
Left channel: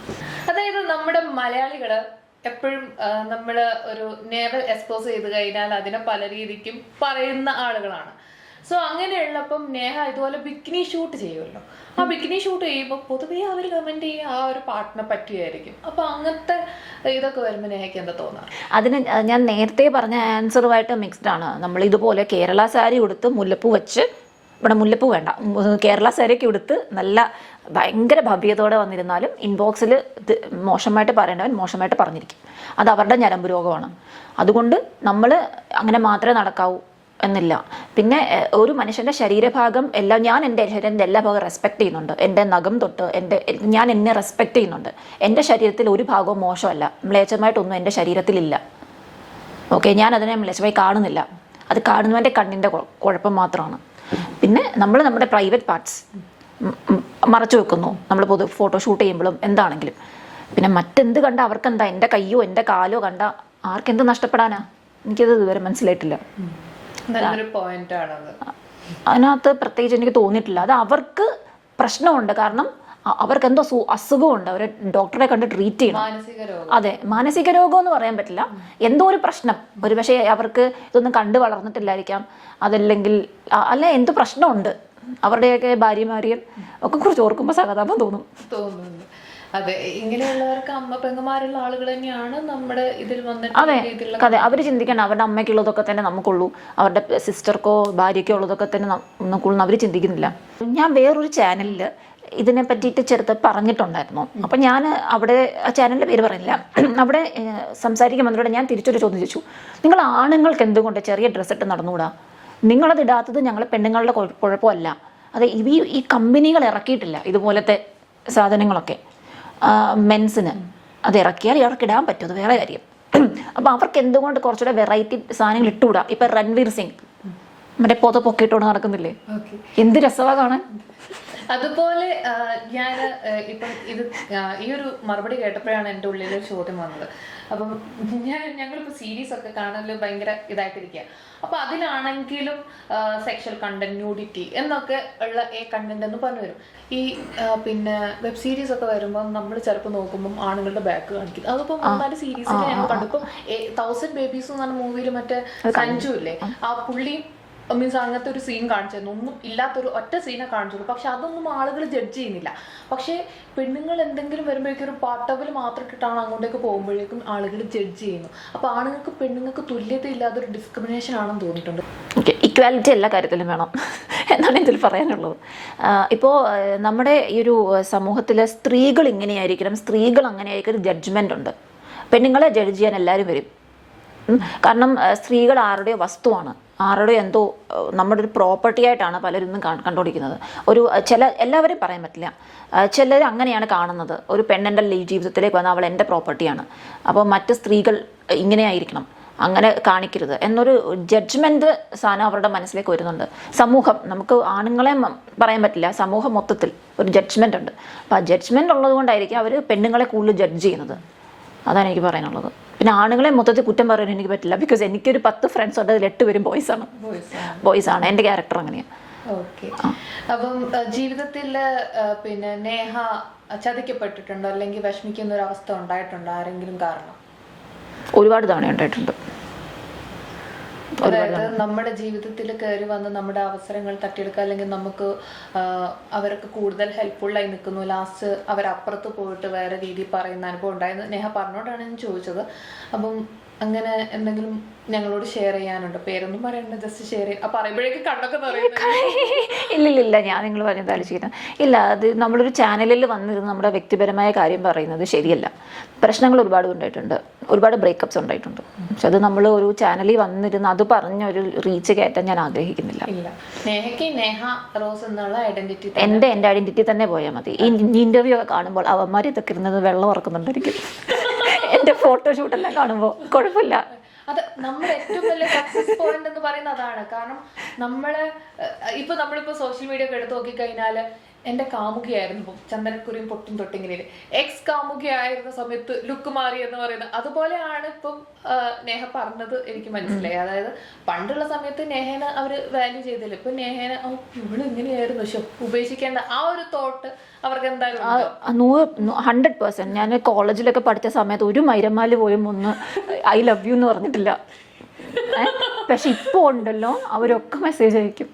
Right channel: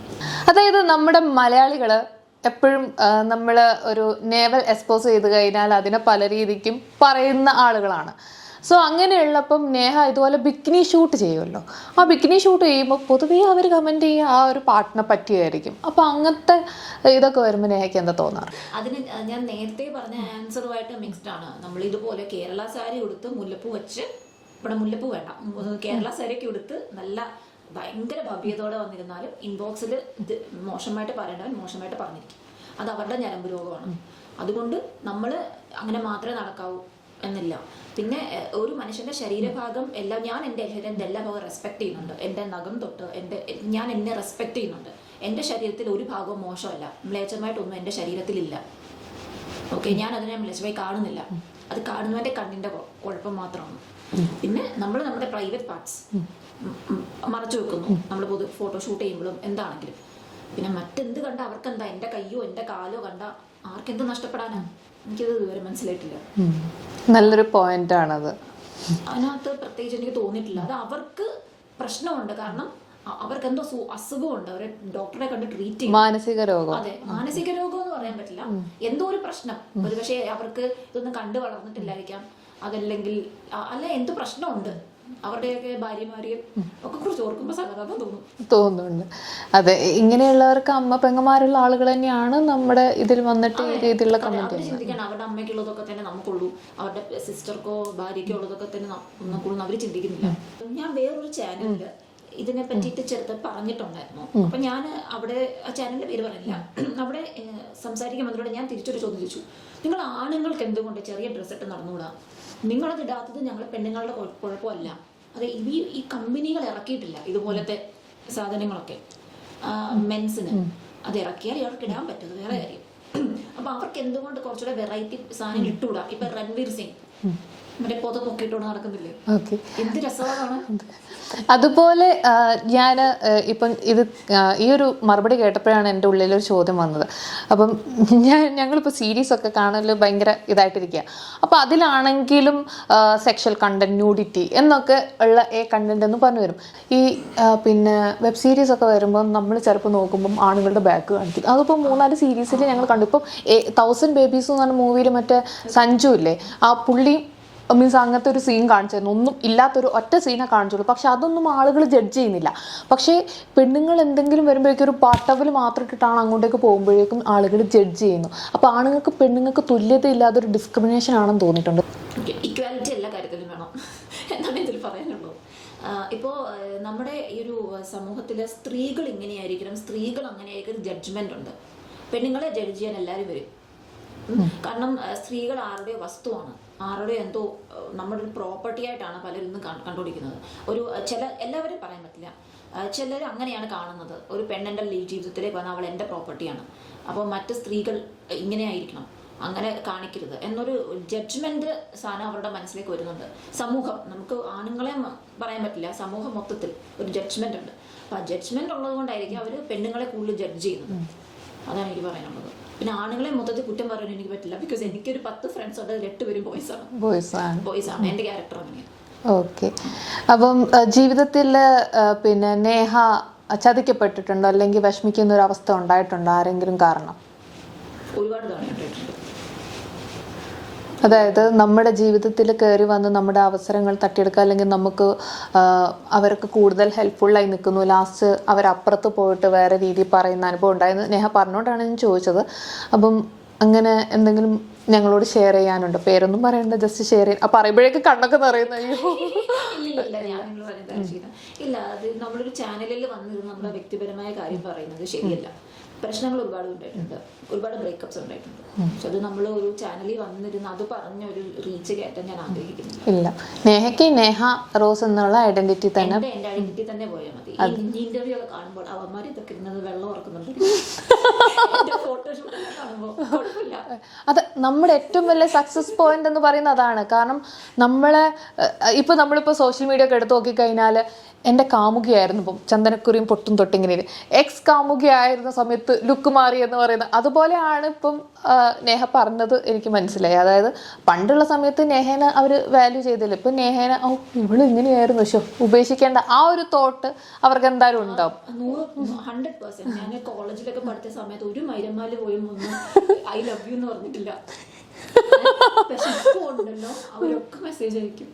അതായത് നമ്മുടെ മലയാളികള് എപ്പോഴും നമ്മൾ ഒരു നേവൽ എക്സ്പോസ് ചെയ്ത് കഴിഞ്ഞാൽ അതിനെ പല രീതിക്കും പറയുന്ന ആളുകളാണ്. സോ അങ്ങനെയുള്ളപ്പം നേഹ ഇതുപോലെ ബിക്കിനി ഷൂട്ട് ചെയ്യുമല്ലോ. ആ ബിക്കിനി ഷൂട്ട് ചെയ്യുമ്പോൾ പൊതുവേ അവർ കമൻറ്റ് ചെയ്യുക ആ ഒരു പാട്ടിനെ പറ്റിയായിരിക്കും. അപ്പം അങ്ങനത്തെ ഇതൊക്കെ വരുമ്പോൾ നേഹയ്ക്ക് എന്താ തോന്നാറ്? അതിന് ഞാൻ നേരത്തെ പറഞ്ഞ ആൻസറുമായിട്ട് മിക്സ്ഡ് ആണ്. നമ്മൾ ഇതുപോലെ കേരള സാരി ഉടുത്ത് മുല്ലപ്പൂ വെച്ച്, ഇവിടെ മുല്ലപ്പൂ വേണ്ട, കേരള സാരിയൊക്കെ ഉടുത്ത് നല്ല ഭയങ്കര ഭവ്യതയോടെ വന്നിരുന്നാലും ഇൻബോക്സിൽ ഇത് മോശമായിട്ട് പറയേണ്ടവൻ മോശമായിട്ട് പറഞ്ഞിരിക്കും. അത് അവരുടെ ഞരമ്പ് രോഗമാണ്. അതുകൊണ്ട് നമ്മൾ അങ്ങനെ മാത്രമേ നടക്കാവൂ എന്നില്ല. പിന്നെ ഒരു മനുഷ്യൻ്റെ ശരീരഭാഗം എല്ലാം, ഞാൻ എൻ്റെ ശരീരത്തിൻ്റെ എല്ലാ ഭാഗവും റെസ്പെക്ട് ചെയ്യുന്നുണ്ട്. എൻ്റെ നഖം തൊട്ട് ഞാൻ എന്നെ റെസ്പെക്ട് ചെയ്യുന്നുണ്ട്. എൻ്റെ ശരീരത്തിൽ ഒരു ഭാഗവും മോശമല്ല, മ്ലേച്ഛമായിട്ടൊന്നും എൻ്റെ ശരീരത്തിലില്ല. ഓക്കെ, ഞാൻ അതിനെ മ്ലേച്ഛമായി കാണുന്നില്ല. അത് കാണുന്നവൻ്റെ കണ്ണിൻ്റെ കുഴപ്പം മാത്രമാണ്. പിന്നെ നമ്മൾ നമ്മുടെ പ്രൈവറ്റ് പാർട്സ് മറച്ചു വെക്കുന്നു, നമ്മൾ ഫോട്ടോ ഷൂട്ട് ചെയ്യുമ്പോഴും എന്താണെങ്കിലും. പിന്നെ മറ്റെന്ത് കണ്ട അവർക്കെന്താ, എൻ്റെ കയ്യോ എൻ്റെ കാലോ കണ്ട ആർക്കെന്ത് നഷ്ടപ്പെടാനാ? എനിക്കത് ഇതുവരെ മനസ്സിലായിട്ടില്ല. നല്ലൊരു പോയിന്റ് ആണത്. അതിനകത്ത് പ്രത്യേകിച്ച് എനിക്ക് തോന്നിയിട്ടില്ല. അത് അവർക്ക് പ്രശ്നമുണ്ട്, കാരണം അവർക്ക് എന്തോ അസുഖമുണ്ട്, അവർ ഡോക്ടറെ കണ്ട് ട്രീറ്റ് ചെയ്യും. മാനസിക രോഗം. അതെ, മാനസിക രോഗം എന്ന് പറയാൻ പറ്റില്ല, എന്തോ ഒരു പ്രശ്നം. ഒരു പക്ഷേ അവർക്ക് ഇതൊന്നും കണ്ടു വളർന്നിട്ടില്ലായിരിക്കാം, അതല്ലെങ്കിൽ അല്ല എന്ത് പ്രശ്നമുണ്ട്. അവരുടെയൊക്കെ ഭാര്യമാരെയും ഒക്കെ കുറിച്ച് ഓർക്കുമ്പോൾ സഹതാപം തോന്നുന്നുണ്ട്. അതെ, ഇങ്ങനെയുള്ളവർക്ക് അമ്മ പെങ്ങന്മാരുള്ള ആളുകൾ തന്നെയാണ് നമ്മുടെ ഇതിൽ വന്നിട്ട്. അതെ, അവർ ചിന്തിക്കണം അവരുടെ അമ്മയ്ക്കുള്ളതൊക്കെ തന്നെ നമുക്കുള്ളൂ, അവരുടെ സിസ്റ്റർക്കോ ഭാര്യയ്ക്കോ ഉള്ളതൊക്കെ തന്നെ നമുക്കുള്ളൂ, അവർ ചിന്തിക്കുന്നില്ല. ഞാൻ വേറൊരു ചാനലിൽ ഇതിനെ പറ്റിയിട്ട് ചെറുത്ത് പറഞ്ഞിട്ടുണ്ടായിരുന്നു. അപ്പം ഞാൻ അവിടെ ആ ചാനലിൻ്റെ പേര് പറയുന്നില്ല, അവിടെ സംസാരിക്കുമ്പോൾ ഞാൻ തിരിച്ചൊരു ചോദ്യം ചോദിച്ചു, നിങ്ങൾ ആണുങ്ങൾക്ക് എന്തുകൊണ്ട് ചെറിയ ഡ്രസ്സ് ഇട്ട് നടന്നുകൂടാ? നിങ്ങളത് ഇടാത്തത് ഞങ്ങൾ പെണ്ണുങ്ങളുടെ കുഴപ്പമല്ല. അതെ, ഈ കമ്പനികൾ ഇറക്കിയിട്ടില്ല ഇതുപോലത്തെ സാധനങ്ങളൊക്കെ മെൻസിന്. അത് ഇറക്കിയാൽ ഇവർക്ക് ഇടാൻ പറ്റും, അത് വേറെ കാര്യം. അപ്പം അവർക്ക് എന്തുകൊണ്ട് കുറച്ചുകൂടെ വെറൈറ്റി സാധനങ്ങൾ ഇട്ടുകൂടാ? ഇപ്പം രൺവീർ സിംഗ് മറ്റേ പൊക്കിയിട്ടോട് നടക്കുന്നില്ലേ, എന്ത് രസമാണ് കാണാൻ. അതുപോലെ ഞാൻ ഇപ്പം ഈ ഒരു മറുപടി കേട്ടപ്പോഴാണ് എൻ്റെ ഉള്ളിലൊരു ചോദ്യം വന്നത്. അപ്പം ഞങ്ങളിപ്പോൾ സീരീസൊക്കെ കാണൽ ഭയങ്കര ഇതായിട്ടിരിക്കുക. അപ്പോൾ അതിലാണെങ്കിലും സെക്ഷൽ കണ്ടന്റ്, ന്യൂഡിറ്റി എന്നൊക്കെ ഉള്ള കണ്ടന്റ് എന്ന് പറഞ്ഞു വരും. ഈ പിന്നെ വെബ് സീരീസ് ഒക്കെ വരുമ്പോൾ നമ്മൾ ചിലപ്പോൾ നോക്കുമ്പം ആണുങ്ങളുടെ ബാക്ക് കാണിക്കും. അതിപ്പോൾ 3-4 സീരീസിൽ ഞങ്ങൾ കണ്ടു. ഇപ്പം 1000 Babies എന്ന് പറഞ്ഞ മൂവിയിൽ മറ്റേ സഞ്ജു ഇല്ലേ, ആ പുള്ളി മീൻസ് അങ്ങനത്തെ ഒരു സീൻ കാണിച്ചിരുന്നു. ഒന്നും ഇല്ലാത്തൊരു ഒറ്റ സീനെ കാണിച്ചുള്ളൂ. പക്ഷെ അതൊന്നും ആളുകൾ ജഡ്ജ് ചെയ്യുന്നില്ല. പക്ഷേ പെണ്ണുങ്ങൾ എന്തെങ്കിലും വരുമ്പോഴേക്കും ഒരു പാട്ടവൽ മാത്രം ഇട്ടിട്ടാണ് അങ്ങോട്ടേക്ക് പോകുമ്പോഴേക്കും ആളുകൾ ജഡ്ജ് ചെയ്യുന്നു. അപ്പോൾ ആണുങ്ങൾക്ക് പെണ്ണുങ്ങൾക്ക് തുല്യത ഇല്ലാതെ ഒരു ഡിസ്ക്രിമിനേഷൻ ആണെന്ന് തോന്നിയിട്ടുണ്ട്. ഇക്വാലിറ്റി എല്ലാ കാര്യത്തിലും വേണം എന്നാണ് ഇതിൽ പറയാനുള്ളത്. ഇപ്പോൾ നമ്മുടെ ഈ ഒരു സമൂഹത്തിൽ സ്ത്രീകൾ ഇങ്ങനെയായിരിക്കണം, സ്ത്രീകൾ അങ്ങനെ ആയിരിക്കും ജഡ്ജ്മെൻ്റ് ഉണ്ട്. പെണ്ണുങ്ങളെ ജഡ്ജ് ചെയ്യാൻ എല്ലാവരും വരും. കാരണം സ്ത്രീകൾ ആരുടെയോ വസ്തുവാണ്, ആരുടെയോ എന്തോ നമ്മുടെ ഒരു പ്രോപ്പർട്ടി ആയിട്ടാണ് പലരും ഇന്നും കണ്ടുപിടിക്കുന്നത്. എല്ലാവരെയും പറയാൻ പറ്റില്ല, ചിലർ അങ്ങനെയാണ് കാണുന്നത്. ഒരു പെണ്ണിൻ്റെ ജീവിതത്തിലേക്ക് വന്നാൽ അവൾ എൻ്റെ പ്രോപ്പർട്ടിയാണ്, അപ്പോൾ മറ്റ് സ്ത്രീകൾ ഇങ്ങനെ ആയിരിക്കണം, അങ്ങനെ കാണിക്കരുത് എന്നൊരു ജഡ്ജ്മെൻറ്റ് സാധനം അവരുടെ മനസ്സിലേക്ക് വരുന്നുണ്ട്. സമൂഹം, നമുക്ക് ആണുങ്ങളെ പറയാൻ പറ്റില്ല, സമൂഹം മൊത്തത്തിൽ ഒരു ജഡ്ജ്മെൻ്റ് ഉണ്ട്. അപ്പോൾ ആ ജഡ്ജ്മെൻ്റ് ഉള്ളത് കൊണ്ടായിരിക്കും അവർ പെണ്ണുങ്ങളെ കൂടുതൽ ജഡ്ജ് ചെയ്യുന്നത്. അതാണ് എനിക്ക് പറയാനുള്ളത്. പിന്നെ ആണുങ്ങളെ മൊത്തത്തിൽ കുറ്റം പറയാൻ എനിക്ക് പറ്റില്ല, ബിക്കോസ് എനിക്കൊരു 10 ഫ്രണ്ട്സ് ഉണ്ട്, അതിൽ 8 പേരും ബോയ്സ് ആണ്. എൻ്റെ ക്യാരക്ടർ അങ്ങനെയാണ്. ഓക്കെ. അപ്പം ജീവിതത്തിൽ പിന്നെ നേഹ ചതിക്കപ്പെട്ടിട്ടുണ്ടോ അല്ലെങ്കിൽ വിഷമിക്കുന്ന ഒരു അവസ്ഥ ഉണ്ടായിട്ടുണ്ടോ ആരെങ്കിലും കാരണം? ഒരുപാട് തവണ ഉണ്ടായിട്ടുണ്ട്. അതായത് നമ്മുടെ ജീവിതത്തിൽ കയറി വന്ന് നമ്മുടെ അവസരങ്ങൾ തട്ടിയെടുക്കുക, അല്ലെങ്കിൽ നമുക്ക് അവർക്ക് കൂടുതൽ ഹെൽപ്ഫുള്ളായി നിൽക്കുന്നു, ലാസ്റ്റ് അവരപ്പുറത്ത് പോയിട്ട് വേറെ രീതിയിൽ പറയുന്ന അനുഭവം ഉണ്ടായെന്ന് നേഹ പറഞ്ഞുകൊണ്ടാണ് ഞാൻ ചോദിച്ചത്. അപ്പം അങ്ങനെ എന്തെങ്കിലും ഞങ്ങളോട് ഷെയർ ചെയ്യാനുണ്ടോ? പേരൊന്നും പറയണ്ട, ജസ്റ്റ് ഷെയർ ചെയ്യാൻ. പറയുമ്പോഴേക്ക് കണ്ണൊക്കെ പറയുന്നത്. ഇല്ലില്ല, ഞാൻ നിങ്ങൾ പറഞ്ഞതാലും ചെയ്യുന്നത് ഇല്ല. അത് നമ്മളൊരു ചാനലിൽ വന്നിരുന്ന് നമ്മുടെ വ്യക്തിപരമായ കാര്യം പറയുന്നത് ശരിയല്ല. പ്രശ്നങ്ങൾ ഒരുപാട് ഉണ്ടായിട്ടുണ്ട്, ഒരുപാട് ബ്രേക്കപ്സ് ഉണ്ടായിട്ടുണ്ട്. പക്ഷെ അത് നമ്മൾ ഒരു ചാനലിൽ വന്നിരുന്ന് അത് പറഞ്ഞ ഒരു റീച്ച് കയറ്റാൻ ഞാൻ ആഗ്രഹിക്കുന്നില്ല. ഇല്ല, നേഹയ്ക്ക് നേഹ റോസ് എന്നുള്ള ഐഡന്റിറ്റി എൻ്റെ ഐഡന്റിറ്റി തന്നെ പോയാൽ മതി. ഈ ഇന്റർവ്യൂ ഒക്കെ കാണുമ്പോൾ അവന്മാർ ഇതൊക്കെ ഇരുന്നത് വെള്ളം ഉറക്കുന്നുണ്ടായിരിക്കും. എന്റെ ഫോട്ടോഷൂട്ട് എല്ലാം കാണുമ്പോൾ കുഴപ്പമില്ല. അത് നമ്മുടെ ഏറ്റവും വലിയ സക്സസ് പോയിന്റ് എന്ന് പറയുന്നത് അതാണ്. കാരണം നമ്മളിപ്പോ സോഷ്യൽ മീഡിയ ഒക്കെ എടുത്ത് നോക്കിക്കഴിഞ്ഞാൽ എൻ്റെ കാമുകിയായിരുന്നു ഇപ്പം ചന്ദനക്കുറിയും പൊട്ടും തൊട്ടിങ്ങനെ എക്സ് കാമുകിയായിരുന്ന സമയത്ത് ലുക്ക് മാറി എന്ന് പറയുന്നത് അതുപോലെയാണ് ഇപ്പം നേഹ പറഞ്ഞത്. എനിക്ക് മനസ്സിലായി. അതായത് പണ്ടുള്ള സമയത്ത് നേഹേനെ അവർ വാല്യൂ ചെയ്തില്ല. ഇപ്പം നേഹേനെ ഇവള് ഇങ്ങനെയായിരുന്നു, പക്ഷെ ഉപേക്ഷിക്കേണ്ട ആ ഒരു തോട്ട് അവർക്ക് എന്തായാലും ഉണ്ടാവും. 100%. ഞാൻ കോളേജിലൊക്കെ പഠിച്ച സമയത്ത് ഒരു മൈരമാല് പോയും ഒന്ന് ഐ ലവ് യു എന്ന് പറഞ്ഞിട്ടില്ല. പക്ഷെ ഇപ്പൊ ഉണ്ടല്ലോ, അവരൊക്കെ മെസ്സേജ് അയക്കും.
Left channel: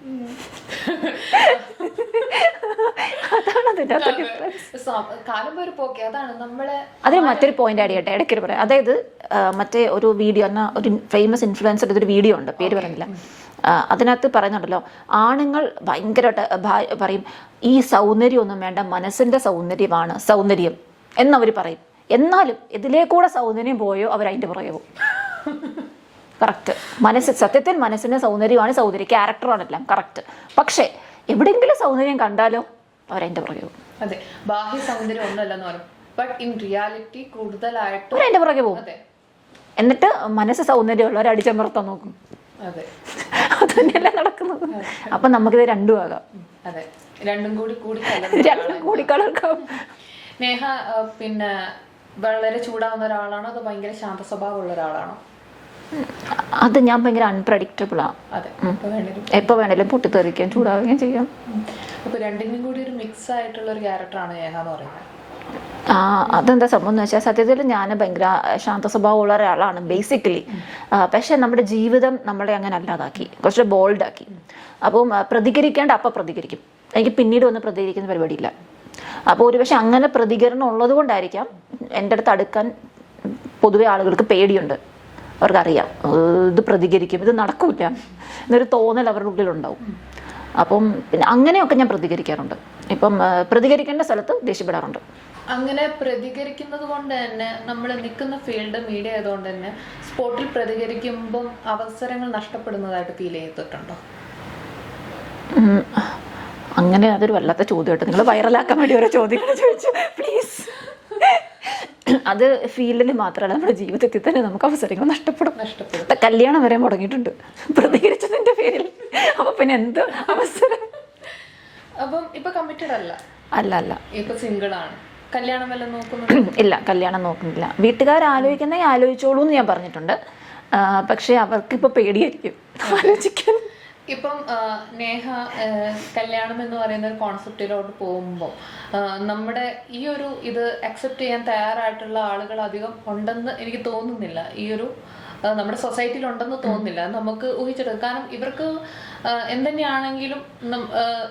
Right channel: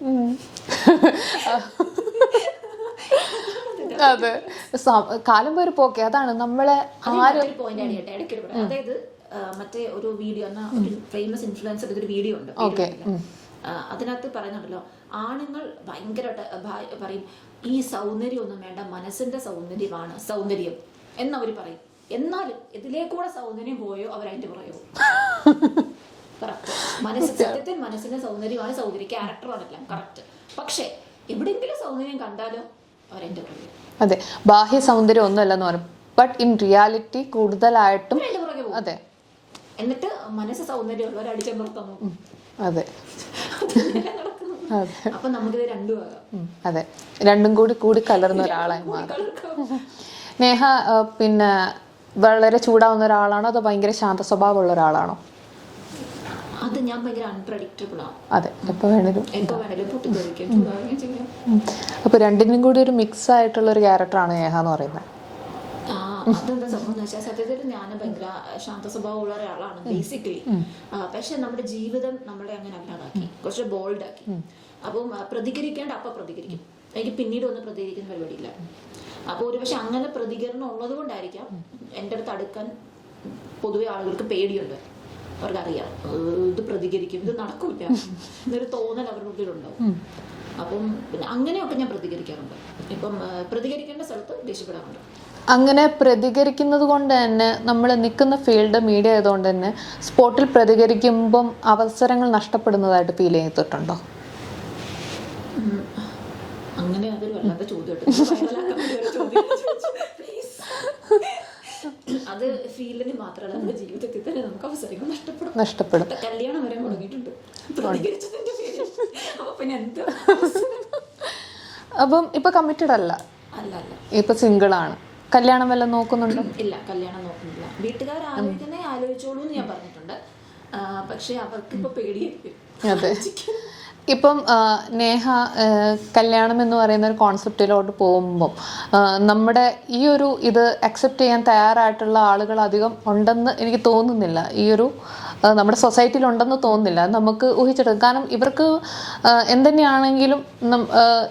കാലം പേര് പോക്കെ അതാണ് നമ്മളെ. അത് മറ്റൊരു പോയിന്റ് ആഡ് ചെയ്യട്ടെ, ഇടയ്ക്ക് പറയാം. അതായത് മറ്റേ ഒരു വീഡിയോ ഒരു ഫേമസ് ഇൻഫ്ലുവൻസർ ഒരു വീഡിയോ ഉണ്ട്, പേര് പറയുന്നില്ല. അതിനകത്ത് പറയുന്നുണ്ടല്ലോ, ആണുങ്ങൾ ഭയങ്കരമായിട്ട് പറയും ഈ സൗന്ദര്യം ഒന്നും വേണ്ട, മനസ്സിന്റെ സൗന്ദര്യമാണ് സൗന്ദര്യം എന്നവർ പറയും. എന്നാലും ഇതിലേക്കൂടെ സൗന്ദര്യം പോയോ അവരതിന്റെ പുറകെ പോകും. കറക്റ്റ്. സത്യത്തിൽ മനസ്സിന്റെ സൗന്ദര്യമാണ് സൗന്ദര്യം, ക്യാരക്ടറാണെല്ലാം കറക്റ്റ്. പക്ഷെ എവിടെയെങ്കിലും സൗന്ദര്യം കണ്ടാലോ അവരതിന്റെ പുറകെ പോകും. അതെ, ബാഹ്യ സൗന്ദര്യം ഒന്നുമല്ലെന്ന് പറയും, ബട്ട് ഇൻ റിയാലിറ്റി കൂടുതലായിട്ടും അതിന്റെ പുറകെ പോകും. അതെ. എന്നിട്ട് മനസ്സ് സൗന്ദര്യമുള്ളവർ അടിച്ചമർത്താൻ നോക്കും. അതെ, അതന്നെയല്ല നടക്കുന്നത്. അപ്പൊ നമുക്കിത് രണ്ടും ആകാം. അതെ, രണ്ടും കൂടി കലർക്കാം. നേഹ പിന്നെ വളരെ ചൂടാവുന്ന ഒരാളാണോ അതോ ഭയങ്കര ശാന്ത സ്വഭാവമുള്ള ഒരാളാണോ? അത് ഞാൻ ഭയങ്കര അൺപ്രഡിക്റ്റബിൾ ആണ്. അതെ, എപ്പോ വേണേലും പൊട്ടിത്തെറിക്കുകയും ചൂടാവുകയും ചെയ്യാം. അപ്പൊ രണ്ടിനും കൂടി ഒരു മിക്സ് ആയിട്ടുള്ള ഒരു ക്യാരക്ടറാണ് നേഹ എന്ന് പറയുന്നത്. അതെന്താ സംഭവം എന്ന് വെച്ചാൽ, സത്യത്തിൽ ഞാൻ ഭയങ്കര ശാന്ത സ്വഭാവമുള്ള ഒരാളാണ് ബേസിക്കലി. പക്ഷെ നമ്മുടെ ജീവിതം നമ്മളെ അങ്ങനെ അല്ലാതാക്കി, കുറച്ച് ബോൾഡ് ആക്കി. അപ്പം പ്രതികരിക്കേണ്ട അപ്പം പ്രതികരിക്കും. എനിക്ക് പിന്നീട് ഒന്ന് പ്രതികരിക്കുന്ന പരിപാടിയില്ല. അപ്പോൾ ഒരുപക്ഷെ അങ്ങനെ പ്രതികരണം ഉള്ളത് കൊണ്ടായിരിക്കാം എൻ്റെ അടുത്ത് അടുക്കാൻ പൊതുവെ ആളുകൾക്ക് പേടിയുണ്ട്. അവർക്കറിയാം ഇത് പ്രതികരിക്കും, ഇത് നടക്കൂല എന്നൊരു തോന്നൽ അവരുടെ ഉള്ളിലുണ്ടാവും. അപ്പം പിന്നെ അങ്ങനെയൊക്കെ ഞാൻ പ്രതികരിക്കാറുണ്ട്. ഇപ്പം പ്രതികരിക്കേണ്ട സ്ഥലത്ത് ദേഷ്യപ്പെടാറുണ്ട്. അങ്ങനെ പ്രതികരിക്കുന്നത് കൊണ്ട് തന്നെ നമ്മൾ നിൽക്കുന്ന ഫീൽഡ് മീഡിയ ആയതുകൊണ്ട് തന്നെ സ്പോട്ടിൽ പ്രതികരിക്കുമ്പം അവസരങ്ങൾ നഷ്ടപ്പെടുന്നതായിട്ട് ഫീൽ ചെയ്തിട്ടുണ്ടോ? അങ്ങനെ അതൊരു വല്ലാത്ത ചോദ്യമായിട്ട് നിങ്ങൾ വൈറലാക്കാൻ വേണ്ടി ഓരോ ചോദ്യങ്ങൾ ചോദിച്ചു, പ്ലീസ്. അത് ഫീൽഡിൽ മാത്രമല്ല, നമ്മുടെ ജീവിതത്തിൽ തന്നെ നമുക്ക് അവസരങ്ങൾ നഷ്ടപ്പെടും. കല്യാണം വരെ മുടങ്ങിയിട്ടുണ്ട് പ്രതികരിച്ചതിന്റെ പേരിൽ. അപ്പൊ പിന്നെ എന്ത് അവസരം? അപ്പം ഇപ്പൊ കമ്മിറ്റഡ് അല്ല, ഇപ്പൊ സിംഗിൾ ആണ്. കല്യാണം വല്ലതും നോക്കുന്നുണ്ടോ? ഇല്ല, കല്യാണം നോക്കുന്നില്ല. വീട്ടുകാർ ആലോചിക്കുന്ന ആലോചിച്ചോളൂ എന്ന് ഞാൻ പറഞ്ഞിട്ടുണ്ട്. പക്ഷെ അവർക്ക് ഇപ്പൊ പേടിയായിരിക്കും ആലോചിക്കാൻ. ഇപ്പം നേഹ കല്യാണം എന്ന് പറയുന്ന ഒരു കോൺസെപ്റ്റിലോട്ട് പോകുമ്പം നമ്മുടെ ഈ ഒരു ഇത് അക്സെപ്റ്റ് ചെയ്യാൻ തയ്യാറായിട്ടുള്ള ആളുകൾ അധികം ഉണ്ടെന്ന് എനിക്ക് തോന്നുന്നില്ല. ഈ ഒരു നമ്മുടെ സൊസൈറ്റിയിൽ ഉണ്ടെന്ന് തോന്നുന്നില്ല. നമുക്ക് ഊഹിച്ചെടുക്കാം. കാരണം ഇവർക്ക് എന്തുതന്നെയാണെങ്കിലും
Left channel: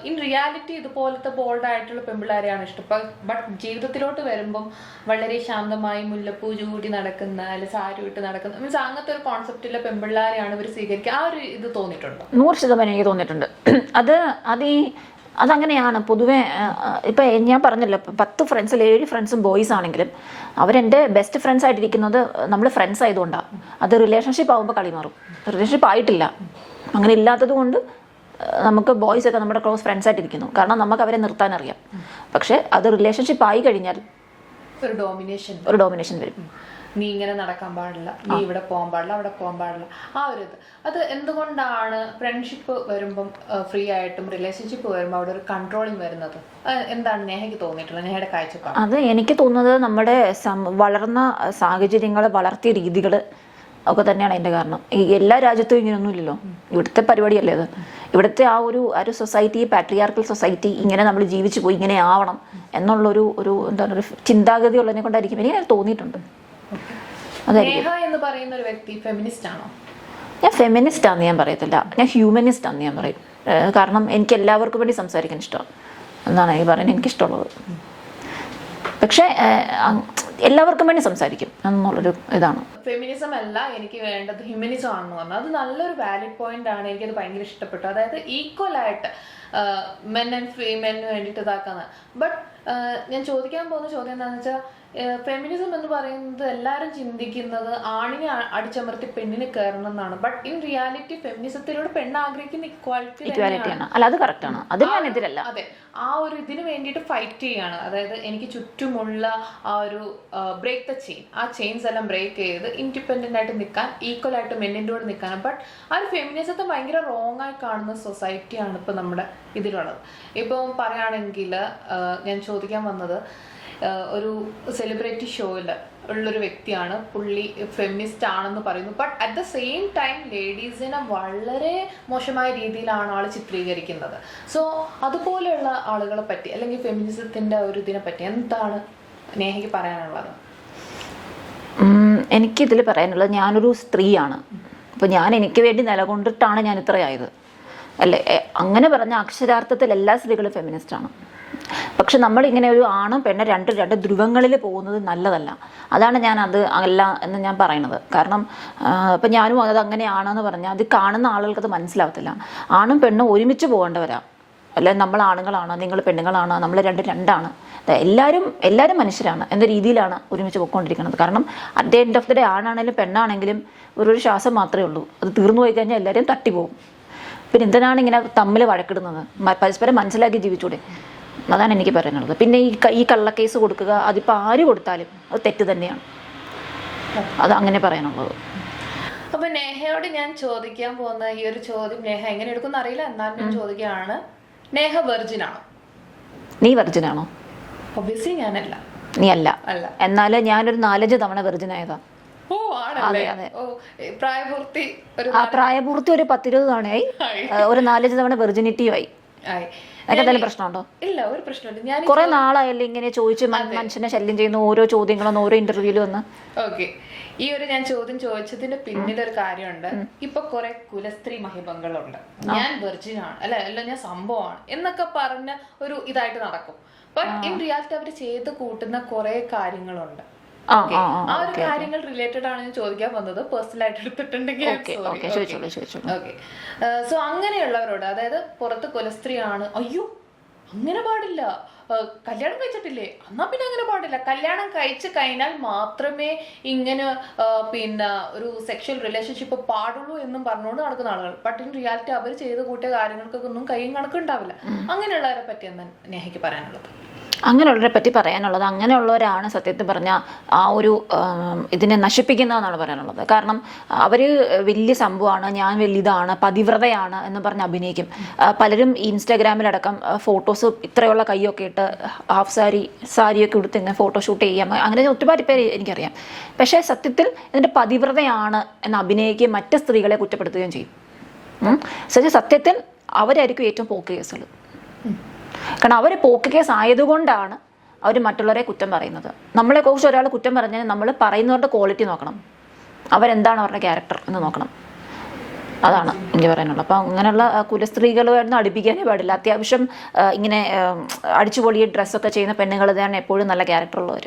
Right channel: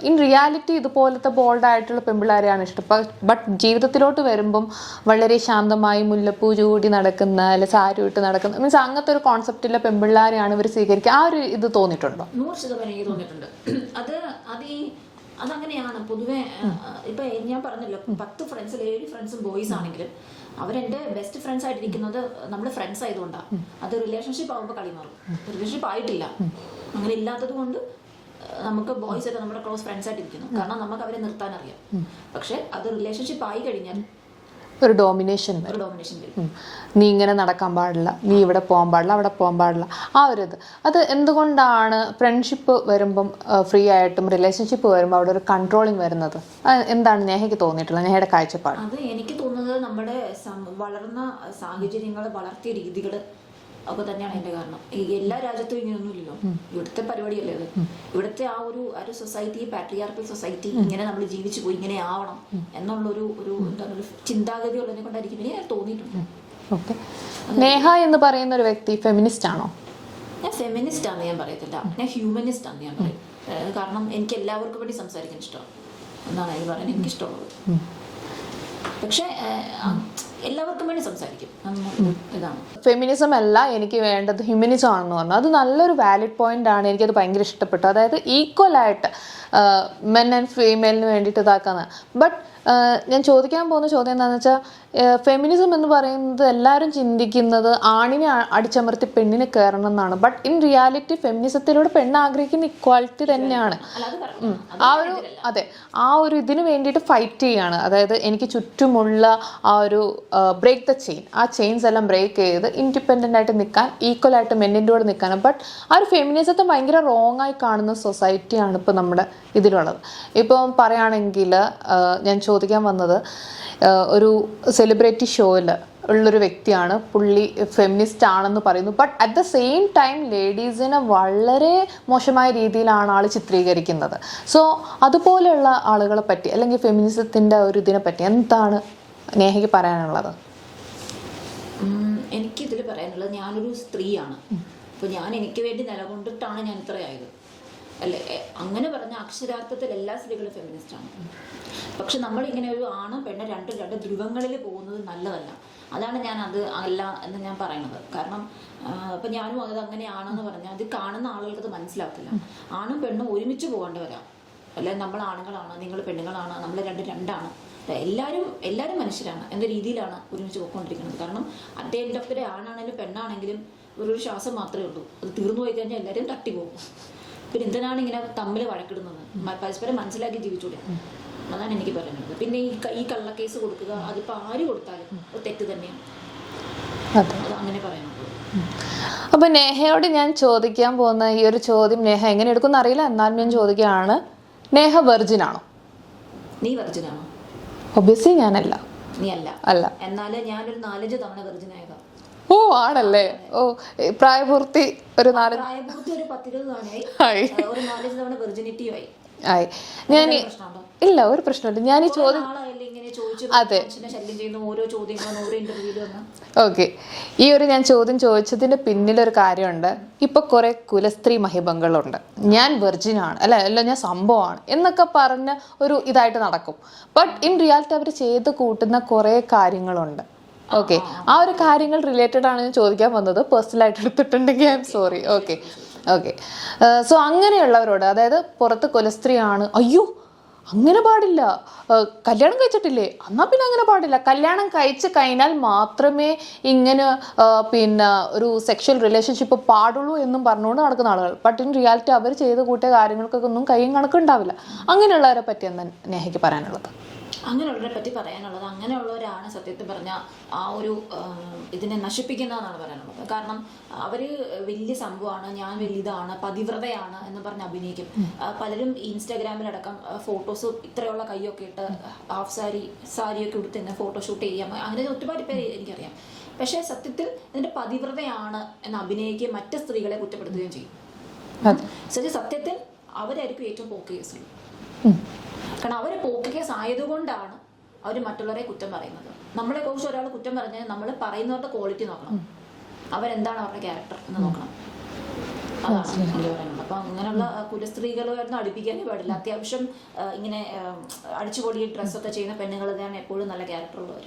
ഇൻ റിയാലിറ്റി ഇതുപോലത്തെ ബോൾഡായിട്ടുള്ള പെൺപിള്ളേരെയാണ് ഇഷ്ടം. ബട്ട് ജീവിതത്തിലോട്ട് വരുമ്പം വളരെ ശാന്തമായി മുല്ലപ്പൂ ചൂടി നടക്കുന്ന, അല്ലെ സാരി ഇട്ട് നടക്കുന്ന, മീൻസ് അങ്ങനത്തെ ഒരു കോൺസെപ്റ്റിലെ പെൺപിള്ളേരെയാണ് ഇവർ സ്വീകരിക്കുക. ആ ഒരു ഇത് തോന്നിയിട്ടുണ്ടോ? 100% എനിക്ക് തോന്നിയിട്ടുണ്ട്. അതങ്ങനെയാണ് പൊതുവെ. ഇപ്പം ഞാൻ പറഞ്ഞല്ലോ, 10 ഫ്രണ്ട്സിൽ 7 ഫ്രണ്ട്സും ബോയ്സ് ആണെങ്കിലും അവരെൻ്റെ ബെസ്റ്റ് ഫ്രണ്ട്സ് ആയിട്ടിരിക്കുന്നത് നമ്മൾ ഫ്രണ്ട്സ് ആയതുകൊണ്ടാണ്. അത് റിലേഷൻഷിപ്പ് ആകുമ്പോൾ കളി മാറും. റിലേഷൻഷിപ്പ് ആയിട്ടില്ല, അങ്ങനെ ഇല്ലാത്തത് കൊണ്ട് നമുക്ക് ബോയ്സ് ഒക്കെ നമ്മുടെ ക്ലോസ് ഫ്രണ്ട്സ് ആയിട്ടിരിക്കുന്നു. കാരണം നമുക്ക് അവരെ നിർത്താൻ അറിയാം. പക്ഷെ അത് റിലേഷൻഷിപ്പ് ആയി കഴിഞ്ഞാൽ ഒരു ഡോമിനേഷൻ വരും. നീ ഇങ്ങനെ നടക്കാൻ പാടില്ല, നീ ഇവിടെ പോകാൻ പാടില്ല, അവിടെ പോകാൻ പാടില്ല. ആ ഒരു ഇത് അത് എന്തുകൊണ്ടാണ് ഫ്രണ്ട്ഷിപ്പ് വരുമ്പം ഫ്രീ ആയിട്ടും റിലേഷൻഷിപ്പ് വരുമ്പോൾ അവിടെ ഒരു കൺട്രോളിങ് വരുന്നത്? എന്താണ് നേഹയ്ക്ക് തോന്നിയിട്ടുള്ളത്, നേഹയുടെ കാഴ്ചപ്പാട്? അത് എനിക്ക് തോന്നുന്നത് നമ്മുടെ വളർന്ന സാഹചര്യങ്ങൾ, വളർത്തിയ രീതികൾ ഒക്കെ തന്നെയാണ് അതിൻ്റെ കാരണം. ഈ എല്ലാ രാജ്യത്തും ഇങ്ങനെയൊന്നും ഇല്ലല്ലോ. ഇവിടുത്തെ പരിപാടിയല്ലേ അത്. ഇവിടുത്തെ ആ ഒരു സൊസൈറ്റി, പാട്രിയാർക്കൽ സൊസൈറ്റി, ഇങ്ങനെ നമ്മൾ ജീവിച്ചു പോയി, ഇങ്ങനെ ആവണം എന്നുള്ളൊരു എന്താണ് ഒരു ചിന്താഗതി ഉള്ളതിനെ കൊണ്ടായിരിക്കും എനിക്ക് തോന്നിയിട്ടുണ്ട്. നേഹ എന്ന് പറയുന്ന ഒരു വ്യക്തി ഫെമിനിസ്റ്റ് ആണോ? ഞാൻ ഫെമിനിസ്റ്റ് ആണെന്ന് ഞാൻ പറയത്തില്ല, ഞാൻ ഹ്യൂമനിസ്റ്റ് ആണെന്ന് ഞാൻ പറയും. കാരണം എനിക്ക് എല്ലാവർക്കും വേണ്ടി സംസാരിക്കാൻ ഇഷ്ടമാണ്. എന്നാണ് ഈ പറയുന്നത് എനിക്കിഷ്ടമുള്ളത്. പക്ഷേ എല്ലാവർക്കും വേണ്ടി സംസാരിക്കും എന്നുള്ളൊരു ഇതാണ്. ഫെമിനിസം അല്ല എനിക്ക് വേണ്ടത് ഹ്യൂമനിസം ആണെന്ന് പറഞ്ഞു. അത് നല്ലൊരു വാലിഡ് പോയിന്റ് ആണ്. എനിക്കത് ഭയങ്കര ഇഷ്ടപ്പെട്ടു. അതായത് ഈക്വൽ ആയിട്ട് മെൻ ആൻഡ് ഫീമെയിലിന് വേണ്ടിയിട്ട് ഇതാക്കാന്ന്. ബട്ട് ഞാൻ ചോദിക്കാൻ പോകുന്ന ചോദ്യം എന്താണെന്ന് വെച്ചാൽ, ഫെമിനിസം എന്ന് പറയുന്നത് എല്ലാവരും ചിന്തിക്കുന്നത് ആണിനെ അടിച്ചമർത്തി പെണ്ണിനെ കയറണം എന്നാണ്. ബട്ട് ഇൻ റിയാലിറ്റി ഫെമിനിസത്തിലൂടെ പെണ്ണ് ആഗ്രഹിക്കുന്ന ഇക്വാലിറ്റി തന്നെയാണ്. അതെ, ആ ഒരു ഇതിന് വേണ്ടിയിട്ട് ഫൈറ്റ് ചെയ്യാണ്. അതായത് എനിക്ക് ചുറ്റുമുള്ള ആ ഒരു ബ്രേക്ക് ദ ചെയിൻ, ആ ചെയിൻസ് എല്ലാം ബ്രേക്ക് ചെയ്ത് ഇൻഡിപെൻഡൻ്റ് ആയിട്ട് നിൽക്കാൻ, ഈക്വൽ ആയിട്ട് മെന്നിൻ്റെ കൂടെ നിൽക്കാനും. ബട്ട് ആ ഒരു ഫെമിനിസത്തെ ഭയങ്കര റോങ് ആയി കാണുന്ന സൊസൈറ്റിയാണ് ഇപ്പോൾ നമ്മുടെ ഇതിലുള്ളത്. ഇപ്പം പറയുകയാണെങ്കിൽ ഞാൻ ചോദിക്കാൻ വന്നത്, ഒരു സെലിബ്രിറ്റി ഷോയിൽ ഉള്ളൊരു വ്യക്തിയാണ്, പുള്ളി ഫെമിനിസ്റ്റ് ആണെന്ന് പറയുന്നു. But at the same time ലേഡീസിനെ വളരെ മോശമായ രീതിയിലാണ് ആൾ ചിത്രീകരിക്കുന്നത്. സോ അതുപോലെയുള്ള ആളുകളെ പറ്റി അല്ലെങ്കിൽ ഫെമിനിസത്തിൻ്റെ ഒരു ഇതിനെ പറ്റി എന്താണ് നേഹയ്ക്ക് പറയാനുള്ളത്? എനിക്കിതിൽ പറയാനുള്ളത്, ഞാനൊരു സ്ത്രീയാണ്. അപ്പോൾ ഞാൻ എനിക്ക് വേണ്ടി നിലകൊണ്ടിട്ടാണ് ഞാൻ ഇത്രയായത് അല്ലേ. അങ്ങനെ പറഞ്ഞ അക്ഷരാർത്ഥത്തിൽ എല്ലാ സ്ത്രീകളും ഫെമിനിസ്റ്റാണ്. പക്ഷെ നമ്മളിങ്ങനെ ഒരു ആണും പെണ്ണും രണ്ട് ധ്രുവങ്ങളിൽ പോകുന്നത് നല്ലതല്ല. അതാണ് ഞാൻ അത് അല്ല എന്ന് ഞാൻ പറയുന്നത്. കാരണം ഇപ്പം ഞാനും അത് അങ്ങനെയാണെന്ന് പറഞ്ഞാൽ അത് കാണുന്ന ആളുകൾക്ക് അത് മനസ്സിലാവത്തില്ല. ആണും പെണ്ണും ഒരുമിച്ച് പോകേണ്ടവരാ. അല്ലെ നമ്മൾ ആണുങ്ങളാണ്, നിങ്ങൾ പെണ്ണുങ്ങളാണ്, നമ്മൾ രണ്ടാണ്. എല്ലാവരും മനുഷ്യരാണ് എന്ന രീതിയിലാണ് ഒരുമിച്ച് പോയിക്കൊണ്ടിരിക്കുന്നത്. കാരണം at the end of the day ആണാണെങ്കിലും പെണ്ണാണെങ്കിലും ഒരു ശ്വാസം മാത്രമേ ഉള്ളൂ. അത് തീർന്നു പോയി കഴിഞ്ഞാൽ എല്ലാവരും തട്ടിപ്പോകും. പിന്നെ എന്തിനാണ് ഇങ്ങനെ തമ്മിൽ വഴക്കിടുന്നത്? പരസ്പരം മനസ്സിലാക്കി ജീവിച്ചൂടെ? അതാണ് എനിക്ക് പറയാനുള്ളത്. പിന്നെ ഈ കള്ളക്കേസ് കൊടുക്കുക, അതിപ്പോൾ ആര് കൊടുത്താലും അത് തെറ്റ് തന്നെയാണ്. അത് അങ്ങനെ പറയാനുള്ളത്. അപ്പൊ നേഹയോട് ഞാൻ ചോദിക്കാൻ പോകുന്ന ഈ ഒരു ചോദ്യം നേഹ എങ്ങനെ എടുക്കുന്ന അറിയില്ല, എന്നാലും ഞാൻ ചോദിക്കുകയാണ്, നേഹ വെർജിൻ ആണോ? നീ വെർജിൻ ആണോ? ഒബ്വിയസ്ലി ഞാനല്ല. നീ അല്ല. എന്നാലും ഞാനൊരു 4-5 തവണ വെർജിൻ ആയതാ. ഓ ആണല്ലേ? ഓ പ്രായപൂർത്തി ഒരു 10-20 തവണയായി, ഒരു 4-5 തവണ വെർജിനിറ്റിയും ആയി. പ്രശ്നമുണ്ടോ? ഇല്ല, ഒരു പ്രശ്നമില്ല. ഞാൻ കുറെ നാളായല്ലേ ഇങ്ങനെ ചോദിച്ചു മനുഷ്യനെ ശല്യം ചെയ്യുന്ന ഓരോ ചോദ്യങ്ങളും ഓരോ ഇന്റർവ്യൂലും വന്ന്. ഓക്കെ, ഈ ഒരു ഞാൻ ചോദ്യം ചോദിച്ചതിന്റെ പിന്നിലൊരു കാര്യമുണ്ട്. ഇപ്പൊ കുറെ കുലസ്ത്രീ മഹിബങ്ങളുണ്ട്. ഞാൻ വെർജിൻ ആണ്, അല്ല ഞാൻ സംഭവമാണ് എന്നൊക്കെ പറഞ്ഞ ഒരു ഇതായിട്ട് നടക്കും. ബട്ട് ഇൻ റിയാലിറ്റി അവർ ചെയ്ത് കൂട്ടുന്ന കുറെ കാര്യങ്ങളുണ്ട്. ഓക്കെ, ആ ഒരു കാര്യങ്ങൾ റിലേറ്റഡ് ആണ് ഞാൻ ചോദിക്കാൻ വന്നത്. പേഴ്സണൽ ആയിട്ട് എടുത്തിട്ടുണ്ടെങ്കിൽ I'm sorry. Okay. So അങ്ങനെയുള്ളവരോട്, അതായത് പുറത്ത് കുലസ്ത്രീ ആണ്, അയ്യോ അങ്ങനെ പാടില്ല, കല്യാണം കഴിച്ചിട്ടില്ലേ എന്നാ പിന്നെ അങ്ങനെ പാടില്ല, കല്യാണം കഴിച്ച് കഴിഞ്ഞാൽ മാത്രമേ ഇങ്ങനെ പിന്നെ ഒരു സെക്ഷൽ റിലേഷൻഷിപ്പ് പാടുള്ളൂ എന്നും പറഞ്ഞുകൊണ്ട് നടക്കുന്ന ആളുകൾ. ബട്ട് ഇൻ റിയാലിറ്റി അവർ ചെയ്ത് കൂട്ടിയ കാര്യങ്ങൾക്കൊക്കെ ഒന്നും കയ്യും കണക്കുണ്ടാവില്ല. അങ്ങനെയുള്ളവരെ പറ്റി എന്താ നേഹയ്ക്ക് പറയാനുള്ളത്? അങ്ങനെയുള്ളവരെ പറ്റി പറയാനുള്ളത്, അങ്ങനെയുള്ളവരാണ് സത്യത്തിൽ പറഞ്ഞാൽ ആ ഒരു ഇതിനെ നശിപ്പിക്കുന്നതെന്നാണ് പറയാനുള്ളത്. കാരണം അവർ വലിയ സംഭവമാണ്, ഞാൻ വലിയതാണ്, പതിവ്രതയാണ് എന്ന് പറഞ്ഞ് അഭിനയിക്കും. പലരും ഇൻസ്റ്റാഗ്രാമിലടക്കം ഫോട്ടോസ് ഇത്രയുള്ള കൈയൊക്കെ ഇട്ട് ഹാഫ് സാരിയൊക്കെ എടുത്ത് ഇങ്ങനെ ഫോട്ടോഷൂട്ട് ചെയ്യാം. അങ്ങനെ ഒരുപാട് പേര് എനിക്കറിയാം. പക്ഷേ സത്യത്തിൽ ഇതിൻ്റെ പതിവ്രതയാണ് എന്ന് അഭിനയിക്കുകയും മറ്റ് സ്ത്രീകളെ കുറ്റപ്പെടുത്തുകയും ചെയ്യും. സത്യത്തിൽ അവരായിരിക്കും ഏറ്റവും പോക്ക് കേസുകൾ. കാരണം അവർ പോക്ക് കേസ് ആയതുകൊണ്ടാണ് അവർ മറ്റുള്ളവരെ കുറ്റം പറയുന്നത്. നമ്മളെ കുറിച്ച് ഒരാൾ കുറ്റം പറഞ്ഞാൽ നമ്മൾ പറയുന്നവരുടെ ക്വാളിറ്റി നോക്കണം, അവരെന്താണ് അവരുടെ ക്യാരക്ടർ എന്ന് നോക്കണം. അതാണ് എനിക്ക് പറയാനുള്ളത്. അപ്പം അങ്ങനെയുള്ള കുലസ്ത്രീകളുമായിരുന്നു അടുപ്പിക്കാനേ പാടില്ല. അത്യാവശ്യം ഇങ്ങനെ അടിച്ചുപൊളിയ ഡ്രസ്സൊക്കെ ചെയ്യുന്ന പെണ്ണുങ്ങൾ തന്നെയാണ് എപ്പോഴും നല്ല ക്യാരക്ടറുള്ളവർ.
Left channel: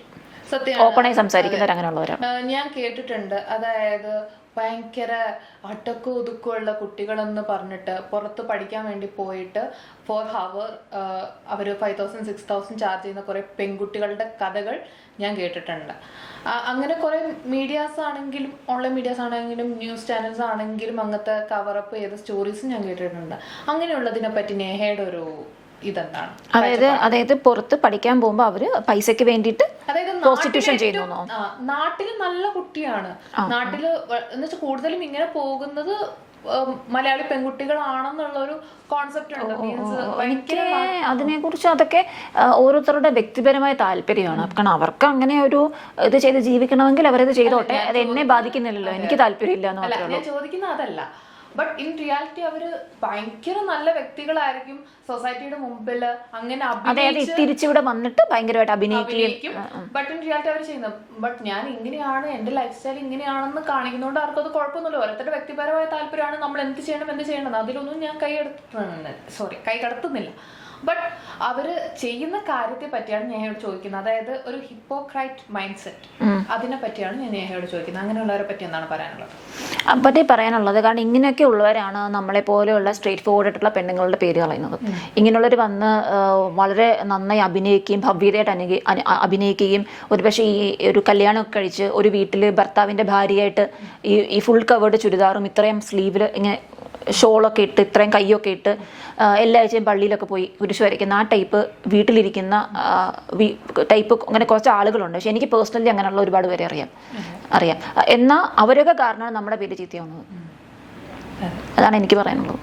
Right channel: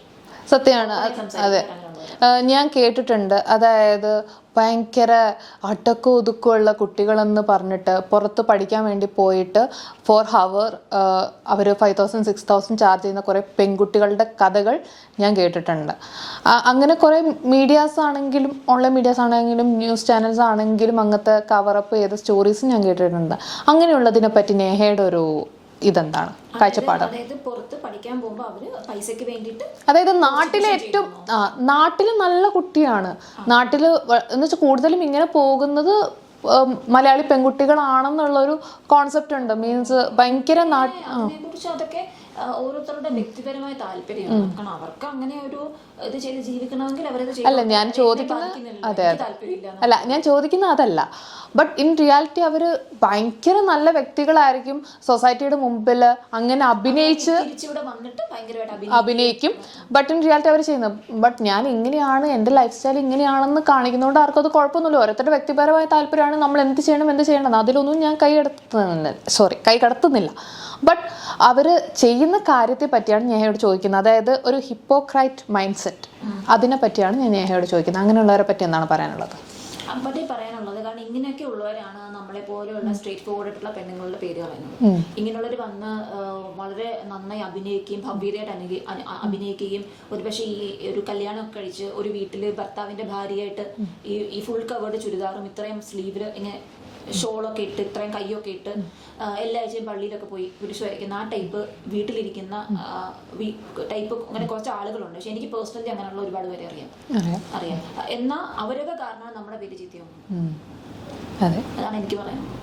ഞാൻ കേട്ടിട്ടുണ്ട്. അതായത് ഭയങ്കര അടക്കം ഒതുക്കമുള്ള കുട്ടികളെന്ന് പറഞ്ഞിട്ട് പുറത്ത് പഠിക്കാൻ വേണ്ടി പോയിട്ട് 4 hour അവർ 5,000 6,000 ചാർജ് ചെയ്യുന്ന കുറെ പെൺകുട്ടികളുടെ കഥകൾ ഞാൻ കേട്ടിട്ടുണ്ട്. അങ്ങനെ കുറെ മീഡിയാസ് ആണെങ്കിലും ഓൺലൈൻ മീഡിയാസ് ആണെങ്കിലും ന്യൂസ് ചാനൽസ് ആണെങ്കിലും അങ്ങനത്തെ കവറപ്പ് ചെയ്ത സ്റ്റോറീസ് ഞാൻ കേട്ടിട്ടുണ്ട്. അങ്ങനെയുള്ളതിനെ പറ്റി നേഹയുടെ ഒരു ഇതെന്താണ്? അതായത് പുറത്ത് പഠിക്കാൻ പോകുമ്പോ അവര് പൈസക്ക് വേണ്ടിയിട്ട്, അതായത് നാട്ടില് നല്ല കുട്ടിയാണ്, നാട്ടില് എന്ന് വെച്ചാൽ കൂടുതലും ഇങ്ങനെ പോകുന്നത് മലയാളി പെൺകുട്ടികളാണെന്നുള്ളൊരു കോൺസെപ്റ്റ് ഉണ്ട്. മീൻസ് ഭയങ്കര അതിനെ കുറിച്ച് അതൊക്കെ ഓരോരുത്തരുടെ വ്യക്തിപരമായ താല്പര്യമാണ്. കാരണം അവർക്ക് അങ്ങനെ ഒരു ഇത് ചെയ്ത് ജീവിക്കണമെങ്കിൽ അവരത് ചെയ്തോട്ടെ, എന്നെ ബാധിക്കുന്നില്ലല്ലോ, എനിക്ക് താല്പര്യമില്ല. അല്ല, ഞാൻ ചോദിക്കുന്ന അതല്ല. ബട്ട് ഇൻ റിയാലിറ്റി അവർ ഭയങ്കര നല്ല വ്യക്തികളായിരിക്കും, സൊസൈറ്റിയുടെ മുമ്പിൽ അങ്ങനെ അഭിനയിച്ച് തിരിച്ചിവിടെ വന്നിട്ട് ഭയങ്കരമായിട്ട് അഭിനയിക്കും. ബട്ട് ഇൻ റിയാലിറ്റി അവർ ചെയ്യുന്നത് ബട്ട് ഞാൻ ഇങ്ങനെയാണ്, എൻ്റെ ലൈഫ് സ്റ്റൈൽ ഇങ്ങനെയാണെന്ന് കാണിക്കുന്നതുകൊണ്ട് ആർക്കും അത് കുഴപ്പമൊന്നുമില്ല. ഓരോരുത്തരുടെ വ്യക്തിപരമായ താല്പര്യമാണ് നമ്മൾ എന്ത് ചെയ്യണം അതിലൊന്നും ഞാൻ കൈ കടത്തുന്നില്ല. ബട്ട് അവർ ചെയ്യുന്ന കാര്യത്തെ പറ്റിയാണ് നേഹയോട് ചോദിക്കുന്നത്. അതായത് ഒരു ഹിപ്പോക്രൈറ്റ് മൈൻഡ് സെറ്റ്, അതിനെ പറ്റിയാണ് ഞാൻ നേഹയോട് ചോദിക്കുന്നത്. അങ്ങനെയുള്ളവരെ പറ്റി എന്താണ് പറയാനുള്ളത്? പറ്റി പറയാനുള്ളത്, കാരണം ഇങ്ങനെയൊക്കെ ഉള്ളവരാണ് നമ്മളെ പോലെയുള്ള സ്ട്രേറ്റ് ഫോർവേഡ് ആയിട്ടുള്ള പെണ്ണുങ്ങളുടെ പേര് കളയുന്നത്. ഇങ്ങനെയുള്ളവർ വന്ന് വളരെ നന്നായി അഭിനയിക്കുകയും ഭവ്യതയായിട്ട് അഭിനയിക്കുകയും ഒരുപക്ഷെ ഈ ഒരു കല്യാണമൊക്കെ കഴിച്ച് ഒരു വീട്ടിൽ ഭർത്താവിൻ്റെ ഭാര്യയായിട്ട് ഈ ഫുൾ കവേർഡ് ചുരിദാറും ഇത്രയും സ്ലീവിൽ ഇങ്ങനെ ഷോളൊക്കെ ഇട്ട് ഇത്രയും കൈയൊക്കെ ഇട്ട് എല്ലാ ആഴ്ചയും പള്ളിയിലൊക്കെ പോയി കുരിശ് വരയ്ക്കുന്ന ആ ടൈപ്പ് വീട്ടിലിരിക്കുന്ന ടൈപ്പ് അങ്ങനെ കുറച്ച് ആളുകളുണ്ട്. പക്ഷെ എനിക്ക് പേഴ്സണലി അങ്ങനെയുള്ള ഒരുപാട് പേരെ അറിയാം. എന്നാൽ അവരൊക്കെ കാരണമാണ് നമ്മുടെ പേര് ചീത്തയാവുന്നത്. അതാണ് എനിക്ക് പറയാനുള്ളത്.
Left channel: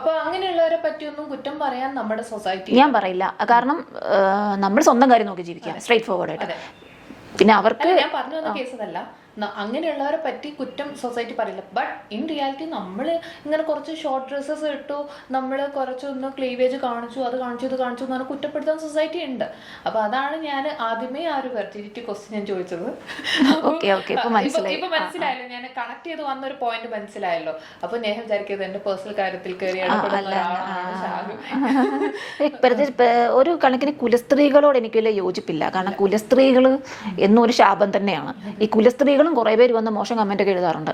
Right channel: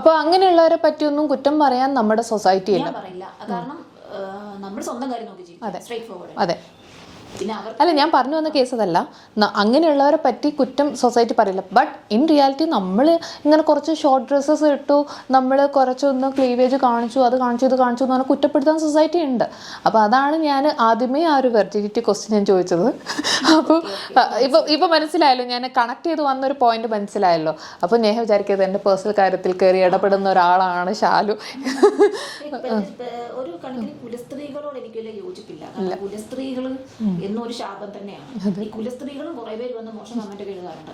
അപ്പൊ അങ്ങനെയുള്ളവരെ പറ്റിയൊന്നും കുറ്റം പറയാൻ നമ്മുടെ സൊസൈറ്റി ഞാൻ പറയില്ല. കാരണം നമ്മൾ സ്വന്തം കാര്യം നോക്കി ജീവിക്കുക, സ്ട്രേറ്റ് ഫോർവേഡ്. അതെ. പിന്നെ അവർക്ക് അല്ല, ഞാൻ പറഞ്ഞു വന്ന കേസ് അതല്ല, അങ്ങനെയുള്ളവരെ പറ്റി കുറ്റം സൊസൈറ്റി പറയില്ല. ബട്ട് ഇൻ റിയാലിറ്റി നമ്മൾ ഇങ്ങനെ കുറച്ച് ഷോർട്ട് ഡ്രസ്സസ് ഇട്ടു, നമ്മൾ കുറച്ചൊന്ന് ക്ലീവേജ് കാണിച്ചു, അത് കാണിച്ചു ഇത് കാണിച്ചു എന്ന് പറഞ്ഞാൽ കുറ്റപ്പെടുത്താൻ സൊസൈറ്റി ഉണ്ട്. അപ്പോൾ അതാണ് ഞാൻ ആദ്യമേ ആ ഒരു വെർജിനിറ്റി ക്വസ്റ്റ്യൻ ഞാൻ ചോദിച്ചത്. ഇപ്പൊ മനസ്സിലായല്ലോ, ഞാൻ കണക്ട് ചെയ്ത് വന്നൊരു പോയിന്റ് മനസ്സിലായല്ലോ. അപ്പൊ ഞാൻ വിചാരിക്കുന്നത് എന്റെ പേഴ്സണൽ കാര്യത്തിൽ കയറി ഇടപെടുന്ന ഒരാളാണ് ഷാലു. ഒരു കണക്കിന് കുലസ്ത്രീകളോട് എനിക്ക് വലിയ യോജിപ്പില്ല. കാരണം കുലസ്ത്രീകൾ എന്നും ഒരു ശാപം തന്നെയാണ്. ഈ കുലസ്ത്രീകളും കുറെ പേര് വന്ന് മോശം കമന്റ് ഒക്കെ എഴുതാറുണ്ട്.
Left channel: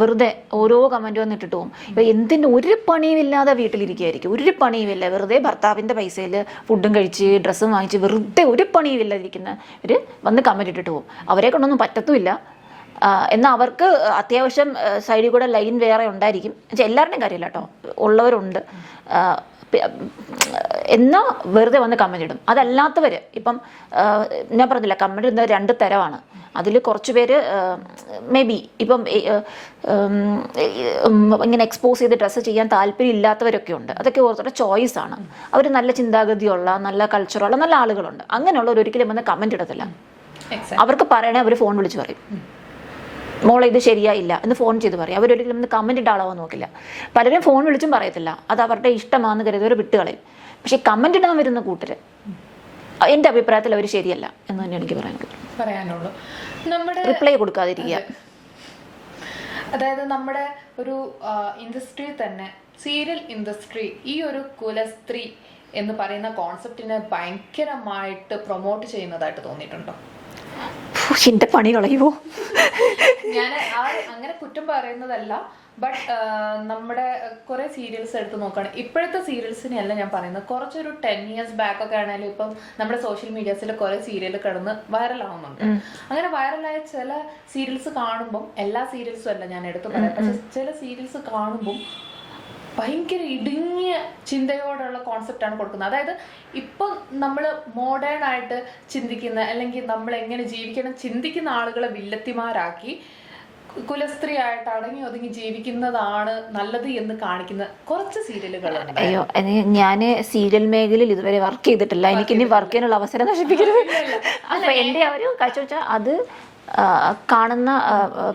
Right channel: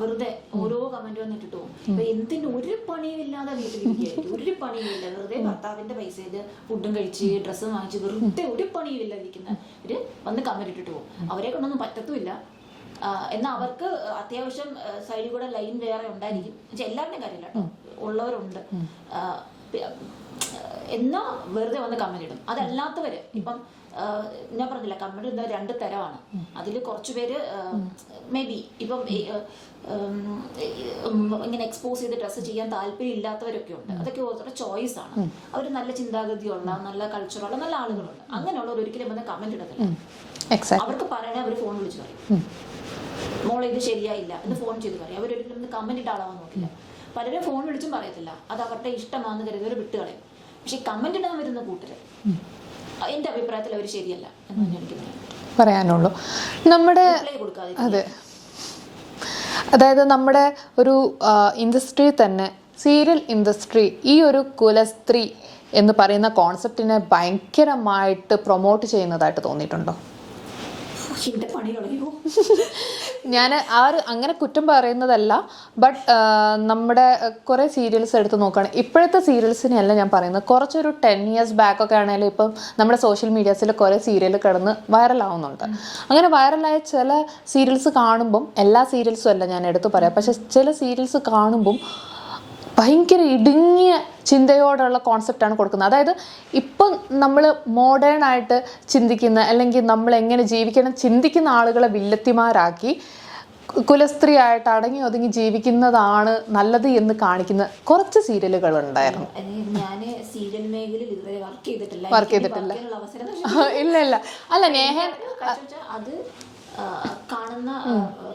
വെറുതെ ഓരോ കമന്റ് വന്ന് ഇട്ടിട്ട് പോകും. ഇപ്പൊ എന്തിന്റെ ഒരു പണിയും ഇല്ലാതെ വീട്ടിലിരിക്കുകയായിരിക്കും, ഒരു പണിയുമില്ല, വെറുതെ ഭർത്താവിന്റെ പൈസയിൽ ഫുഡും കഴിച്ച് ഡ്രസ്സും വാങ്ങിച്ച് വെറുതെ ഒരു പണിയും ഇല്ലാതിരിക്കുന്നവര് വന്ന് കമന്റ് ഇട്ടിട്ട് പോകും. അവരെ കൊണ്ടൊന്നും പറ്റത്തുമില്ല. എന്നാൽ അവർക്ക് അത്യാവശ്യം സൈഡിൽ കൂടെ ലൈൻ വേറെ ഉണ്ടായിരിക്കും. എല്ലാവരുടെയും കാര്യമില്ല കേട്ടോ, ഉള്ളവരുണ്ട്. എന്നാൽ വെറുതെ വന്ന് കമന്റ് ഇടും. അതല്ലാത്തവര് ഇപ്പം ഞാൻ പറഞ്ഞില്ല, കമന്റ് ഇടുന്നത് 2 തരമാണ്. അതിൽ കുറച്ച് പേര് മേ ബി ഇപ്പം ഇങ്ങനെ എക്സ്പോസ് ചെയ്ത് ഡ്രസ്സ് ചെയ്യാൻ താല്പര്യം ഇല്ലാത്തവരൊക്കെ ഉണ്ട്. അതൊക്കെ ഓരോരുത്തരുടെ ചോയ്സ് ആണ്. അവർ നല്ല ചിന്താഗതിയുള്ള നല്ല കൾച്ചറുള്ള നല്ല ആളുകളുണ്ട്. അങ്ങനെയുള്ളവർ ഒരിക്കലും വന്ന് കമന്റ് ഇടത്തില്ല. അവർക്ക് പറയണേ അവർ ഫോൺ വിളിച്ച് പറയും, മോളെ ഇത് ശരിയായില്ല എന്ന് ഫോൺ ചെയ്ത് പറയും. അവരൊരിക്കലും ഒന്ന് കമന്റ് ഇട്ട് ആളാവാൻ നോക്കില്ല. പലരും ഫോൺ വിളിച്ചും പറയത്തില്ല, അത് അവരുടെ ഇഷ്ടമാണെന്ന് കരുതി വിട്ടുകളയും. പക്ഷെ കമന്റ് ഇടാൻ വരുന്ന കൂട്ടര് എന്റെ അഭിപ്രായത്തിൽ അവർ ശരിയല്ല എന്ന് തന്നെ എനിക്ക് പറയാനുള്ളൂ. നമ്മുടെ റിപ്ലൈ കൊടുക്കാതിരിക്കുക. അതായത് നമ്മുടെ ഒരു ഇൻഡസ്ട്രി തന്നെ, സീരിയൽ ഇൻഡസ്ട്രി ഈ ഒരു കുലസ്ത്രീ എന്ന് പറയുന്ന കോൺസെപ്റ്റിനെ ഭയങ്കരമായിട്ട് പ്രൊമോട്ട് ചെയ്യുന്നതായിട്ട് തോന്നിയിട്ടുണ്ടോ? എന്റെ പണി കളയുമോ? ഞാൻ അങ്ങനെ കുറ്റം പറയുന്നതല്ല. ബട്ട് നമ്മുടെ കുറെ സീരിയൽസ് എടുത്ത് നോക്കുകയാണ്. ഇപ്പോഴത്തെ സീരിയൽസിനെയല്ല ഞാൻ പറയുന്നത്, കുറച്ചൊരു 10 years ബാക്ക് ഒക്കെ ആണെങ്കിലും ഇപ്പം നമ്മുടെ സോഷ്യൽ മീഡിയാസിൽ കുറെ സീരിയൽ കിടന്ന് വൈറലാവുന്നുണ്ട്. അങ്ങനെ വൈറലായ ചില സീരിയൽസ് കാണുമ്പം, എല്ലാ സീരിയൽസും അല്ല ഞാൻ എടുത്ത് പറയാം, പക്ഷെ ചില സീരിയൽസ് കാണുമ്പം ഭയങ്കര ഇടുങ്ങിയ ചിന്തയോടുള്ള കോൺസെപ്റ്റാണ് കൊടുക്കുന്നത്. അതായത് ഇപ്പം നമ്മൾ മോഡേൺ ആയിട്ട് ചിന്തിക്കുന്ന, അല്ലെങ്കിൽ നമ്മൾ എങ്ങനെ ജീവിക്കണം ചിന്തിക്കുന്ന ആളുകളെ വില്ലത്തിമാരാക്കി കുലസ്ത്രീ ആയിട്ട് അടങ്ങി ഒതുങ്ങി ജീവിക്കുന്നതാണ് നല്ലത് എന്ന് കാണിക്കുന്ന കുറച്ച് സീരിയലുകളുണ്ട്. ഞാൻ സീരിയൽ മേഖലയിൽ ഇതുവരെ വർക്ക് ചെയ്തിട്ടില്ല. എനിക്ക് വർക്ക് ചെയ്യാനുള്ള അവസരം അത് കാണുന്ന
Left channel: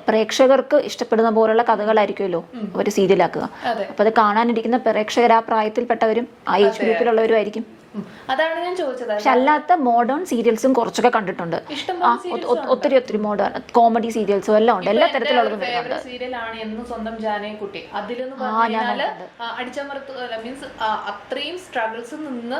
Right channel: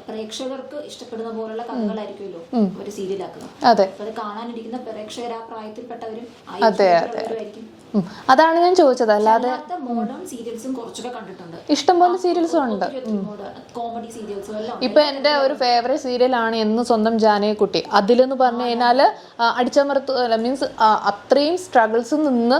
പ്രേക്ഷകർക്ക് ഇഷ്ടപ്പെടുന്ന പോലുള്ള കഥകളായിരിക്കുമല്ലോ അവര് സീരിയലാക്കുക. അപ്പൊ അത് കാണാനിരിക്കുന്ന പ്രേക്ഷകർ ആ പ്രായത്തിൽപ്പെട്ടവരും ആ ഏജ് ആയിരിക്കും. അതാണ് ഞാൻ ചോദിച്ചത്. അല്ലാത്ത മോഡേൺ സീരിയൽസും കുറച്ചൊക്കെ കണ്ടിട്ടുണ്ട്. ഇഷ്ടംപോലെ സീരിയൽസ് ഒത്തിരി മോഡേൺ കോമഡി സീരിയൽസും എല്ലാം ഉണ്ട്. എന്റെ ഒരു ഫേവറേറ്റ് സീരിയൽ ആണ് എന്ന് സ്വന്തം ജാനകിക്കുട്ടി. അതിലെന്ന് പറഞ്ഞു കഴിഞ്ഞാല് അടിച്ചമർത്ത് മീൻസ് അത്രയും സ്ട്രഗിൾസ് നിന്ന്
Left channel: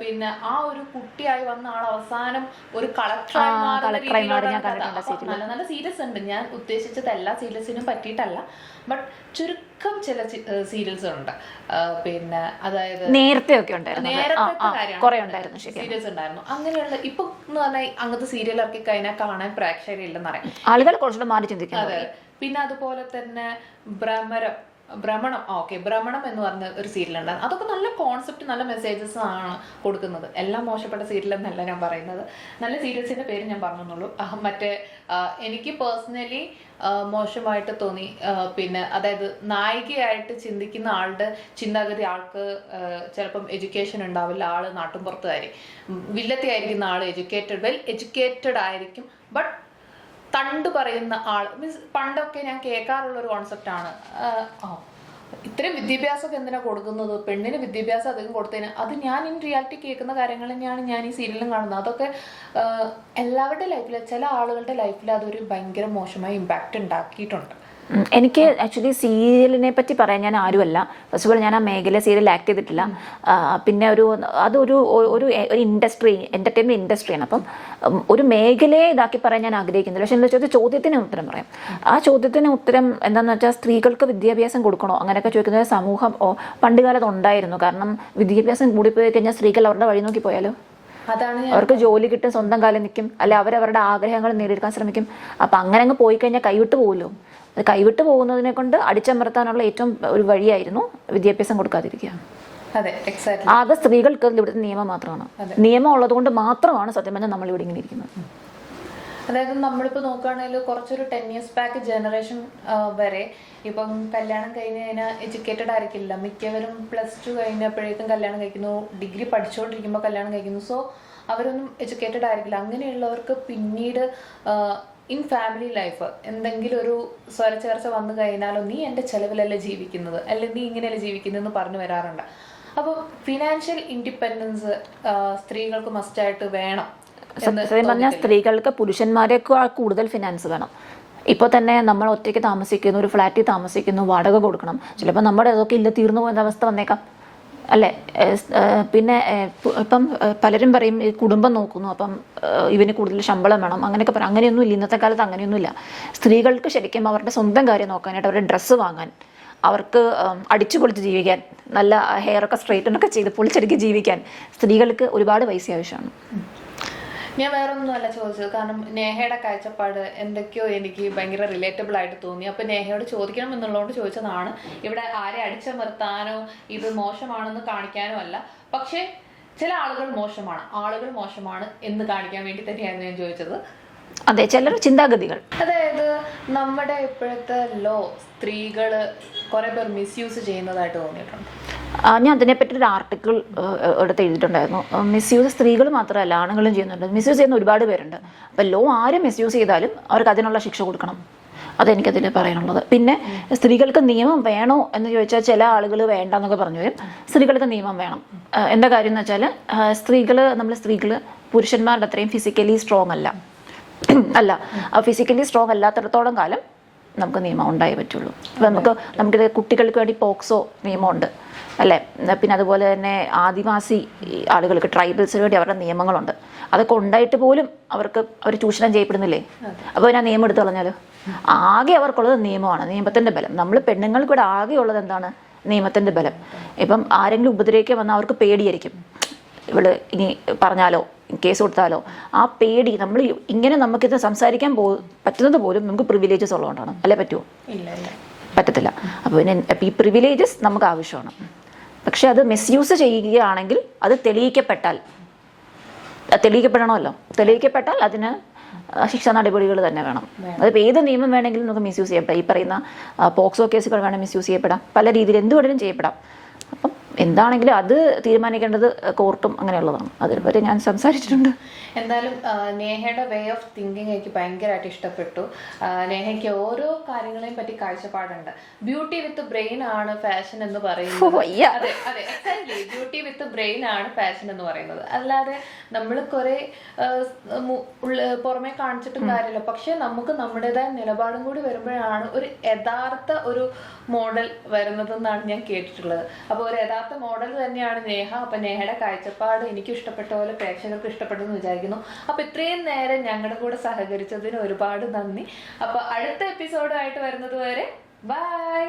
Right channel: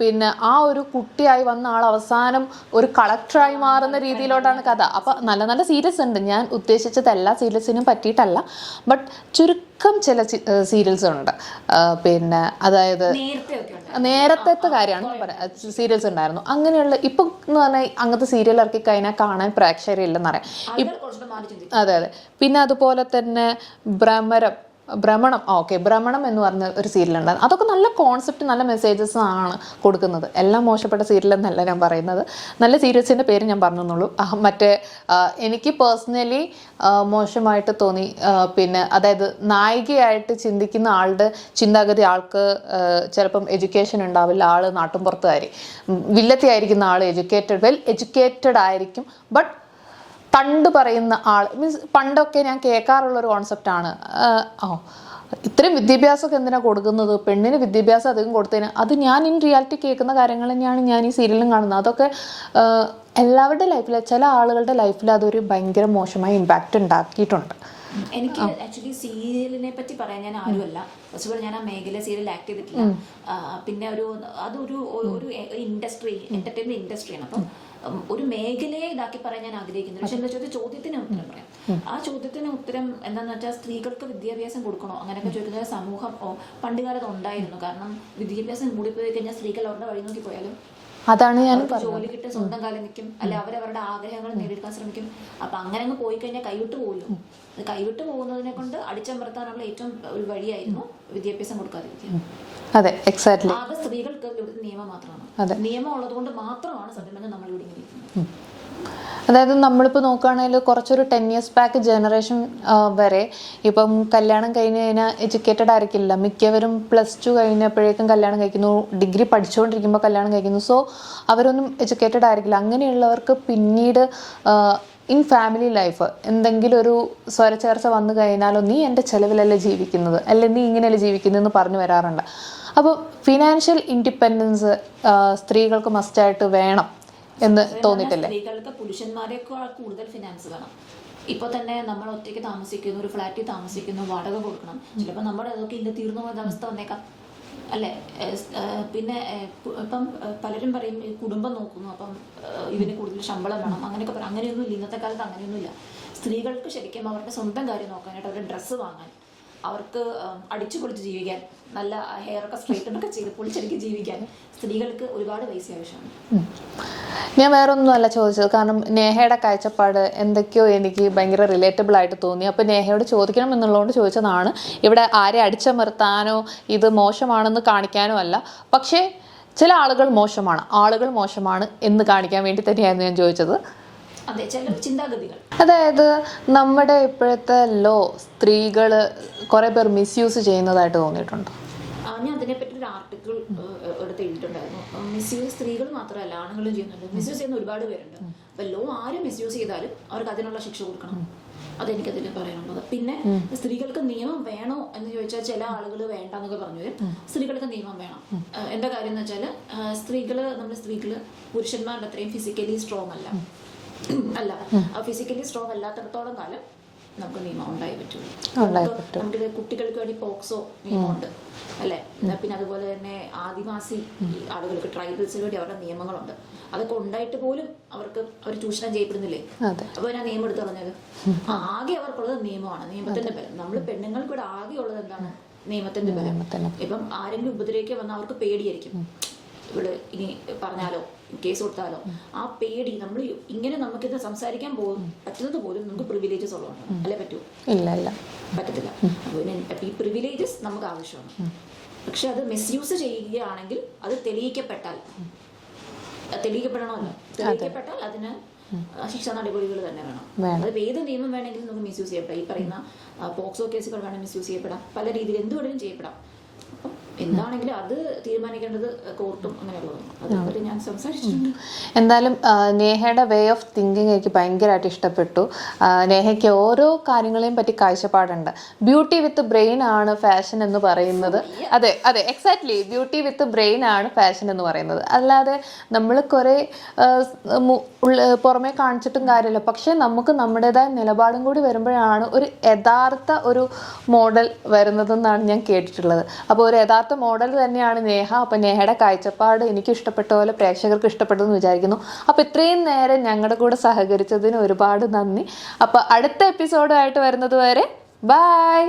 പിന്നെ ആ ഒരു കുട്ടിയായി വന്ന ആൾ അവസാനം ഒരു കളക്ടറായി മാറുന്ന രീതിയിലോട്ടാണ് കഥ. അപ്പൊ നല്ല നല്ല സീരിയൽസ് ഉണ്ട്. ഞാൻ ഉദ്ദേശിച്ചത് എല്ലാ സീരിയൽസിനും പറ്റിയിട്ടല്ല, ബട്ട് ചുരുക്കം ചില സീരിയൽസ് ഉണ്ട്. പിന്നെ അതായത് നേരത്തെ കാര്യമാണ് സീരിയൽസ് ഉണ്ടായിരുന്നു. അങ്ങനെയുള്ള ഇപ്പൊ എന്ന് പറഞ്ഞാൽ അങ്ങനത്തെ സീരിയൽ ഇറക്കി കഴിഞ്ഞാൽ കാണാൻ പ്രേക്ഷകരില്ലെന്നറിയാം ആളുകൾ കുറച്ചുകൂടെ മാറി ചിന്തിക്കും. അതെ. പിന്നെ അതുപോലെ തന്നെ ഭ്രമണം എന്ന് പറഞ്ഞ ഒരു സീരിയൽ ഉണ്ടായിരുന്നു. അതൊക്കെ നല്ല കോൺസെപ്റ്റ്, നല്ല മെസ്സേജസ് ആണ് കൊടുക്കുന്നത്. എല്ലാം മോശപ്പെട്ട സീരിയൽ എന്നല്ല ഞാൻ പറയുന്നത്, നല്ല സീരിയൽസിന്റെ പേര് ഞാൻ പറഞ്ഞെന്നുള്ളൂ. മറ്റേ എനിക്ക് പേഴ്സണലി മോശമായിട്ട് തോന്നി, പിന്നെ അതായത് നായികയായിട്ട് ചിന്തിക്കുന്ന ആളുടെ ചിന്താഗതി ആൾക്ക് ചിലപ്പം എഡ്യൂക്കേഷൻ ഉണ്ടാവില്ല, ആള് നാട്ടുംപുറത്തുകാരി, വില്ലത്തി ആയിരിക്കുന്ന ആള് വെൽ എഡ്യൂക്കേറ്റഡ് ആയിരിക്കും, ബട്ട് കണ്ടു പറയുന്ന ആൾ മീൻസ് പണ്ടൊക്കെ ഞാൻ കേൾക്കാറുള്ള ഒരു കോൺസെപ്റ്റാണ്, ഇത്രയും വിദ്യാഭ്യാസമൊക്കെ എന്തിനാണ് കൊടുക്കുന്നത്, പെണ്ണിന് വിദ്യാഭ്യാസം അധികം കൊടുത്തതിന്. അത് ഞാൻ ഇൻ റിയാലിറ്റി കേൾക്കുന്ന കാര്യങ്ങൾ തന്നെയാണ് ഞാൻ ഈ സീരിയലും കാണുന്നത്. അതൊക്കെ എല്ലാവരുടെ ലൈഫിൽ, ചില ആളുകളുടെ ലൈഫിൽ അതൊരു ഭയങ്കര മോശമായ ഇമ്പാക്റ്റ് ഉണ്ടാക്കിയിട്ടുണ്ട്. എനിക്ക് ആക്ച്വലി സീരിയലിനെ പറ്റി പറയാൻ ഞാൻ ആരുമല്ല. ഫസ്റ്റ് ഓഫ് ഓൾ ഞാൻ ആ മേഖല സീരിയൽ ആക്ട് ചെയ്തിട്ടില്ല. പിന്നെ അതൊരു ഇൻഡസ്ട്രി, എന്റർടൈൻമെന്റ് ഇൻഡസ്ട്രിയാണ്. അപ്പം ഒരു മേഖലയെ ഇതാക്കി പറയാൻ ഞാൻ ആഗ്രഹിക്കുന്നില്ല. പക്ഷെ എന്താ വെച്ചാൽ ചോദ്യത്തിന് ഉത്തരം പറയാം. ആ ചോദ്യത്തിന് ഉത്തരം എന്താണെന്ന് വെച്ചാൽ സ്ത്രീകൾക്ക് വിദ്യാഭ്യാസം കൊടുക്കണോ അങ്ങനെയൊക്കെ ചോദിക്കുന്നത് സമൂഹം പണ്ട് കാലത്ത് ഉണ്ടായിരുന്നു. കാരണം വിദ്യാഭ്യാസം കൂടിപ്പോയി കഴിഞ്ഞാൽ സ്ത്രീകൾ അവരുടെ വഴി നോക്കി പോയാലോ, അതാണ് അവർക്ക് ജോലി കിട്ടും, സ്വന്തം കാലം നിൽക്കും, അല്ലെ അവരവരുടെ ആഗ്രഹങ്ങൾ നേടിയെടുക്കാൻ ശ്രമിക്കും. അപ്പൊ അങ്ങനെ അങ്ങ് പോയി കഴിഞ്ഞാൽ കൈവിട്ട് പോകുമല്ലോ. അത് കൈവിട്ട് പോകുന്നതിനെ കൊണ്ട് അടിച്ചമർത്താനുള്ള ഏറ്റവും ഒരു വഴിയായിരുന്നു വിദ്യാഭ്യാസം കൊടുക്കാതിരിക്കുക. അതെ, എക്സാക്ട്ലി. അത് സ്ത്രീകൾക്ക് ഇവിടുത്തെ നിയമം മാത്രമാണ്. നിയമം ഉള്ളത് കൊണ്ട് മാത്രമാണ് സത്യം പറഞ്ഞാൽ നമ്മൾ ഇവിടെ ഇങ്ങനെ ഇരിക്കുന്നത്. അതായത് നമ്മളിപ്പോൾ നോക്കുകയാണെങ്കിൽ കുറച്ചൊരു 10 years ബാക്ക് ജനറേഷൻ വരെ ഇപ്പം കല്യാണം കഴിഞ്ഞ് കഴിഞ്ഞാൽ എഡ്യൂക്കേറ്റഡ് ആയിരിക്കില്ല. മിക്കവരും +2 കഴിഞ്ഞപ്പോഴേക്കും കല്യാണം കഴിക്കുന്നു, ഡിഗ്രി പഠിച്ചുകൊണ്ടിരിക്കുമ്പോൾ കല്യാണം കഴിക്കുന്നു. സോ അവരൊന്നും എഡ്യൂക്കേറ്റഡ് ആയിരിക്കില്ല. അങ്ങനെയുള്ളവർക്ക് പിന്നീട് ഇൻ ഫാമിലി ലൈഫ് എന്തെങ്കിലും ഒരു സ്വരച്ചേർച്ച വന്നു കഴിഞ്ഞാലോ, നീ എൻ്റെ ചിലവിലല്ലേ ജീവിക്കുന്നത്, അല്ലെ നീ ഇങ്ങനെയല്ലേ ജീവിക്കുന്നതെന്ന് പറഞ്ഞു വരാറുണ്ട്. അപ്പോൾ ഫിനാൻഷ്യൽ ഇൻഡിപെൻഡൻസ് സ്ത്രീകൾക്ക് മസ്റ്റായിട്ട് വേണം എന്ന് തോന്നിയിട്ടില്ല. സ്ത്രീകൾക്ക് പുരുഷന്മാരെക്കാൾ കൂടുതൽ ഫിനാൻസ് വേണം. ഇപ്പോൾ തന്നെ നമ്മൾ ഒറ്റയ്ക്ക് താമസിക്കുന്നു, ഒരു ഫ്ലാറ്റിൽ താമസിക്കുന്നു, വാടക കൊടുക്കണം. ചിലപ്പോൾ നമ്മുടെ അതൊക്കെ ഇല്ല, തീർന്നു പോകുന്ന അവസ്ഥ വന്നേക്കാം, അല്ലേ? പിന്നെ ഇപ്പം പലരും പറയും ഈ കുടുംബം നോക്കുന്നു, അപ്പം ഇവന് കൂടുതൽ ശമ്പളം വേണം അങ്ങനെയൊക്കെ പറയും. അങ്ങനെയൊന്നുമില്ല, ഇന്നത്തെ കാലത്ത് അങ്ങനെയൊന്നുമില്ല. സ്ത്രീകൾക്ക് ശരിക്കും അവരുടെ സ്വന്തം കാര്യം നോക്കാനായിട്ട്, അവരുടെ ഡ്രസ്സ് വാങ്ങാൻ, അവർക്ക് അടിച്ചു പൊളിച്ച് ജീവിക്കാൻ, നല്ല ഹെയറൊക്കെ സ്ട്രെയിറ്റനൊക്കെ ചെയ്ത് പൊളിച്ചടുക്കി ജീവിക്കാൻ സ്ത്രീകൾക്ക് ഒരുപാട് പൈസ ആവശ്യമാണ്. ഞാൻ വേറൊന്നുമല്ല ചോദിച്ചത്, കാരണം നേഹയുടെ കാഴ്ചപ്പാട് എന്തൊക്കെയോ എനിക്ക് ഭയങ്കര റിലേറ്റബിൾ ആയിട്ട് തോന്നി. അപ്പോൾ നേഹയോട് ചോദിക്കണം എന്നുള്ളതുകൊണ്ട് ചോദിച്ചതാണ്. ഇവിടെ ആരെ അടിച്ചമർത്താനോ ഇത് മോശമാണെന്ന് കാണിക്കാനോ അല്ല. പക്ഷേ ചില ആളുകൾ മോശമാണ് എന്ന് കാണിക്കാൻ വേണ്ടി തന്നെയായിരുന്നു ഞാൻ ചോദിച്ചത്. അതെ, ചിലർ ചിന്താഗതികൾ. അതായത് നമ്മുടെ ഇപ്പോഴത്തെ ലോ സ്ത്രീകൾ കുറേ പേർ മിസ്യൂസ് ചെയ്യുന്നതായിട്ട് തോന്നിയിട്ടുണ്ട്. ഞാൻ അതിനെപ്പറ്റി ഒരു ആർട്ടിക്കിൾ എടുത്ത് എഴുതിയിട്ടുണ്ടായിരുന്നു. മിസ്യൂസ് സ്ത്രീകൾ മാത്രമല്ല ആണുങ്ങളും ചെയ്യുന്നുണ്ട്. മിസ്യൂസ് ചെയ്യുന്ന ഒരുപാട് പേരുണ്ട്. അപ്പം ലോ ആരും മിസ്യൂസ് ചെയ്താലും അവർക്ക് അതിനുള്ള ശിക്ഷ കൊടുക്കണം. അതെനിക്കതിൽ പറയാനുള്ളത്. പിന്നെ സ്ത്രീകൾക്ക് നിയമം വേണോ എന്ന് ചോദിച്ചാൽ ചില ആളുകൾ വേണ്ടെന്നൊക്കെ പറഞ്ഞു വരും. സ്ത്രീകൾക്ക് നിയമം വേണം. എന്താ കാര്യം എന്ന് വെച്ചാൽ സ്ത്രീകൾ പുരുഷന്മാരുടെ അത്രയും ഫിസിക്കലി സ്ട്രോങ് അല്ല. ഫിസിക്കലി സ്ട്രോങ് അല്ലാത്തിടത്തോളം കാലം നമുക്ക് നിയമം ഉണ്ടായേ പറ്റുള്ളൂ. നമുക്കിത് കുട്ടികൾക്ക് വേണ്ടി പോക്സോ നിയമമുണ്ട്, അല്ലേ? പിന്നെ അതുപോലെ തന്നെ ആദിവാസി ആളുകൾക്ക്, ട്രൈബൽസിന് വേണ്ടി അവരുടെ നിയമങ്ങളുണ്ട്. അതൊക്കെ ഉണ്ടായിട്ട് പോലും അവർ ചൂഷണം ചെയ്യപ്പെടുന്നില്ലേ? അപ്പോൾ ഞാൻ നിയമം എടുത്തു കളഞ്ഞാലോ? ആകെ അവർക്കുള്ളത് നിയമമാണ്, നിയമത്തിന്റെ ബലം. നമ്മൾ പെണ്ണുങ്ങൾക്ക് ഇവിടെ ആകെ ഉള്ളത് എന്താണ്? നിയമത്തിന്റെ ബലം. ഇപ്പം ആരെങ്കിലും ഉപദ്രവിക്കാൻ വന്നാൽ അവർക്ക് പേടിയായിരിക്കും. ഇവള് ഇനി പറഞ്ഞാലോ, കേസ് കൊടുത്താലോ, ആ പേടി. നമ്മൾ ഇങ്ങനെ നമുക്കിത് സംസാരിക്കാൻ പറ്റുന്നത് പോലും നമുക്ക് പ്രിവിലേജസ് ഉള്ളതുകൊണ്ടാണ്, അല്ലേ? പറ്റുമോ? ഇല്ല, പറ്റത്തില്ല. അപ്പോൾ ഈ പ്രിവിലേജസ് നമുക്ക് ആവശ്യമാണ്. പക്ഷെ അത് മിസ്യൂസ് ചെയ്യുകയാണെങ്കിൽ അത് തെളിയിക്കപ്പെടണമല്ലോ. തെളിയിക്കപ്പെട്ടാൽ അതിന് ശിക്ഷാ നടപടികൾ തന്നെ വേണം. അതിപ്പോൾ ഏത് നിയമം വേണമെങ്കിലും നമുക്ക് മിസ്യൂസ് ചെയ്യപ്പെടാം. ഈ പറയുന്ന പോക്സോ കേസുകൾ വേണം മിസ്യൂസ് ചെയ്യപ്പെടാം, പല രീതിയിൽ എന്ത് വേണമെങ്കിലും ചെയ്യപ്പെടാം. അപ്പം എന്താണെങ്കിലും അത് തീരുമാനിക്കേണ്ടത് കോർട്ടും അങ്ങനെയുള്ളതാണ്. അതിനെപ്പറ്റി ഞാൻ സംസാരിച്ചിട്ടുണ്ട്. എന്തായാലും നേഹയുടെ വേ ഓഫ് തിങ്കിങ് എനിക്ക് ഭയങ്കരമായിട്ട് ഇഷ്ടപ്പെട്ടു. നേഹയ്ക്ക് ഓരോ കാര്യങ്ങളെയും പറ്റി കാഴ്ചപ്പാടുണ്ട്. ബ്യൂട്ടി വിത്ത് ബ്രെയിൻ ആണ് ഫാഷൻ എന്ന് പറയുന്നത്. അതെ, എക്സാക്ട്ലി. ബ്യൂട്ടി വിത്ത് ബ്രെയിൻ ആണ് ഫാഷൻ എന്ന് പറയുന്നത്. അല്ലാതെ നമ്മൾ കുറെ പുറമെ കാണിച്ചിട്ടും കാര്യമില്ല. പക്ഷെ നമുക്ക് നമ്മുടേതായ നിലപാടും കൂടി വരുമ്പോഴാണ് ഒരു യഥാർത്ഥ ഒരു മോഡൽ വരുന്നതെന്നാണ് ഞാൻ കേട്ടിട്ടുള്ളത്. അപ്പോൾ ഒരു യഥാർത്ഥ മോഡൽ തന്നെയാണ് നേഹ. അപ്പൊ നേഹയുടെ കാഴ്ചപ്പാട് എനിക്ക് ഇഷ്ടപ്പെട്ട പോലെ പ്രേക്ഷകർക്ക് ഇഷ്ടപ്പെട്ടെന്ന് വിചാരിക്കുന്നു. അപ്പൊ ഇത്രയും നേരം ഞങ്ങളുടെ കൂടെ സഹകരിച്ചതിന് ഒരുപാട് നന്ദി. അപ്പൊ അടുത്ത എപ്പിസോഡായിട്ട് വരുന്നത് വരെ ബൈ.